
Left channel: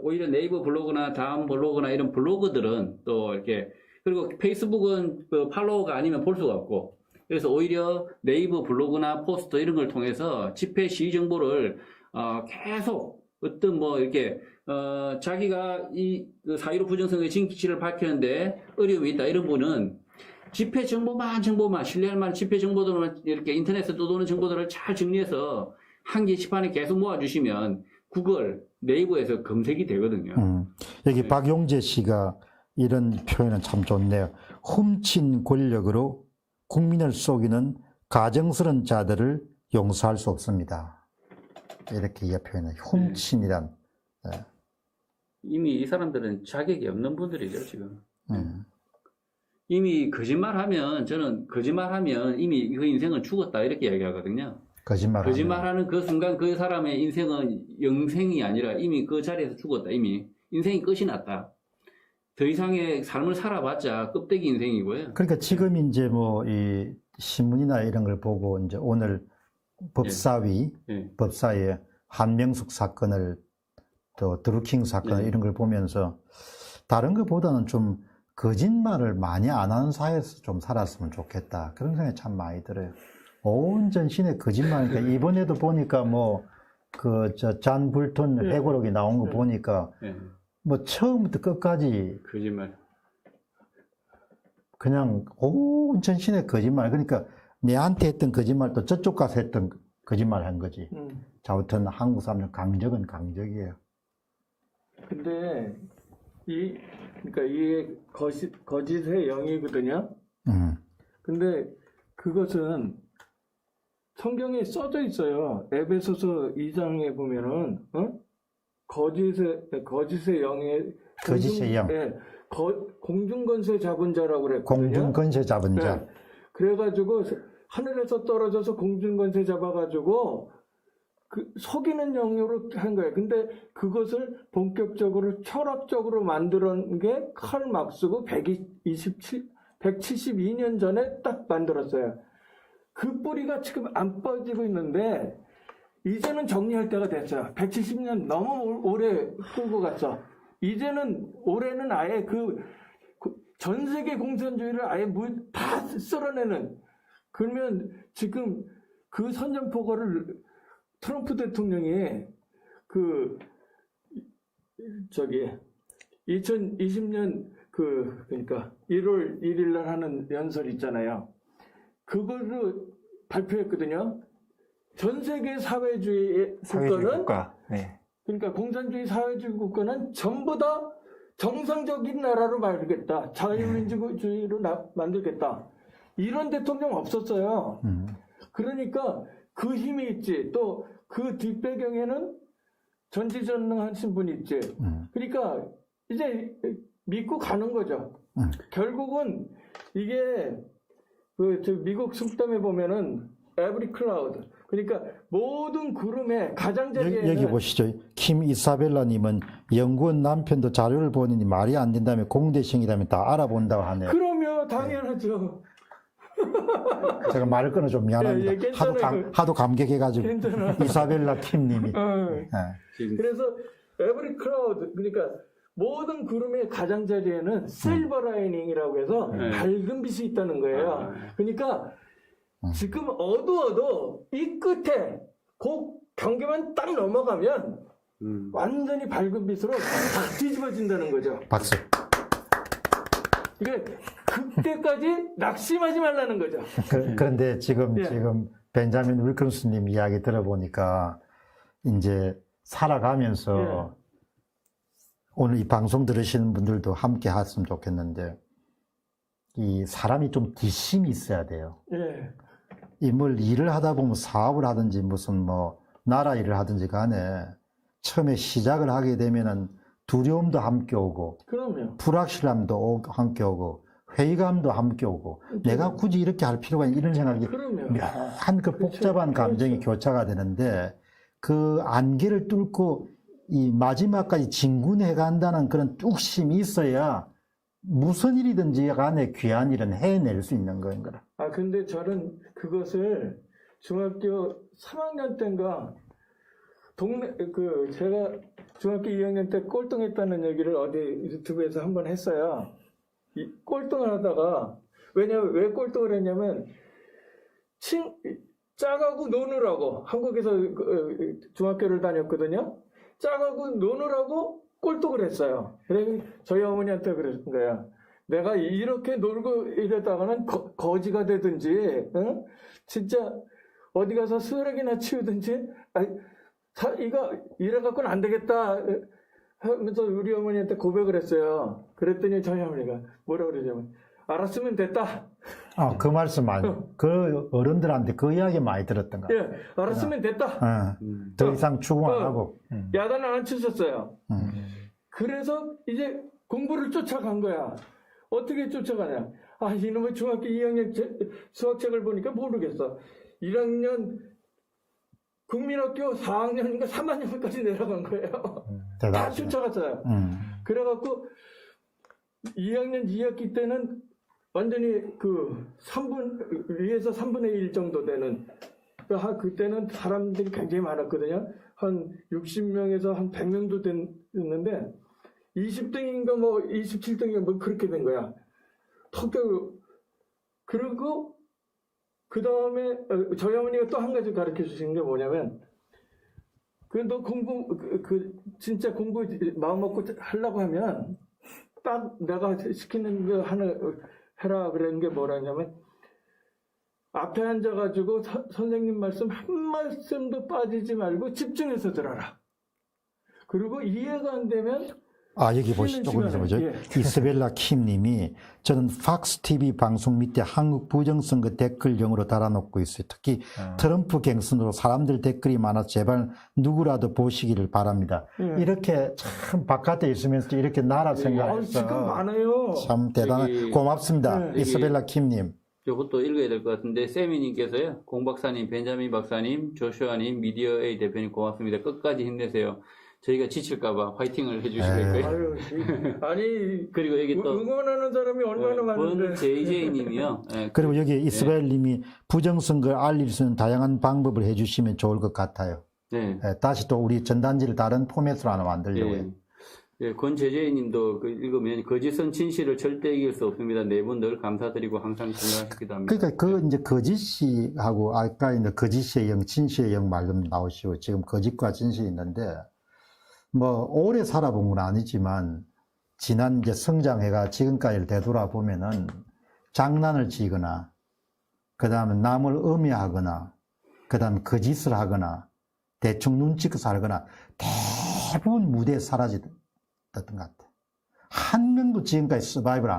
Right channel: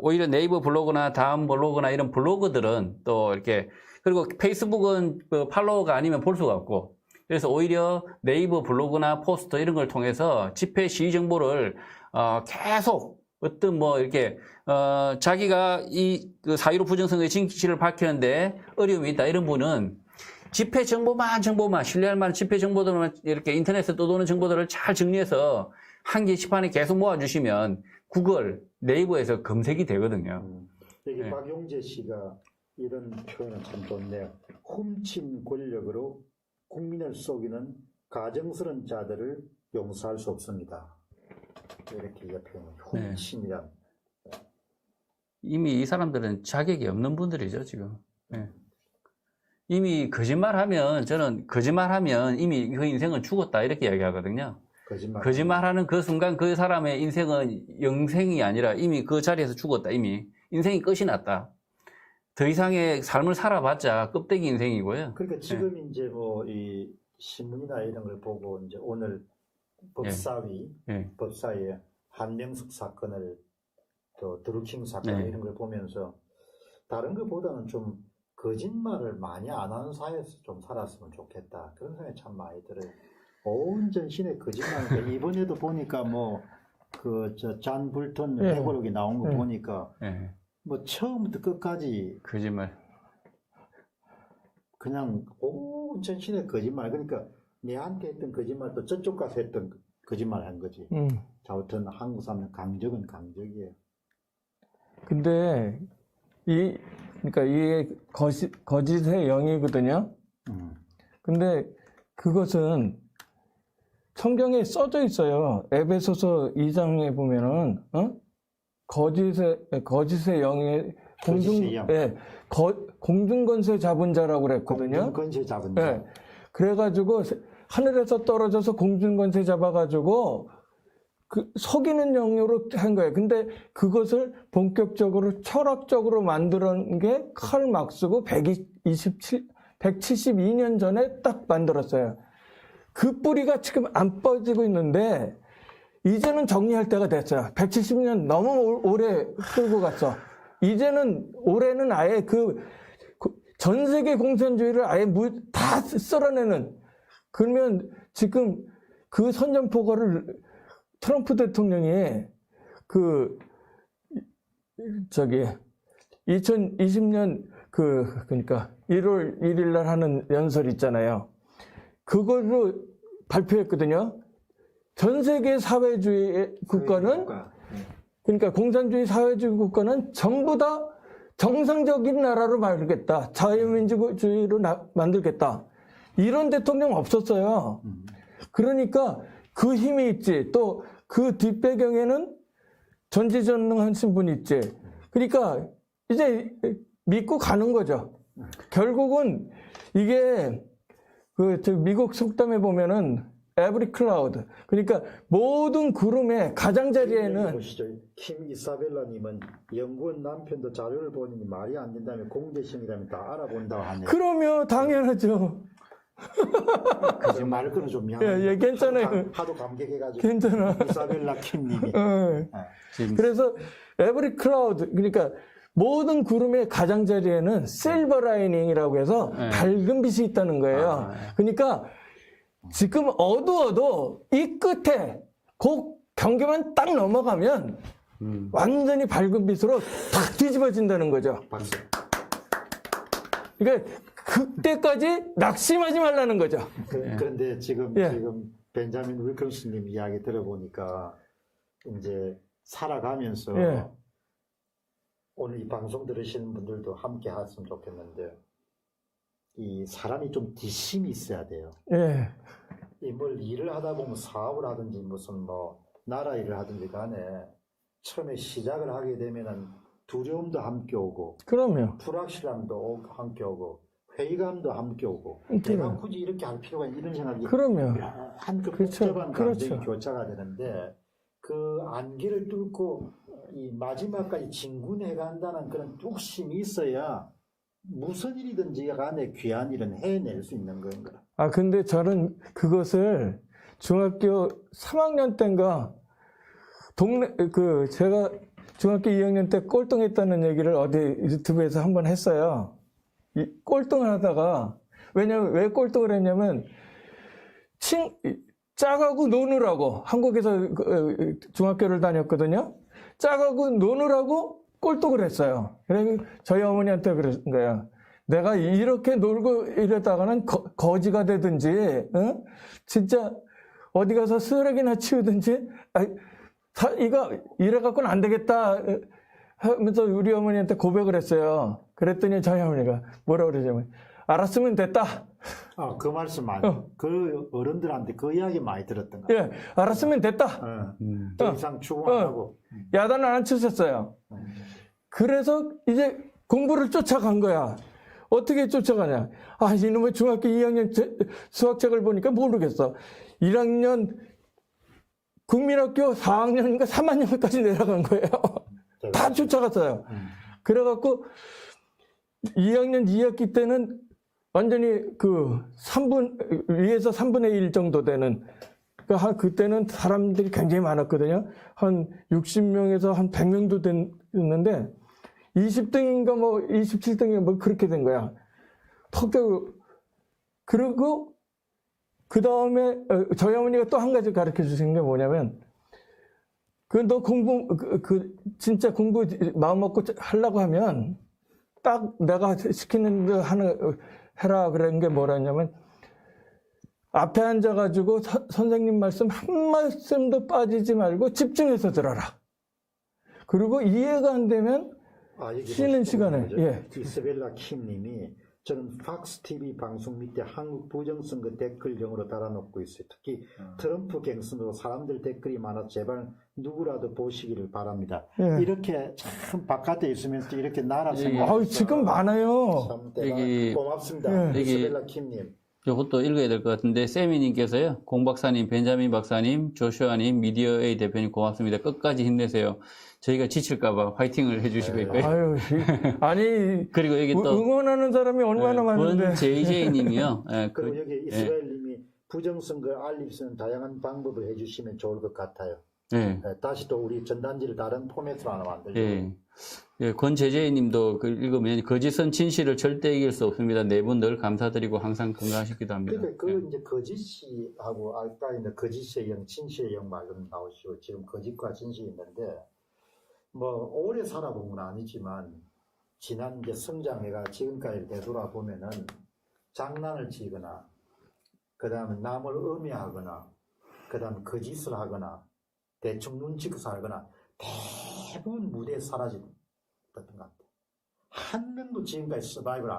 오히려 네이버 블로그나 다음 블로그나 이런 블로그들은 또 이렇게, 그리고 페이스북은 팔로워가 아니면 볼 수가 없고, 그래서 오히려 네이버 블로그나 포스터 이런 걸 통해서 집회 시위 정보를 계속 어떤 뭐 이렇게 자기가 그 4.15 부정선거의 진실을 밝혔는데 어려움이 있다 이런 분은 집회 정보만 신뢰할 만한 집회 정보들만 이렇게 인터넷에 떠도는 정보들을 잘 정리해서 한 개씩 판에 계속 모아주시면 구글, 네이버에서 검색이 되거든요. 여기 네. 박용재 씨가 이런 표현은 참 좋네요. 훔친 권력으로 국민을 속이는 가정스러운 자들을 용서할 수 없습니다. 이렇게 표현을 훔친이란. 네. 이미 이 사람들은 자격이 없는 분들이죠, 지금. 이미 저는 거짓말하면 이미 그 인생은 죽었다, 이렇게 이야기하거든요. 거짓말하는 그 순간 그 사람의 인생은 영생이 아니라 이미 그 자리에서 죽었다, 이미. 인생이 끝이 났다. 더 이상의 삶을 살아봤자 껍데기 인생이고요. 그러니까 지금 이제 뭐 이 신문이나 이런 걸 보고 이제 오늘 법사위에 한명숙 사건을 또 드루킹 사건 이런 걸 보면서 다른 것보다는 좀 거짓말을 많이 안 하는 사회에서 좀 살았으면 좋겠다. 그런 생각이 참 많이 들어요. 온 전신에 거짓말이니까 이번에도 보니까 뭐 그 잔 불턴 회고록이 나온 거 보니까 뭐 처음부터 끝까지 거짓말. 그냥 온 전신에 거짓말. 그러니까 내한테 했던 거짓말도 저쪽 가서 했던 거짓말 한 거지. 자, 아무튼 한국 사람들 강적은 강적이에요. 근데 그러니까 이 거짓의 영이거든요. 근데 그것은 성경에 써져 있어요. 에베소서 2장에 보면은 거짓의 영의 거짓의 영. 공중권세 잡은 자라고 그랬거든요. 공중권세 잡은 자. 네. 그래가지고 하늘에서 떨어져서 공중권세 잡아가지고 속이는 영으로 한 거예요. 근데 그것을 본격적으로 철학적으로 만드는 게 칼 막스고 172년 전에 딱 만들었어요. 그 뿌리가 지금 안 빠지고 있는데 이제는 정리할 때가 됐어요. 170년 너무 오래 끌고 갔어. 이제는 올해는 아예 전 세계 공산주의를 아예 다 쓸어내는. 그러면 지금 그 선전포고를 트럼프 대통령이 2020년 그러니까 1월 1일 날 하는 연설 있잖아요. 그걸로 발표했거든요. 전 세계 사회주의 국가는 그러니까 공산주의 사회주의 국가는 전부 다 정상적인 나라로 만들겠다. 자유민주주의로 만들겠다. 이런 대통령 없었어요. 그러니까 그 힘이 있지. 또 그 뒷배경에는 전지전능하신 분이 있지. 그러니까 이제 믿고 가는 거죠. 결국은 이게 미국 속담에 보면은 every cloud. 그러니까 모든 구름의 가장자리에는 여기 보시죠. 김 이사벨라님은 영구한 남편도 자료를 보니 말이 안 된다면 공대생이라면 다 알아본다고 하네요. 그러면 당연하죠. 제가 말을 끊어 좀 미안합니다. 괜찮아요. 하도 감격해가지고. 괜찮아. 이사벨라 김님이. 그래서 every cloud 그러니까 모든 구름의 가장자리에는 실버 라이닝이라고 해서 밝은 빛이 있다는 거예요. 그러니까 지금 어두워도 이 끝에 그 경계만 딱 넘어가면 완전히 밝은 빛으로 딱 뒤집어진다는 거죠. 박수. 그러니까 그때까지 낙심하지 말라는 거죠. 그런데 지금 벤자민 윌컴스님 이야기 들어보니까 이제 살아가면서 오늘 이 방송 들으시는 분들도 함께 했으면 좋겠는데 이 사람이 좀 뒷심이 있어야 돼요. 이 뭘 일을 하다 보면 사업을 하든지 무슨 뭐 나라 일을 하든지 간에 처음에 시작을 하게 되면은 두려움도 함께 오고 그럼요. 불확실함도 함께 오고 회의감도 함께 오고 내가 굳이 이렇게 할 필요가 있는 이런 생각이 묘한 그 복잡한 감정이 교차가 되는데 그 안개를 뚫고 이 마지막까지 진군해 간다는 그런 뚝심이 있어야 무슨 일이든지 간에 귀한 일은 해낼 수 있는 거인 거라. 근데 저는 그것을 중학교 3학년 때인가 제가 중학교 2학년 때 꼴등했다는 얘기를 어디 유튜브에서 한번 했어요. 이 꼴등을 하다가 왜 꼴등을 했냐면 짝하고 노느라고 한국에서 중학교를 다녔거든요. 짜가고 노느라고 꼴떡을 했어요. 그래서 저희 어머니한테 그런 거예요. 내가 이렇게 놀고 이랬다가는 거지가 되든지, 어? 진짜 어디 가서 쓰레기나 치우든지, 이거 이래갖고는 안 되겠다 하면서 우리 어머니한테 고백을 했어요. 그랬더니 저희 어머니가 뭐라 그러냐면, 알았으면 됐다. 그 말씀 많이, 그 어른들한테 그 이야기 많이 들었던 것 같아요. 예, 알았으면 됐다. 더 이상 추궁 안 하고. 야단을 안 쳤었어요. 그래서 이제 공부를 쫓아간 거야. 어떻게 쫓아가냐. 이놈의 중학교 2학년 수학책을 보니까 모르겠어. 1학년 국민학교 4학년인가 3학년까지 내려간 거예요. 다 쫓아갔어요. 그래갖고 2학년 2학기 때는 완전히 그 위에서 3분의 1 정도 되는, 그때는 사람들이 굉장히 많았거든요. 한 60명에서 한 100명도 됐는데 20등인가 뭐 27등인가 뭐 그렇게 된 거야. 그리고 그 다음에 저희 어머니가 또 한 가지 가르쳐 주신 게 뭐냐면, 너 공부, 진짜 공부 마음 먹고 하려고 하면 딱 내가 시키는 대로 해라 그런 게 뭐라냐면, 앞에 앉아가지고 선생님 말씀 한 말씀도 빠지지 말고 집중해서 들어라. 그리고 이해가 안 되면 여기 쉬는 보시죠. 시간을. 예. 이스벨라 킴님이 저는 팍스 TV 방송 밑에 한국 부정선거 댓글용으로 달아놓고 있어요. 특히 트럼프 갱선으로 사람들 댓글이 많아 제발 누구라도 보시기를 바랍니다. 이렇게 참 바깥에 있으면서 이렇게 나라 생각. 지금 많아요. 참 대단한. 고맙습니다. 이스벨라 킴님. 이것도 읽어야 될 것 같은데, 세미님께서요, 공 박사님, 벤자민 박사님, 조슈아님, 미디어A 대표님 고맙습니다. 끝까지 힘내세요. 저희가 지칠까봐 화이팅을 해주시고 있고요. 그리고 여기 또 응원하는 사람이 얼마나 많은데. JJ님이요. 그리고 여기 이스벨님이 부정선거를 알릴 수 있는 다양한 방법을 해주시면 좋을 것 같아요. 다시 또 우리 전단지를 다른 포맷으로 하나 만들려고요. 권재재님도 읽으면 거짓은 진실을 절대 이길 수 없습니다. 네 분 늘 감사드리고 항상 건강하시기도 합니다. 그러니까 이제 거짓이하고 아까 이제 거짓의 영, 진실의 영 말씀 나오시고 지금 거짓과 진실이 있는데, 뭐 오래 살아본 건 아니지만 지난 이제 성장해가 지금까지를 되돌아보면은 장난을 치거나, 그 다음에 남을 음해하거나, 그 다음에 거짓을 하거나, 대충 눈치껏 살거나, 대부분 무대에 사라졌던 것 같아. 한 명도 지금까지 서바이벌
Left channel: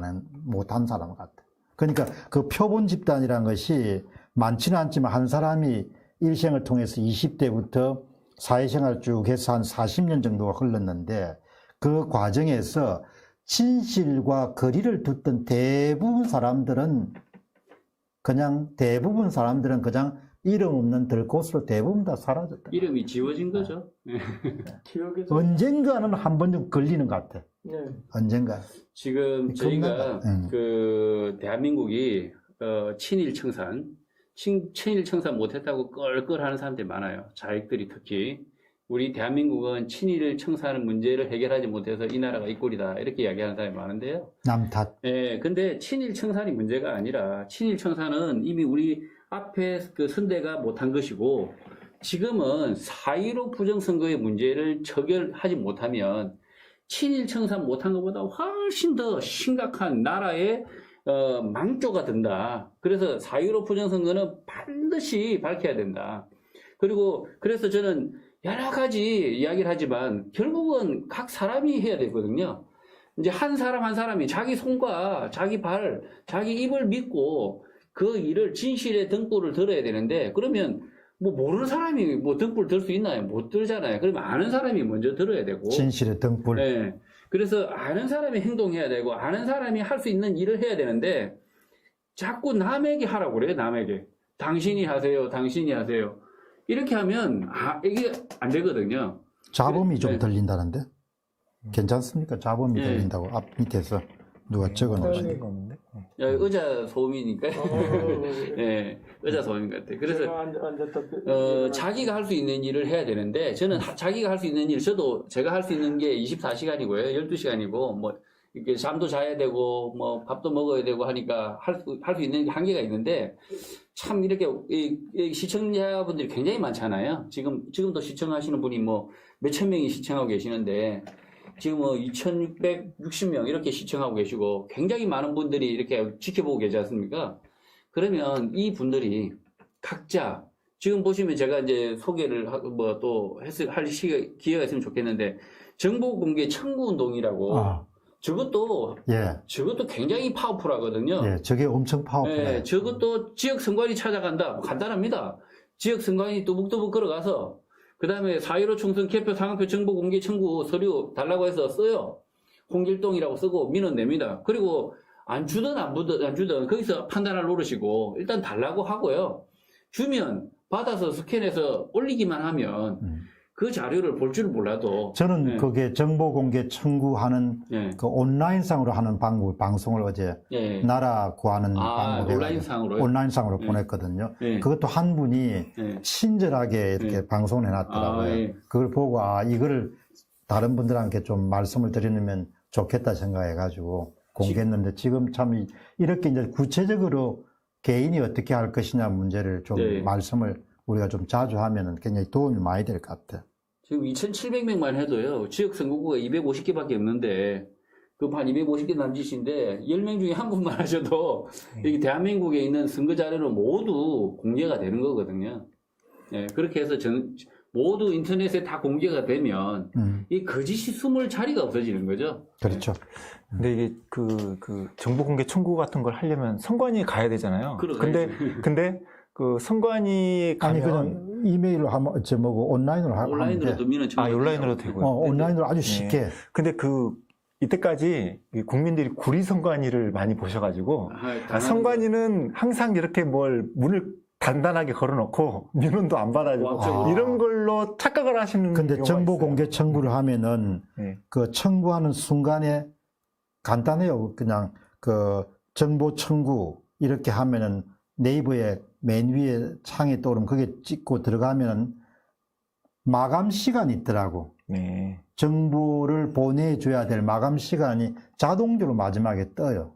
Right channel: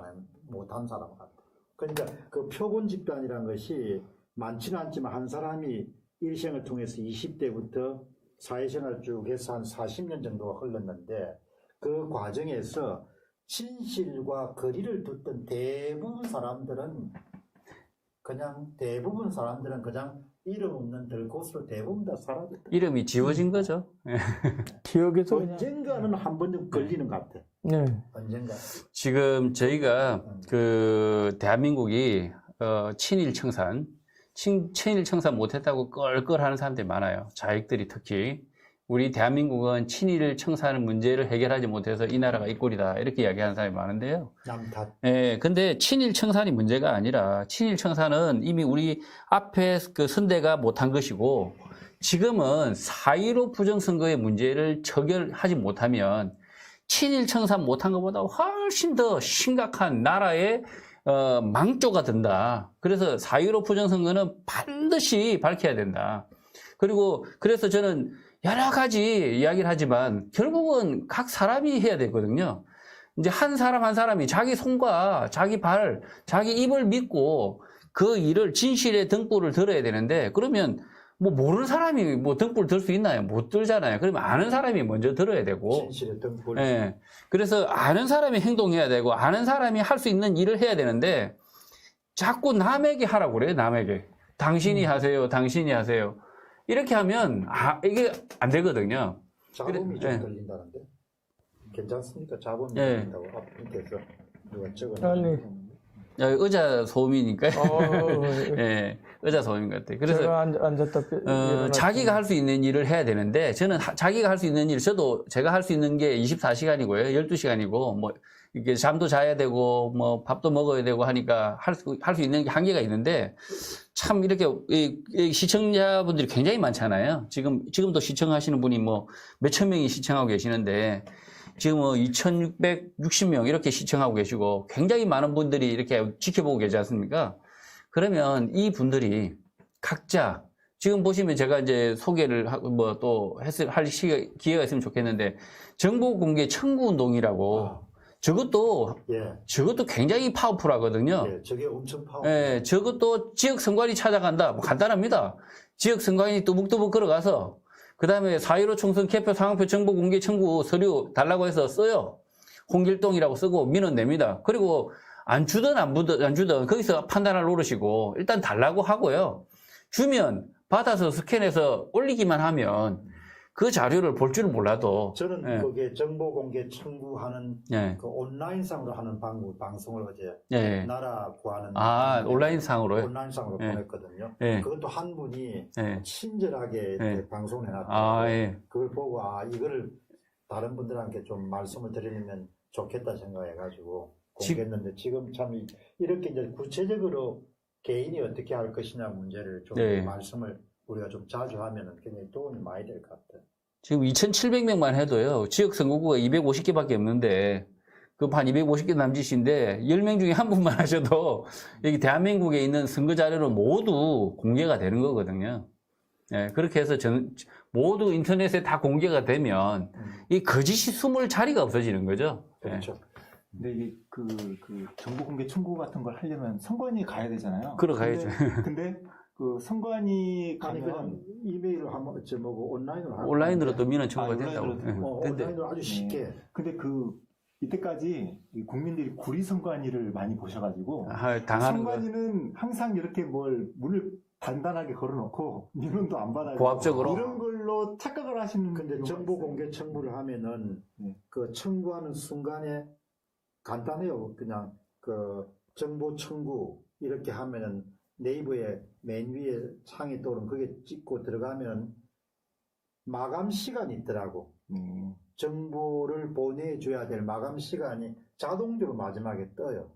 못한 사람 같아. 그러니까 그 표본 집단이라는 것이 많지는 않지만 한 사람이 일생을 통해서 20대부터 사회생활 쭉 해서 한 40년 정도가 흘렀는데, 그 과정에서 진실과 거리를 두던 대부분 사람들은 그냥 이름 없는 들꽃으로 대부분 다 사라졌다. 이름이 지워진 거죠. 기억에서 언젠가는 한 번쯤 걸리는 것 같아. 언젠가. 지금 저희가 대한민국이 친일 청산 못했다고 껄껄하는 사람들이 많아요. 자익들이 특히. 우리 대한민국은 친일 청산 문제를 해결하지 못해서 이 나라가 이 꼴이다, 이렇게 이야기하는 사람이 많은데요. 남 탓. 근데 친일 청산이 문제가 아니라, 친일 청산은 이미 우리 앞에 그 선대가 못한 것이고, 지금은 4.15 부정선거의 문제를 처결하지 못하면 친일 청산 못한 것보다 훨씬 더 심각한 나라의 망조가 된다. 그래서 4.15 부정선거는 반드시 밝혀야 된다. 그래서 저는 여러 가지 이야기를 하지만 결국은 각 사람이 해야 되거든요. 이제 한 사람이 자기 손과 자기 발, 자기 입을 믿고 그 일을 진실의 등불을 들어야 되는데, 그러면 뭐 모르는 사람이 뭐 등불 들 수 있나요? 못 들잖아요. 그러면 아는 사람이 먼저 들어야 되고. 진실의 등불. 그래서 아는 사람이 행동해야 되고, 아는 사람이 할 수 있는 일을 해야 되는데, 자꾸 남에게 하라고 그래요, 남에게. 당신이 하세요, 당신이 하세요. 이렇게 하면 이게 안 되거든요. 자범이 좀 들린다는데? 괜찮습니까? 자범이 들린다고 앞 밑에서 누가 적어놓으신 거. 의자 소음이니까요. 의자 소음인 것 같아요. 그래서 자기가 할 수 있는 일을 해야 되는데, 저는 자기가 할 수 있는 일, 제가 할 수 있는 게 24시간이고요. 12시간이고, 뭐 이렇게 잠도 자야 되고, 뭐 밥도 먹어야 되고 하니까 할 수 있는 한계가 있는데, 참 이렇게 이 시청자분들이 굉장히 많잖아요. 지금도 시청하시는 분이 뭐 몇천 명이 시청하고 계시는데 지금 뭐 2,660명 이렇게 시청하고 계시고 굉장히 많은 분들이 이렇게 지켜보고 계지 않습니까? 그러면 이 분들이 각자 지금 보시면 제가 이제 소개를 뭐 또 할 기회가 있으면 좋겠는데 정보 공개 청구 운동이라고 저것도 굉장히 파워풀하거든요. 예, 저게 엄청 파워풀해요. 예, 저것도 지역 선관위 찾아간다. 뭐 간단합니다. 지역 선관위 뚜벅뚜벅 걸어가서 그다음에 4.15 총선 개표 상황표 정보 공개 청구 서류 달라고 해서 써요. 홍길동이라고 쓰고 민원 냅니다. 그리고 안 주든 안 주든 거기서 판단할 노릇이고 일단 달라고 하고요. 주면 받아서 스캔해서 올리기만 하면 그 자료를 볼 줄 몰라도 저는 그게 정보 공개 청구하는 그 온라인상으로 하는 방송을 어제 나라 구하는 온라인상으로 보냈거든요. 그것도 한 분이 친절하게 이렇게 방송을 해놨더라고요. 그걸 보고 이거를 다른 분들한테 좀 말씀을 드리면 좋겠다 생각해가지고 공개했는데 지금 참 이렇게 이제 구체적으로 개인이 어떻게 할 것이냐 문제를 좀 말씀을 우리가 좀 자주 하면은 굉장히 도움이 많이 될 것 같아요. 지금 2,700명만 해도요, 지역 선거구가 250개밖에 없는데, 그 한 250개 남짓인데, 10명 중에 한 분만 하셔도, 여기 대한민국에 있는 선거 자료는 모두 공개가 되는 거거든요. 예, 그렇게 해서 모두 인터넷에 다 공개가 되면, 이 거짓이 숨을 자리가 없어지는 거죠. 그렇죠. 근데 이게 그 정보 공개 청구 같은 걸 하려면 선관위에 가야 되잖아요. 근데 그 선관위 가면 그냥 이메일로 하면 온라인으로 하면 온라인으로도 민원 청구 온라인으로 되고요. 온라인으로 아주 쉽게. 근데 이때까지 국민들이 구리 선관위를 많이 보셔가지고 선관위는 항상 이렇게 문을 단단하게 걸어놓고 민원도 안 받아주고 이런 걸로 착각을 하시는 근데 경우가 정보 있어요. 공개 청구를 하면은 그 청구하는 순간에 간단해요. 그냥 그 정보 청구 이렇게 하면은 네이버에 맨 위에 창에 떠오르면 그게 찍고 들어가면은 마감 시간이 있더라고. 정보를 보내줘야 될 마감 시간이 자동적으로 마지막에 떠요.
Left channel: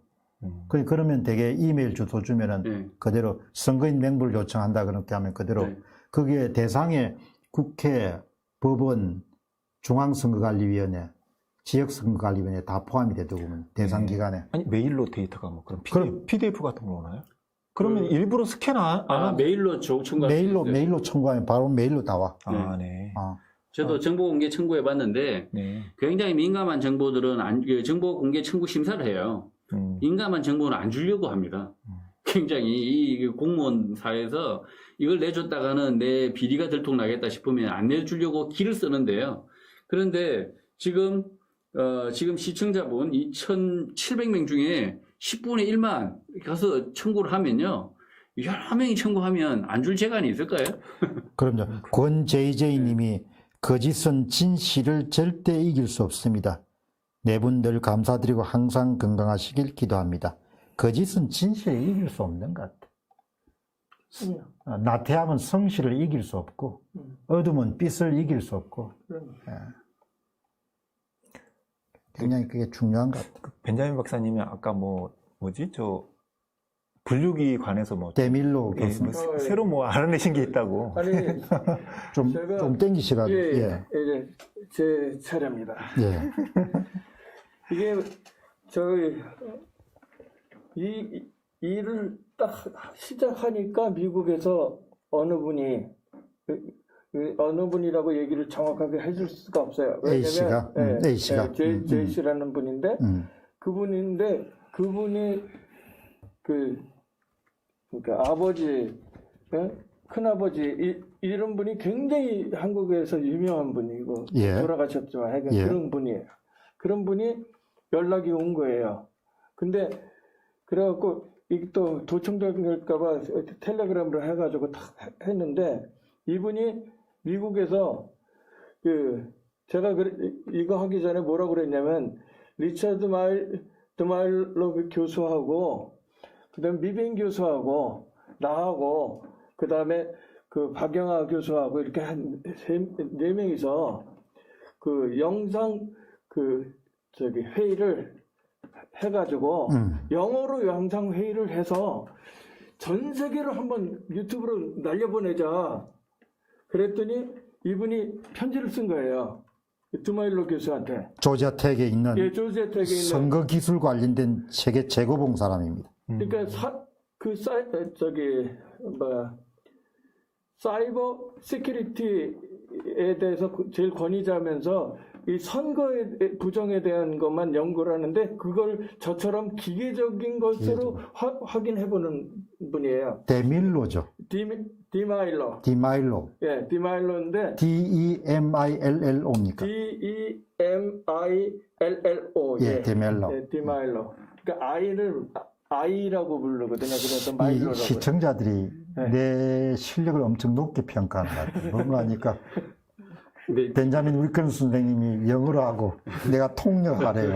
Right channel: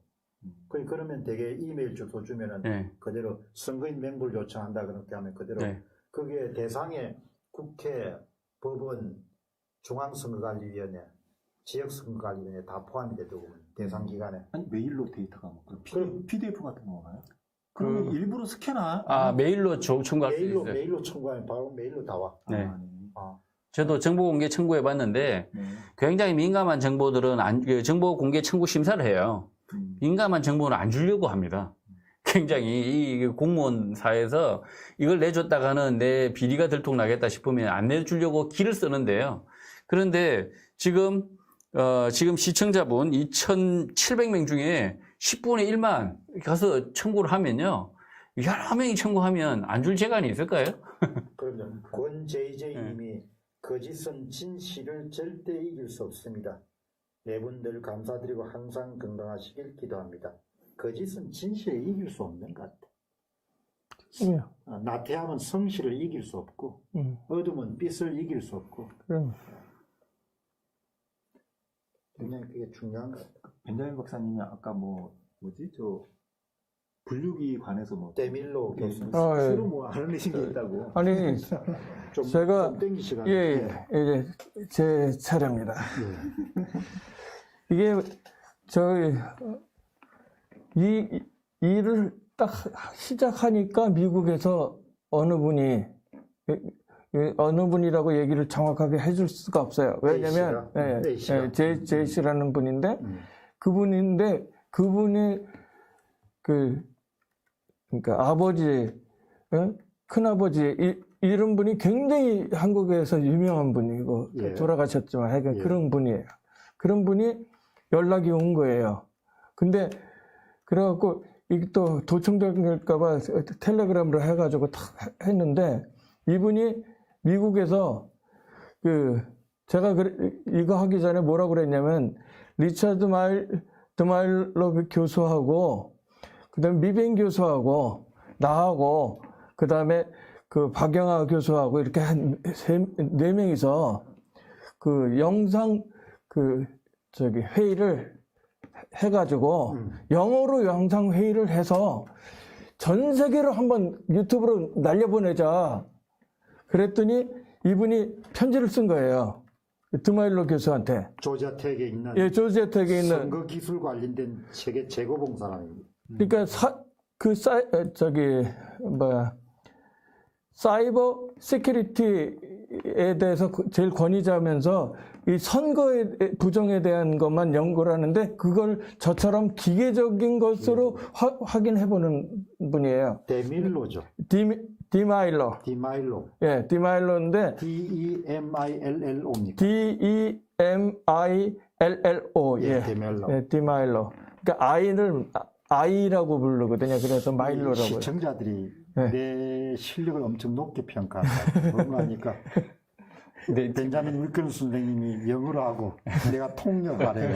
그러면 되게 이메일 주소 주면은 그대로 선거인 명부를 요청한다 그렇게 하면 그대로 그게 대상에 국회, 법원, 중앙선거관리위원회, 지역선거관리위원회 다 포함이 되더군요. 대상 기간에. 아니 메일로 데이터가 뭐 그럼 PDF 같은 거 오나요? 그러면 일부러 스캔 메일로 청구할 수 있어요. 메일로 청구하면 바로 메일로 나와. 저도 정보 공개 청구해 봤는데 굉장히 민감한 정보들은 정보 공개 청구 심사를 해요. 민감한 정보는 안 주려고 합니다. 굉장히 이 공무원 사회에서 이걸 내줬다가는 내 비리가 들통나겠다 싶으면 안 내주려고 기를 쓰는데요. 그런데 지금 시청자분 2,700명 중에 10분의 1만 가서 청구를 하면요. 여러 명이 청구하면 안 줄 재간이 있을까요? 그럼요. 권JJ님이 거짓은 진실을 절대 이길 수 없습니다. 네 분 늘 감사드리고 항상 건강하시길 기도합니다. 거짓은 진실을 이길 수 없는 것 같아요. 나태함은 성실을 이길 수 없고 어둠은 빛을 이길 수 없고 굉장히 그게 중요한 것 같아요. 벤자민 박사님이 아까 분류기 관해서 데밀로 교수 새로 알아내신 게 있다고. 아니 제가 좀 땡기시라고. 이게 제 차례입니다. 이게 이 일을 딱 시작하니까 미국에서 어느 분이라고 얘기를 정확하게 해줄 수가 없어요. 왜냐면 제이씨라는 분인데 그분이 그러니까 아버지, 큰아버지 이런 분이 굉장히 한국에서 유명한 분이고 돌아가셨지만 그런 분이에요. 그런 분이 연락이 온 거예요. 근데 그래갖고 이게 또 도청될까봐 텔레그램으로 해가지고 탁 했는데 이분이 미국에서 제가 이거 하기 전에 뭐라고 그랬냐면 리차드 드마일러 교수하고 그다음에 미뱅 교수하고 나하고 그다음에 그 박영하 교수하고 이렇게 한 네 명이서 그 영상 회의를 해가지고 영어로 영상 회의를 해서 전 세계로 한번 유튜브로 날려보내자. 그랬더니 이분이 편지를 쓴 거예요. 드마일로 교수한테. 조지아 텍에 있는 예, 조지아 텍에 있는 선거 기술 관련된 세계 최고봉 사람입니다. 그러니까 사이버 시큐리티에 대해서 제일 권위자면서 이 선거의 부정에 대한 것만 연구를 하는데 그걸 저처럼 기계적인 것으로 확인해보는 분이에요. 데밀로죠. 디마일로. 디마일로. 예, 디마일로인데 DEMILLO입니까? DEMILLO. 예, 디멜로. 예, 디마일로. 그러니까 아이라고 부르거든요. 그래서 마일로라고. 이 시청자들이 내 실력을 엄청 높게 평가한다. 그러니까 벤자민 윌슨 선생님이 영어로 하고 내가 통역하래요.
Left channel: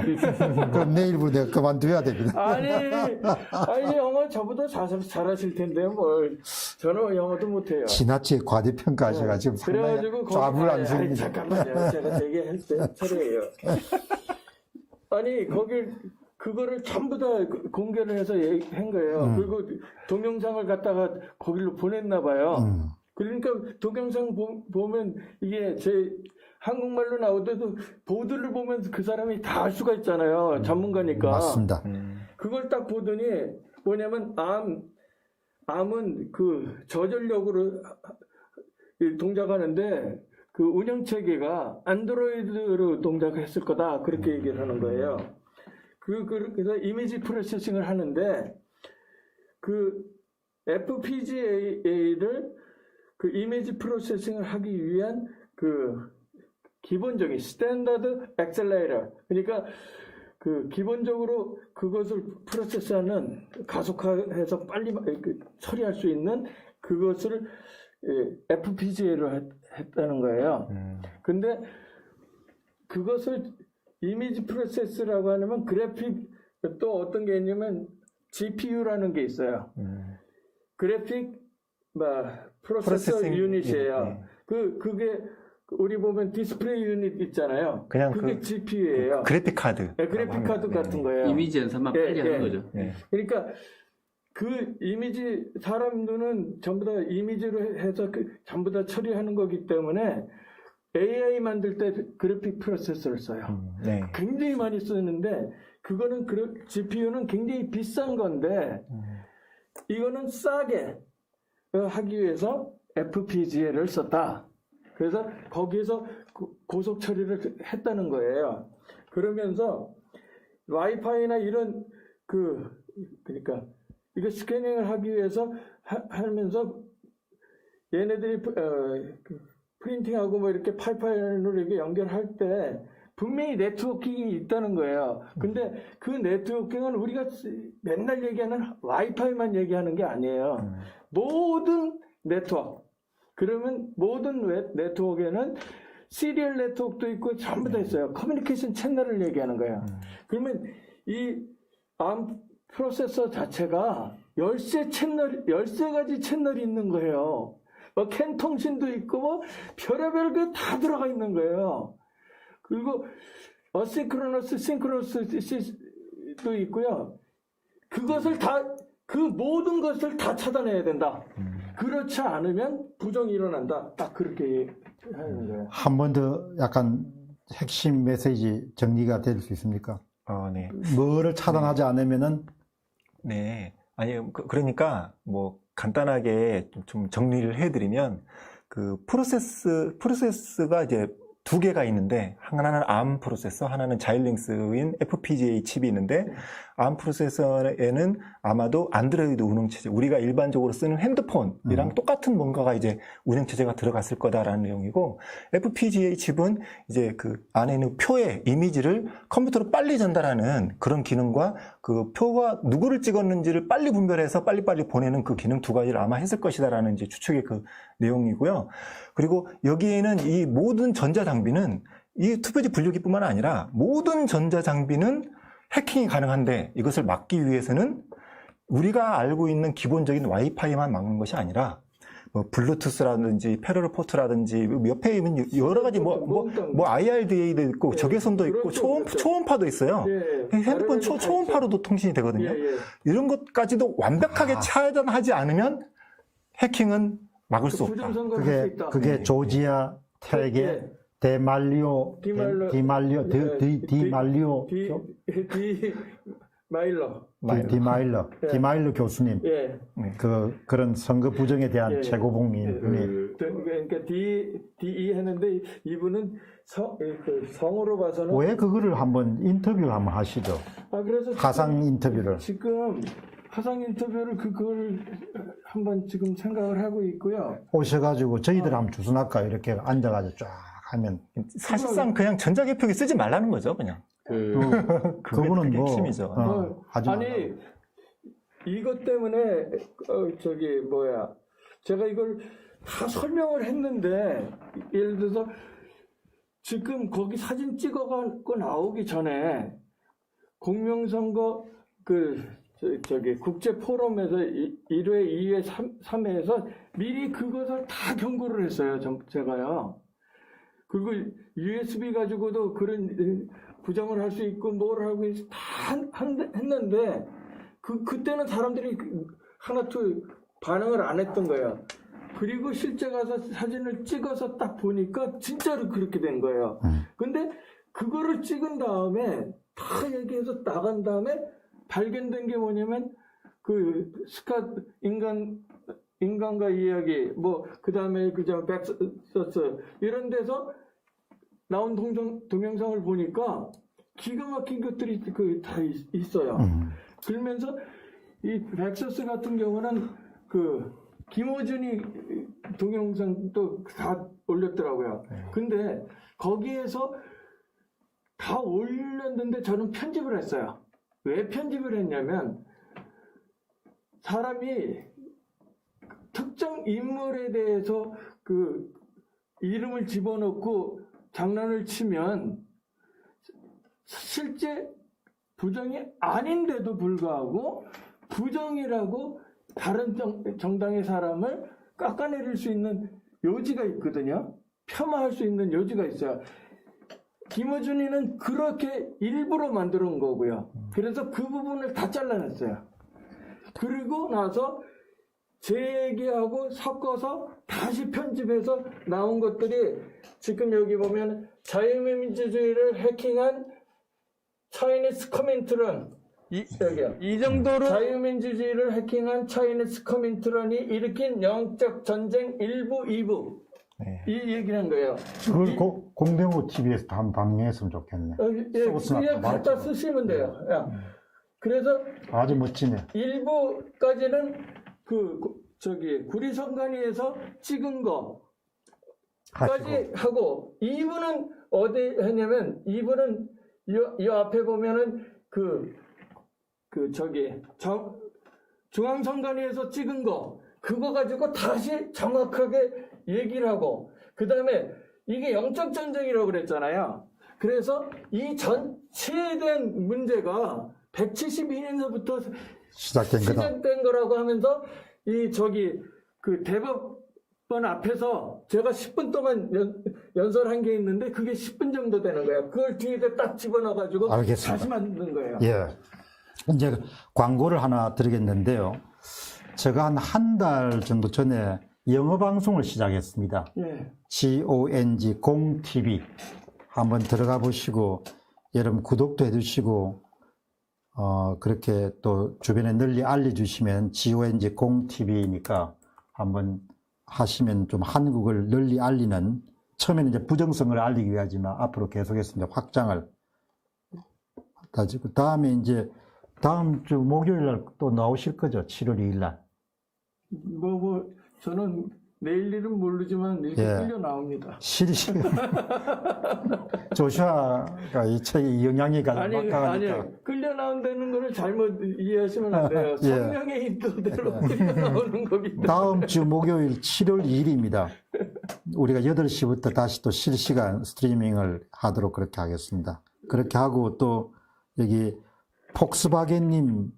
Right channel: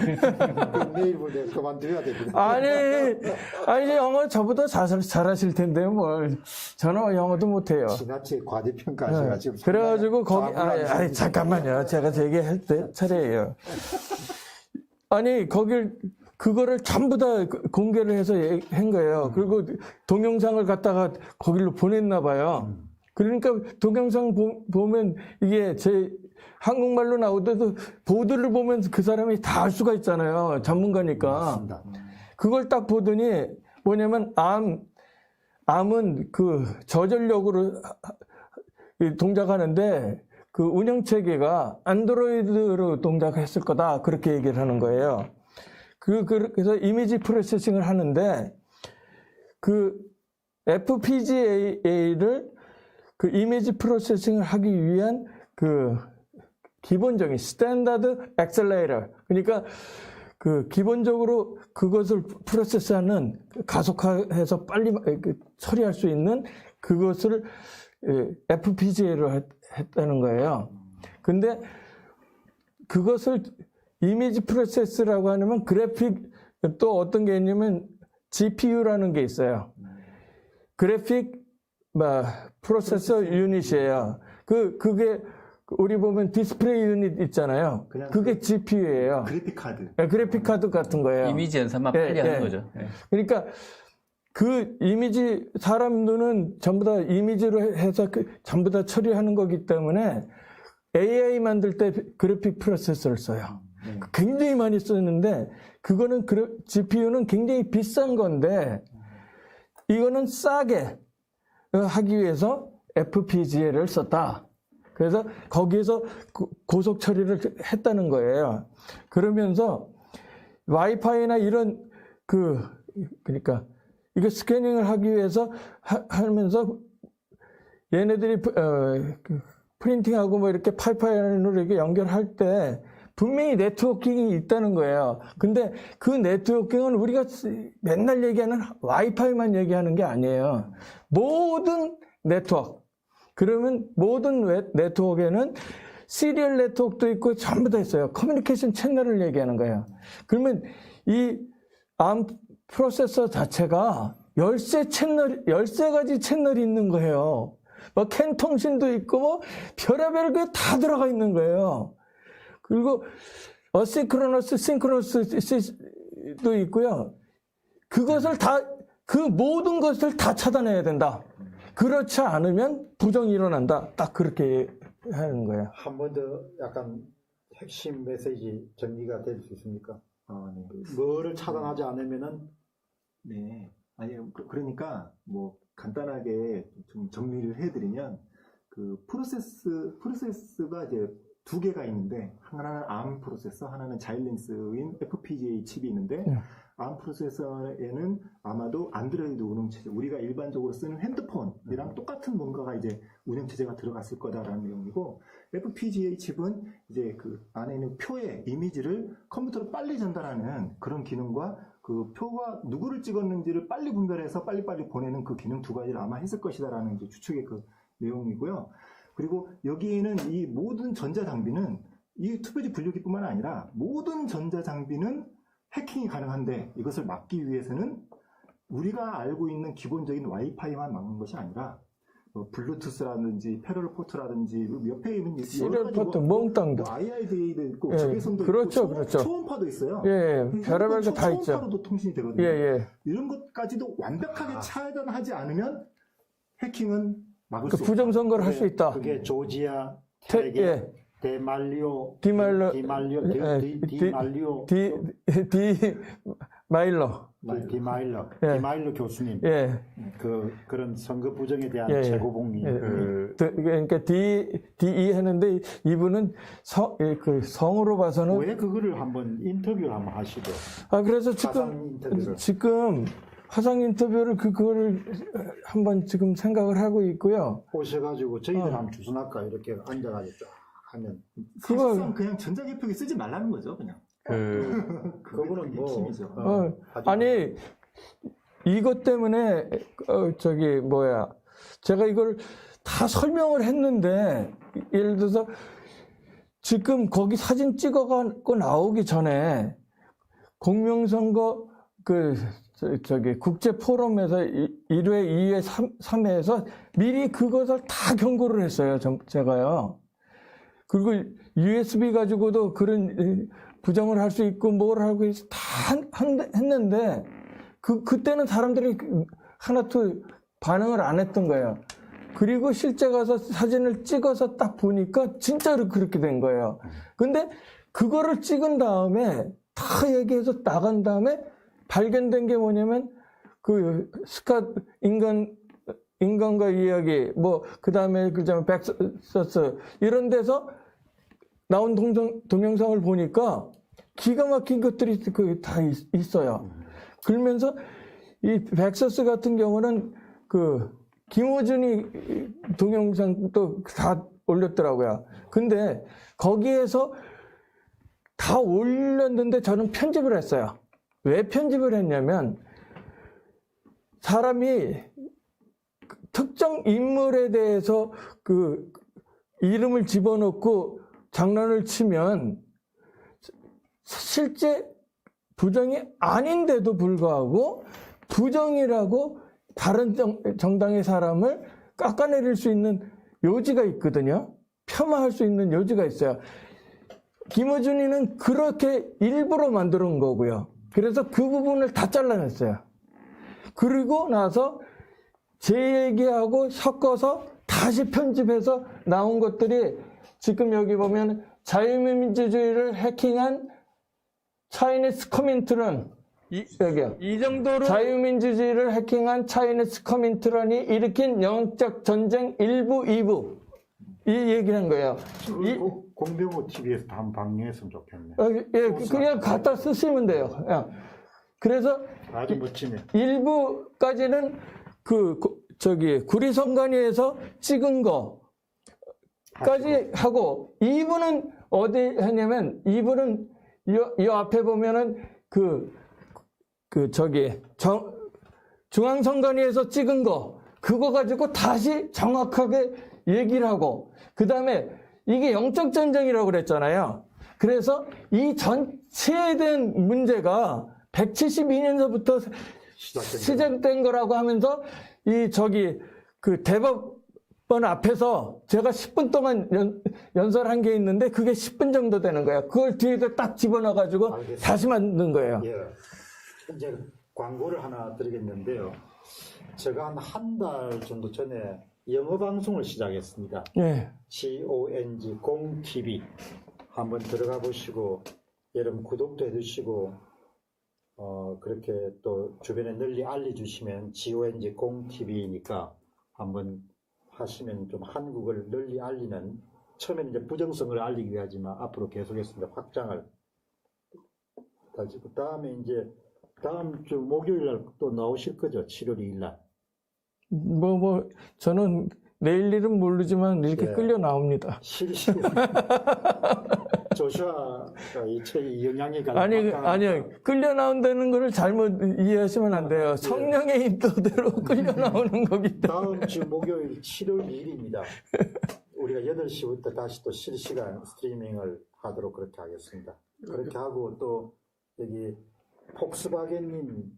그럼 내일부터 내가 그만둬야 됩니다. 아니 영어 저보다 잘하실 텐데요. 뭘 저는 영어도 못해요. 지나치게 과대평가하셔가지고 그래가지고 거기 잠깐만요. 제가 얘기할 때 차례예요. 아니 그거를 전부 다 공개를 해서 한 거예요. 그리고 동영상을 갖다가 거기로 보냈나 봐요. 그러니까 동영상 보면 이게 제 한국말로 나오더라도 보드를 보면 그 사람이 다 알 수가 있잖아요. 전문가니까. 맞습니다. 그걸 딱 보더니 뭐냐면 암은 그 저전력으로 동작하는데 그 운영체계가 안드로이드로 동작했을 거다. 그렇게 얘기를 하는 거예요. 그래서 이미지 프로세싱을 하는데 그 FPGA를 그 이미지 프로세싱을 하기 위한 그 기본적인 스탠다드 엑셀레이터, 그러니까 그 기본적으로 그것을 프로세스하는 가속화해서 빨리 처리할 수 있는 그것을 FPGA로 했다는 거예요. 근데 그것을 이미지 프로세스라고 하면 그래픽 또 어떤 게 있냐면 GPU라는 게 있어요. 그래픽 프로세서 유닛이에요. 그게 우리 보면 디스플레이 유닛 있잖아요. 그게 GPU예요. 그래픽 카드. 네, 그래픽 카드 같은 거예요. 이미지 연산만 빨리 하는 거죠. 그러니까 그 이미지 사람 눈은 전부 다 이미지로 해서 전부 다 처리하는 거기 때문에 AI 만들 때 그래픽 프로세서를 써요. 굉장히 많이 쓰는데 그거는 GPU는 굉장히 비싼 건데 이거는 싸게 하기 위해서 FPGA를 썼다. 그래서 거기에서 고속 처리를 했다는 거예요. 그러면서 와이파이나 이런 그러니까 이거 스캐닝을 하기 위해서 하면서 얘네들이 프린팅하고 뭐 이렇게 파이프라인으로 이렇게 연결할 때 분명히 네트워킹이 있다는 거예요. 근데 그 네트워킹은 우리가 맨날 얘기하는 와이파이만 얘기하는 게 아니에요. 모든 네트워크. 그러면 모든 네트워크에는 시리얼 네트워크도 있고 전부 다 있어요. 커뮤니케이션 채널을 얘기하는 거예요. 그러면 이 ARM 프로세서 자체가 13가지 채널이 있는 거예요. 막 캔 통신도 있고 뭐 별의별 게 다 들어가 있는 거예요. 그리고 어시크로너스, 싱크로너스도 있고요. 그것을 그 모든 것을 다 차단해야 된다. 그렇지 않으면 부정이 일어난다. 딱 그렇게 하는 거예요. 한 번 더 약간 핵심 메시지 정리가 될 수 있습니까? 네. 뭐를 차단하지 않으면은 네. 아니 그러니까 뭐 간단하게 좀 정리를 해드리면 그 프로세스가 이제 두 개가 있는데 하나는 ARM 프로세서, 하나는 자일링스인 FPGA 칩이 있는데 ARM 프로세서에는 아마도 안드로이드 운영체제, 우리가 일반적으로 쓰는 핸드폰이랑 똑같은 뭔가가 이제 운영체제가 들어갔을 거다라는 내용이고, FPGA 칩은 이제 그 안에 있는 표의 이미지를 컴퓨터로 빨리 전달하는 그런 기능과 그 표가 누구를 찍었는지를 빨리 분별해서 빨리빨리 보내는 그 기능 두 가지를 아마 했을 것이다라는 이제 추측의 그 내용이고요. 그리고 여기에는 이 모든 전자장비는 이 투표지 분류기뿐만 아니라 모든 전자장비는 해킹이 가능한데 이것을 막기 위해서는 우리가 알고 있는 기본적인 와이파이만 막는 것이 아니라 뭐 블루투스라든지 페르로포트라든지 옆에 있는 여러 가지 뭐 IRDA도 있고 예. 적외선도 그렇죠, 있고 그렇죠. 초음파도 있어요. 예, 핸드폰 초음파로도 통신이 되거든요. 예. 이런 것까지도 완벽하게 차단하지 않으면 해킹은 막을 수 없다. 부정 선거를 할 수 있다. 그게 조지아 텍의 예. 디말리오 디마일러 교수님 예. 그런 선거 부정에 대한 예. 최고봉이 그러니까 DE 했는데 이분은 성으로 봐서는 왜 그거를 한번 인터뷰 한번 하시죠. 그래서 가상 인터뷰를 지금 화상 인터뷰를 그걸 한번 지금 생각을 하고 있고요. 오셔가지고 저희들 한번 주선할까 이렇게 앉아가지고 쫙 하면 사실상 그냥 전자개표기 쓰지 말라는 거죠, 그냥. 그거는 뭐 핵심이죠. 아니 이것 때문에 제가 이걸 다 설명을 했는데 예를 들어서 지금 거기 사진 찍어갖고 나오기 전에 공명선거 국제 포럼에서 1회, 2회, 3회에서 미리 그것을 다 경고를 했어요. 제가요. 그리고 USB 가지고도 그런 부정을 할 수 있고 뭘 하고 다 했는데 그때는 사람들이 하나도 반응을 안 했던 거예요. 그리고 실제 가서 사진을 찍어서 딱 보니까 진짜로 그렇게 된 거예요. 근데 그거를 찍은 다음에 다 얘기해서 나간 다음에 발견된 게 뭐냐면 인간과 이야기 그 다음에 백서스 이런 데서 나온 동영상을 보니까 기가 막힌 것들이 다 있어요. 그러면서 이 백서스 같은 경우는 김호준이 동영상도 다 올렸더라고요. 근데 거기에서 다 올렸는데 저는 편집을 했어요. 왜 편집을 했냐면 사람이 특정 인물에 대해서 이름을 집어넣고 장난을 치면 실제 부정이 아닌데도 불구하고 부정이라고 다른 정당의 사람을 깎아내릴 수 있는 여지가 있거든요. 폄하할 수 있는 여지가 있어요. 김어준이는 그렇게 일부러 만들어 놓은 거고요. 그래서 그 부분을 다 잘라냈어요. 그리고 나서 제 얘기하고 섞어서 다시 편집해서 나온 것들이 지금 여기 보면 자유민주주의를 해킹한 차이니스 커민트런 여기요. 이 정도로 자유민주주의를 해킹한 차이니스 커민트런이 일으킨 영적 전쟁 1부, 2부 이 얘기는 거예요. 공병호 TV에서 한번 방영했으면 좋겠네. 그냥 갖다 쓰시면 돼요. 그래서 아주 멋지네. 1부까지는 구리선관위에서 찍은 거까지 하고 2부는 어디 했냐면 2부는 이 앞에 보면은 중앙선관위에서 찍은 거 그거 가지고 다시 정확하게 얘기를 하고 그 다음에 이게 영적 전쟁이라고 그랬잖아요. 그래서 이 전체에 대한 문제가 172년서부터 시작된 거라고 하면서 대법원 앞에서 제가 10분 동안 연설한 게 있는데 그게 10분 정도 되는 거예요. 그걸 뒤에다 딱 집어넣어가지고 알겠습니다. 다시 만든 거예요. 예. 이제 광고를 하나 드리겠는데요. 제가 한 달 정도 전에 영어 방송을 시작했습니다. 예. GONG 공TV 한번 들어가 보시고 여러분 구독도 해주시고 그렇게 또 주변에 널리 알려주시면 GONG 공TV니까 한번 하시면 좀 한국을 널리 알리는 처음에는 이제 부정성을 알리기 위하지만 앞으로 계속해서 이제 확장을 다지고 다음에 이제 다음 주 목요일 날 또 나오실 거죠? 7월 2일 날. 저는 내일 일은 모르지만 이렇게 끌려 나옵니다. 실시간. 조슈아가 이 책에 영향이 가장 아니요. 끌려 나온다는 걸 잘못 이해하시면 안 돼요. 성령의 인도대로 끌려 나오는 거기 때문에. 다음 주 목요일 7월 2일입니다. 우리가 8시부터 다시 또 실시간 스트리밍을 하도록 그렇게 하겠습니다. 그렇게 하고 또 여기 폭스바겐님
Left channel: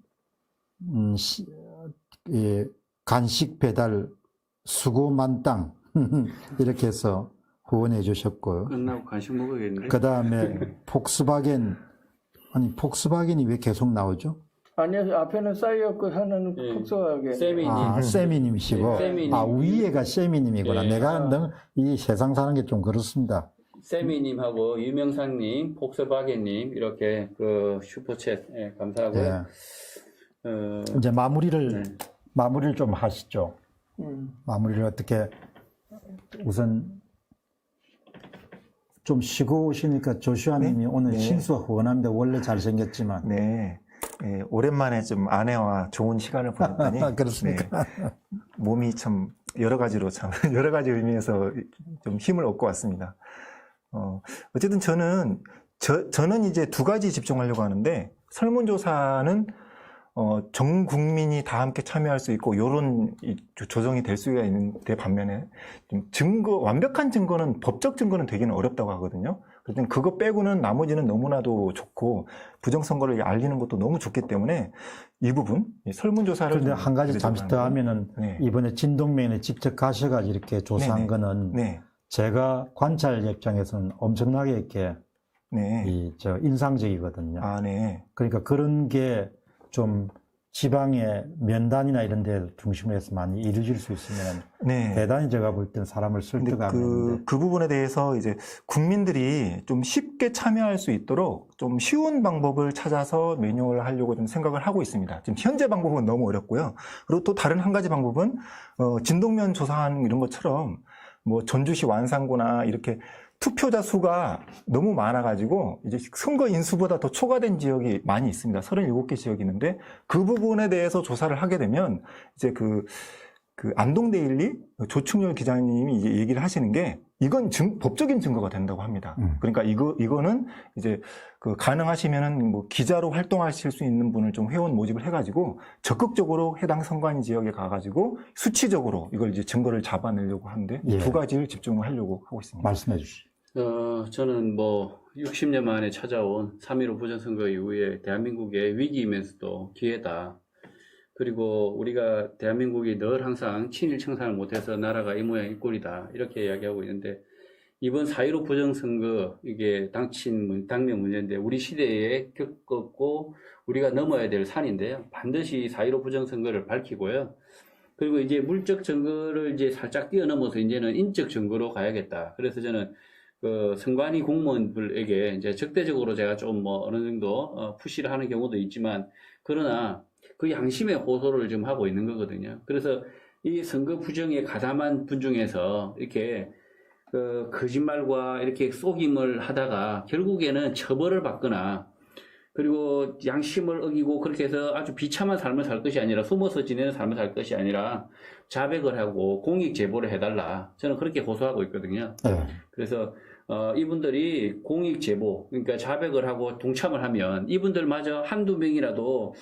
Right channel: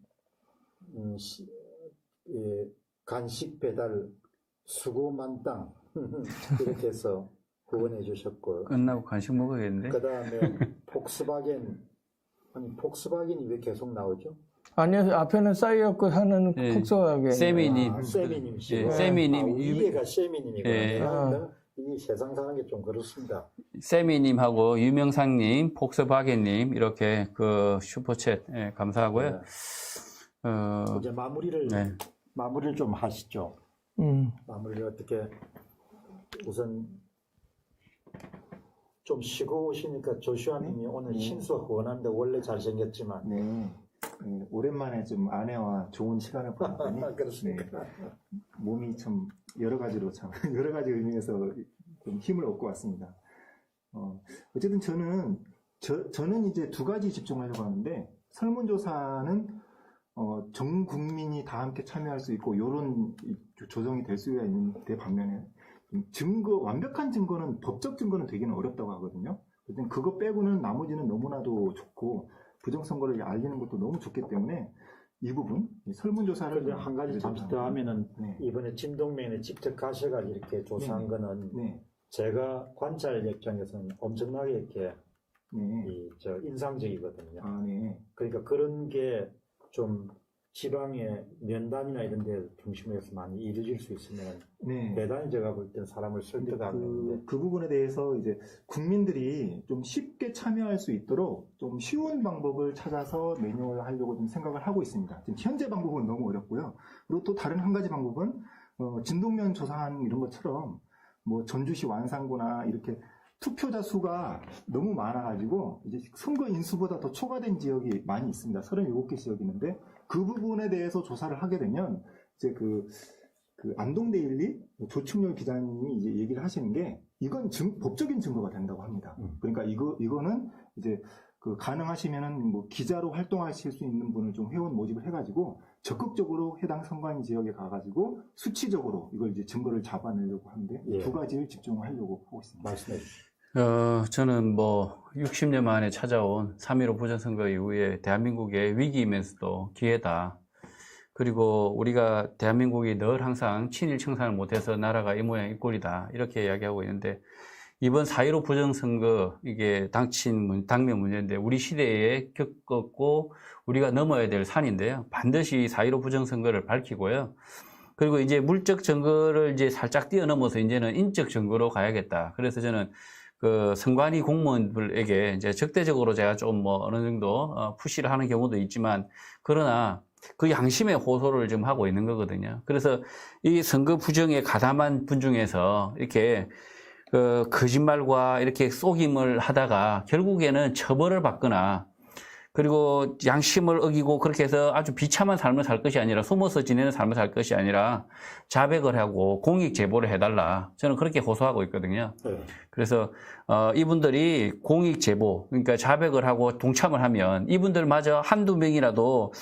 간식 배달 수고만땅 이렇게 해서 후원해 주셨고요. 끝나고 간식 먹어야겠는데. 그 다음에 폭스바겐이 왜 계속 나오죠? 아니요, 앞에는 싸이었고 하는 예. 폭스바겐. 세미님. 세미님이시고. 네, 세미님. 위에가 세미님이구나. 네. 내가 이 세상 사는 게 좀 그렇습니다. 세미님하고 유명상님, 폭스바겐님 이렇게 그 슈퍼챗 예, 감사하고요. 네. 이제 마무리를 좀 하시죠. 마무리를 어떻게 우선 좀 쉬고 오시니까 조슈아님이 오늘 실수 후원합니다. 원래 잘생겼지만. 네. 예, 오랜만에 좀 아내와 좋은 시간을 보냈더니 그렇습니까? 몸이 참 여러 가지로 참 여러 가지 의미에서 좀 힘을 얻고 왔습니다. 어쨌든 저는 이제 두 가지 집중하려고 하는데 설문조사는 전 국민이 다 함께 참여할 수 있고 요런 조정이 될 수가 있는데 반면에 좀 완벽한 증거는 법적 증거는 되기는 어렵다고 하거든요. 그래서 그거 빼고는 나머지는 너무나도 좋고 부정선거를 알리는 것도 너무 좋기 때문에 이 부분 설문조사를 그런데 한 가지 잠시 더 하면은 이번에 진동맹에 직접 가셔가지고 이렇게 조사한 거는 제가 관찰 입장에서는 엄청나게 이렇게 인상적이거든요. 그러니까 그런 게 좀 지방의 면단이나 이런 데 중심에서 많이 이루어질 수 있으면 대단히 제가 볼 때는 사람을 설득하는데 그 부분에 대해서 이제 국민들이 좀 쉽게 참여할 수 있도록 좀 쉬운 방법을 찾아서 매뉴얼을 하려고 좀 생각을 하고 있습니다. 지금 현재 방법은 너무 어렵고요. 그리고 또 다른 한 가지 방법은 진동면 조사한 이런 것처럼 뭐 전주시 완산구나 이렇게 투표자 수가 너무 많아가지고 이제 선거 인수보다 더 초과된 지역이 많이 있습니다. 37개 지역이 있는데 그 부분에 대해서 조사를 하게 되면 이제 그 안동데일리 조충렬 기자님이 이제 얘기를 하시는 게 이건 법적인 증거가 된다고 합니다. 그러니까 이거는 이제 가능하시면은 뭐 기자로 활동하실 수 있는 분을 좀 회원 모집을 해가지고 적극적으로 해당 선관 지역에 가가지고 수치적으로 이걸 이제 증거를 잡아내려고 하는데 이 두 가지를 집중을 하려고 하고 있습니다. 말씀해 주시죠. 저는 뭐 60년 만에 찾아온 3.15 부정선거 이후에 대한민국의 위기이면서도 기회다. 그리고 우리가 대한민국이 늘 항상 친일 청산을 못해서 나라가 이 모양 이 꼴이다. 이렇게 이야기하고 있는데 이번 4.15 부정선거 이게 당면 문제인데 우리 시대에 겪었고 우리가 넘어야 될 산인데요. 반드시 4.15 부정선거를 밝히고요. 그리고 이제 물적 증거를 이제 살짝 뛰어넘어서 이제는 인적 증거로 가야겠다. 그래서 저는 선관위 공무원들에게 이제 적대적으로 제가 좀 뭐 어느 정도 푸시를 하는 경우도 있지만 그러나 그 양심의 호소를 좀 하고 있는 거거든요. 그래서 이 선거 부정에 가담한 분 중에서 이렇게 거짓말과 이렇게 속임을 하다가 결국에는 처벌을 받거나 그리고 양심을 어기고 그렇게 해서 아주 비참한 삶을 살 것이 아니라 숨어서 지내는 삶을 살 것이 아니라 자백을 하고 공익 제보를 해달라. 저는 그렇게 호소하고 있거든요. 그래서 이분들이 공익 제보, 그러니까 자백을 하고 동참을 하면 이분들마저 한두 명이라도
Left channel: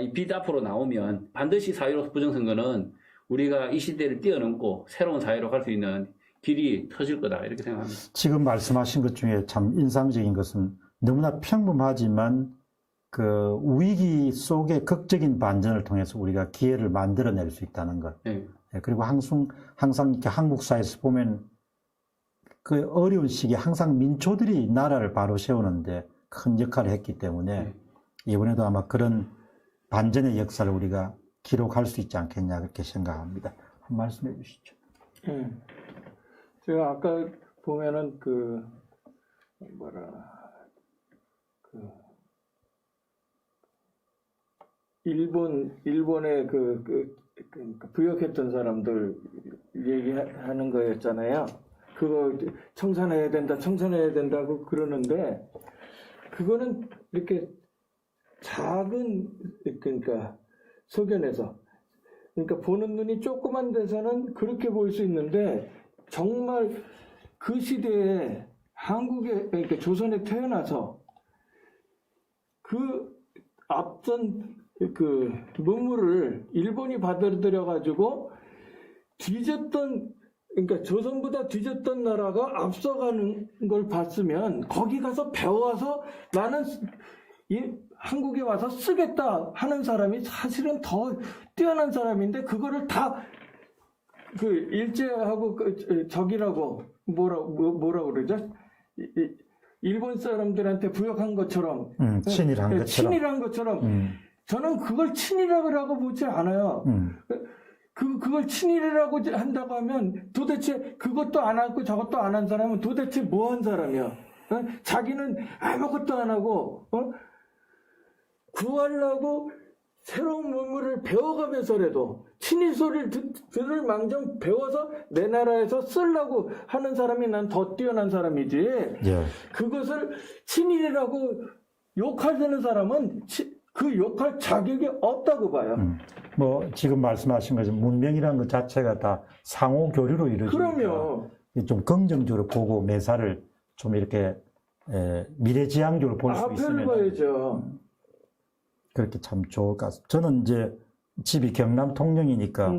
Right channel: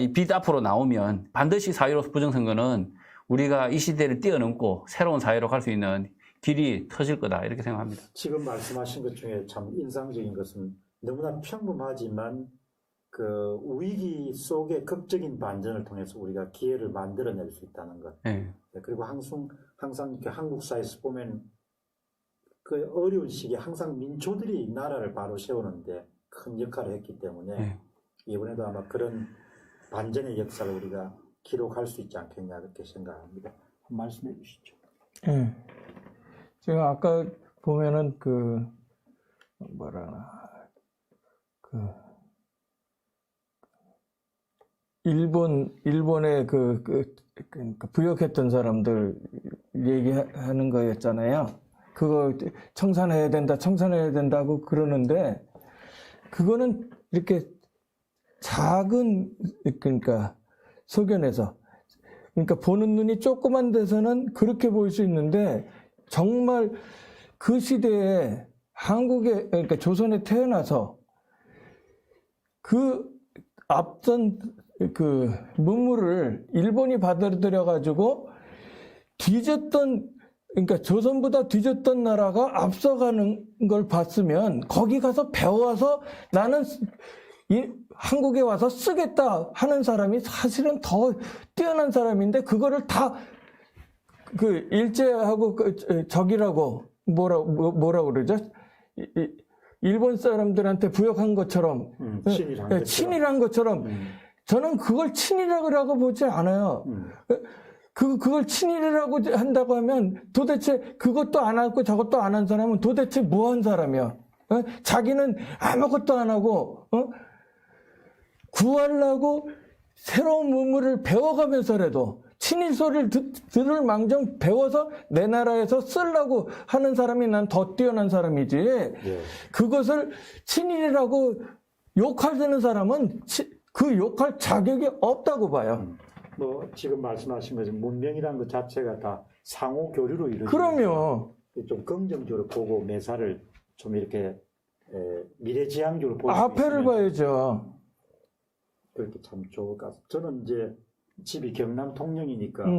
이 빛 앞으로 나오면 반드시 4.15 부정선거는 우리가 이 시대를 뛰어넘고 새로운 사회로 갈 수 있는 길이 터질 거다. 이렇게 생각합니다. 지금 말씀하신 것 중에 참 인상적인 것은 너무나 평범하지만 그 위기 속의 극적인 반전을 통해서 우리가 기회를 만들어낼 수 있다는 것. 그리고 항상 이렇게 한국 사회에서 보면 그 어려운 시기에 항상 민초들이 나라를 바로 세우는데 큰 역할을 했기 때문에 이번에도 아마 그런 반전의 역사를 우리가 기록할 수 있지 않겠냐 그렇게 생각합니다. 한 말씀해 주시죠. 제가 아까 보면은 일본의 부역했던 사람들 얘기하는 거였잖아요. 그거 청산해야 된다고 그러는데 그거는 이렇게 작은 그러니까 소견에서 그러니까 보는 눈이 조그만 데서는 그렇게 보일 수 있는데 정말 그 시대에 한국에 그러니까 조선에 태어나서 그 앞선 그 문물을 일본이 받아들여 가지고 그러니까 조선보다 뒤졌던 나라가 앞서가는 걸 봤으면 거기 가서 배워서 나는 한국에 와서 쓰겠다 하는 사람이 사실은 더 뛰어난 사람인데 그거를 다 그 일제하고 적이라고 뭐라 그러죠? 일본 사람들한테 부역한 것처럼 친일한 것처럼. 친일한 것처럼 저는 그걸 친일이라고 보지 않아요. 그걸 친일이라고 한다고 하면 도대체 그것도 안 하고 저것도 안 한 사람은 도대체 뭐 한 사람이야? 자기는 아무것도 안 하고 구하려고 새로운 문물을 배워가면서라도 친일 소리를 들을 망정 배워서 내 나라에서 쓰려고 하는 사람이 난 더 뛰어난 사람이지. 예. 그것을 친일이라고 욕하는 사람은 그 욕할 자격이 없다고 봐요. 뭐 지금 말씀하신 것처럼 문명이라는 것 자체가 다 상호 교류로 이루어지니까 그럼요. 좀 긍정적으로 보고 매사를 좀 이렇게 미래지향적으로 볼 수 앞에를 있으면 봐야죠. 그렇게 참 좋을 것 같습니다. 저는 이제 집이 경남 통영이니까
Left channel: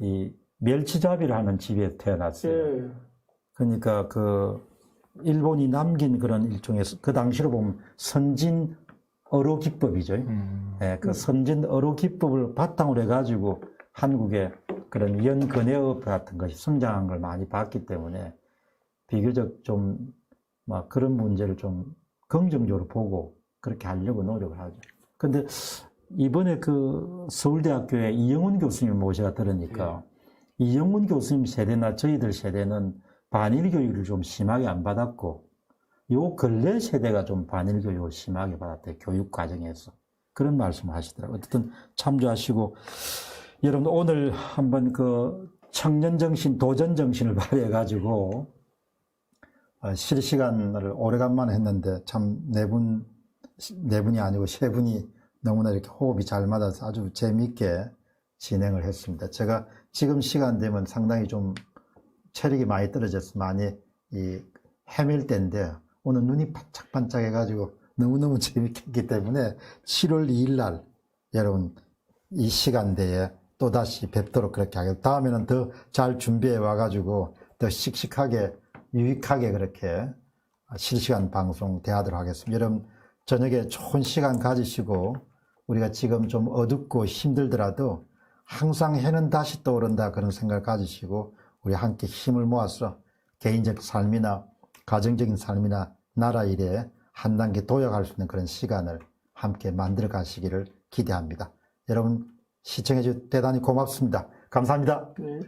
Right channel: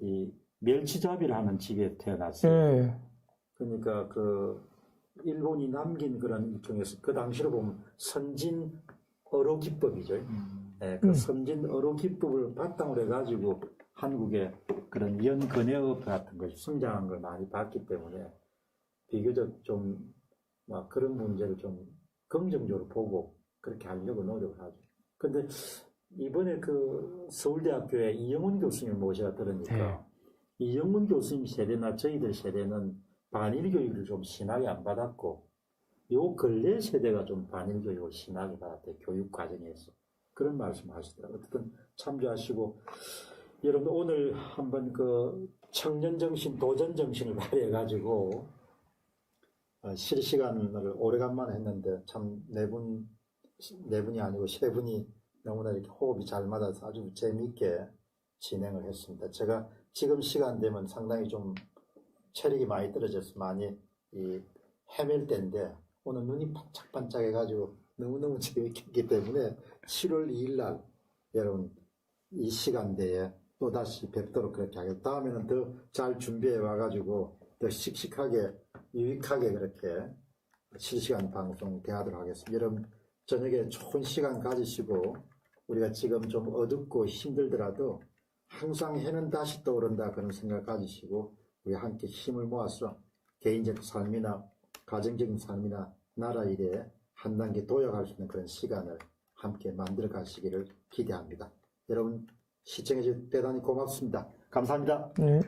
이 멸치잡이를 하는 집에 태어났어요. 예. 그러니까 그 일본이 남긴 그런 일종의 그 당시로 보면 선진 어로 기법이죠. 예, 그 선진 어로 기법을 바탕으로 해가지고 한국의 그런 연근해업 같은 것이 성장한 걸 많이 봤기 때문에 비교적 좀 막 그런 문제를 좀 긍정적으로 보고 그렇게 하려고 노력을 하죠. 근데 이번에 그 서울대학교에 이영훈 교수님을 모셔 들으니까 이영훈 교수님 세대나 저희들 세대는 반일 교육을 좀 심하게 안 받았고 요 근래 세대가 좀 반일 교육을 심하게 받았대요. 교육 과정에서. 그런 말씀을 하시더라고요. 어쨌든 참조하시고 여러분 오늘 한번 그 청년정신, 도전정신을 발휘해가지고 실시간을 오래간만에 했는데 참 네 분이 아니고 세 분이 너무나 이렇게 호흡이 잘 맞아서 아주 재미있게 진행을 했습니다. 제가 지금 시간 되면 상당히 좀 체력이 많이 떨어져서 많이 헤맬 때인데 오늘 눈이 반짝반짝 해가지고 너무너무 재밌게 했기 때문에 7월 2일 날 여러분 이 시간대에 또다시 뵙도록 그렇게 하겠습니다. 다음에는 더 잘 준비해 와가지고 더 씩씩하게 유익하게 그렇게 실시간 방송 대하도록 하겠습니다. 여러분 저녁에 좋은 시간 가지시고 우리가 지금 좀 어둡고 힘들더라도 항상 해는 다시 떠오른다 그런 생각을 가지시고 우리 함께 힘을 모아서 개인적 삶이나 가정적인 삶이나 나라 일에 한 단계 도약할 수 있는 그런 시간을 함께 만들어 가시기를 기대합니다. 여러분 시청해 주셔서 대단히 고맙습니다. 감사합니다. 네.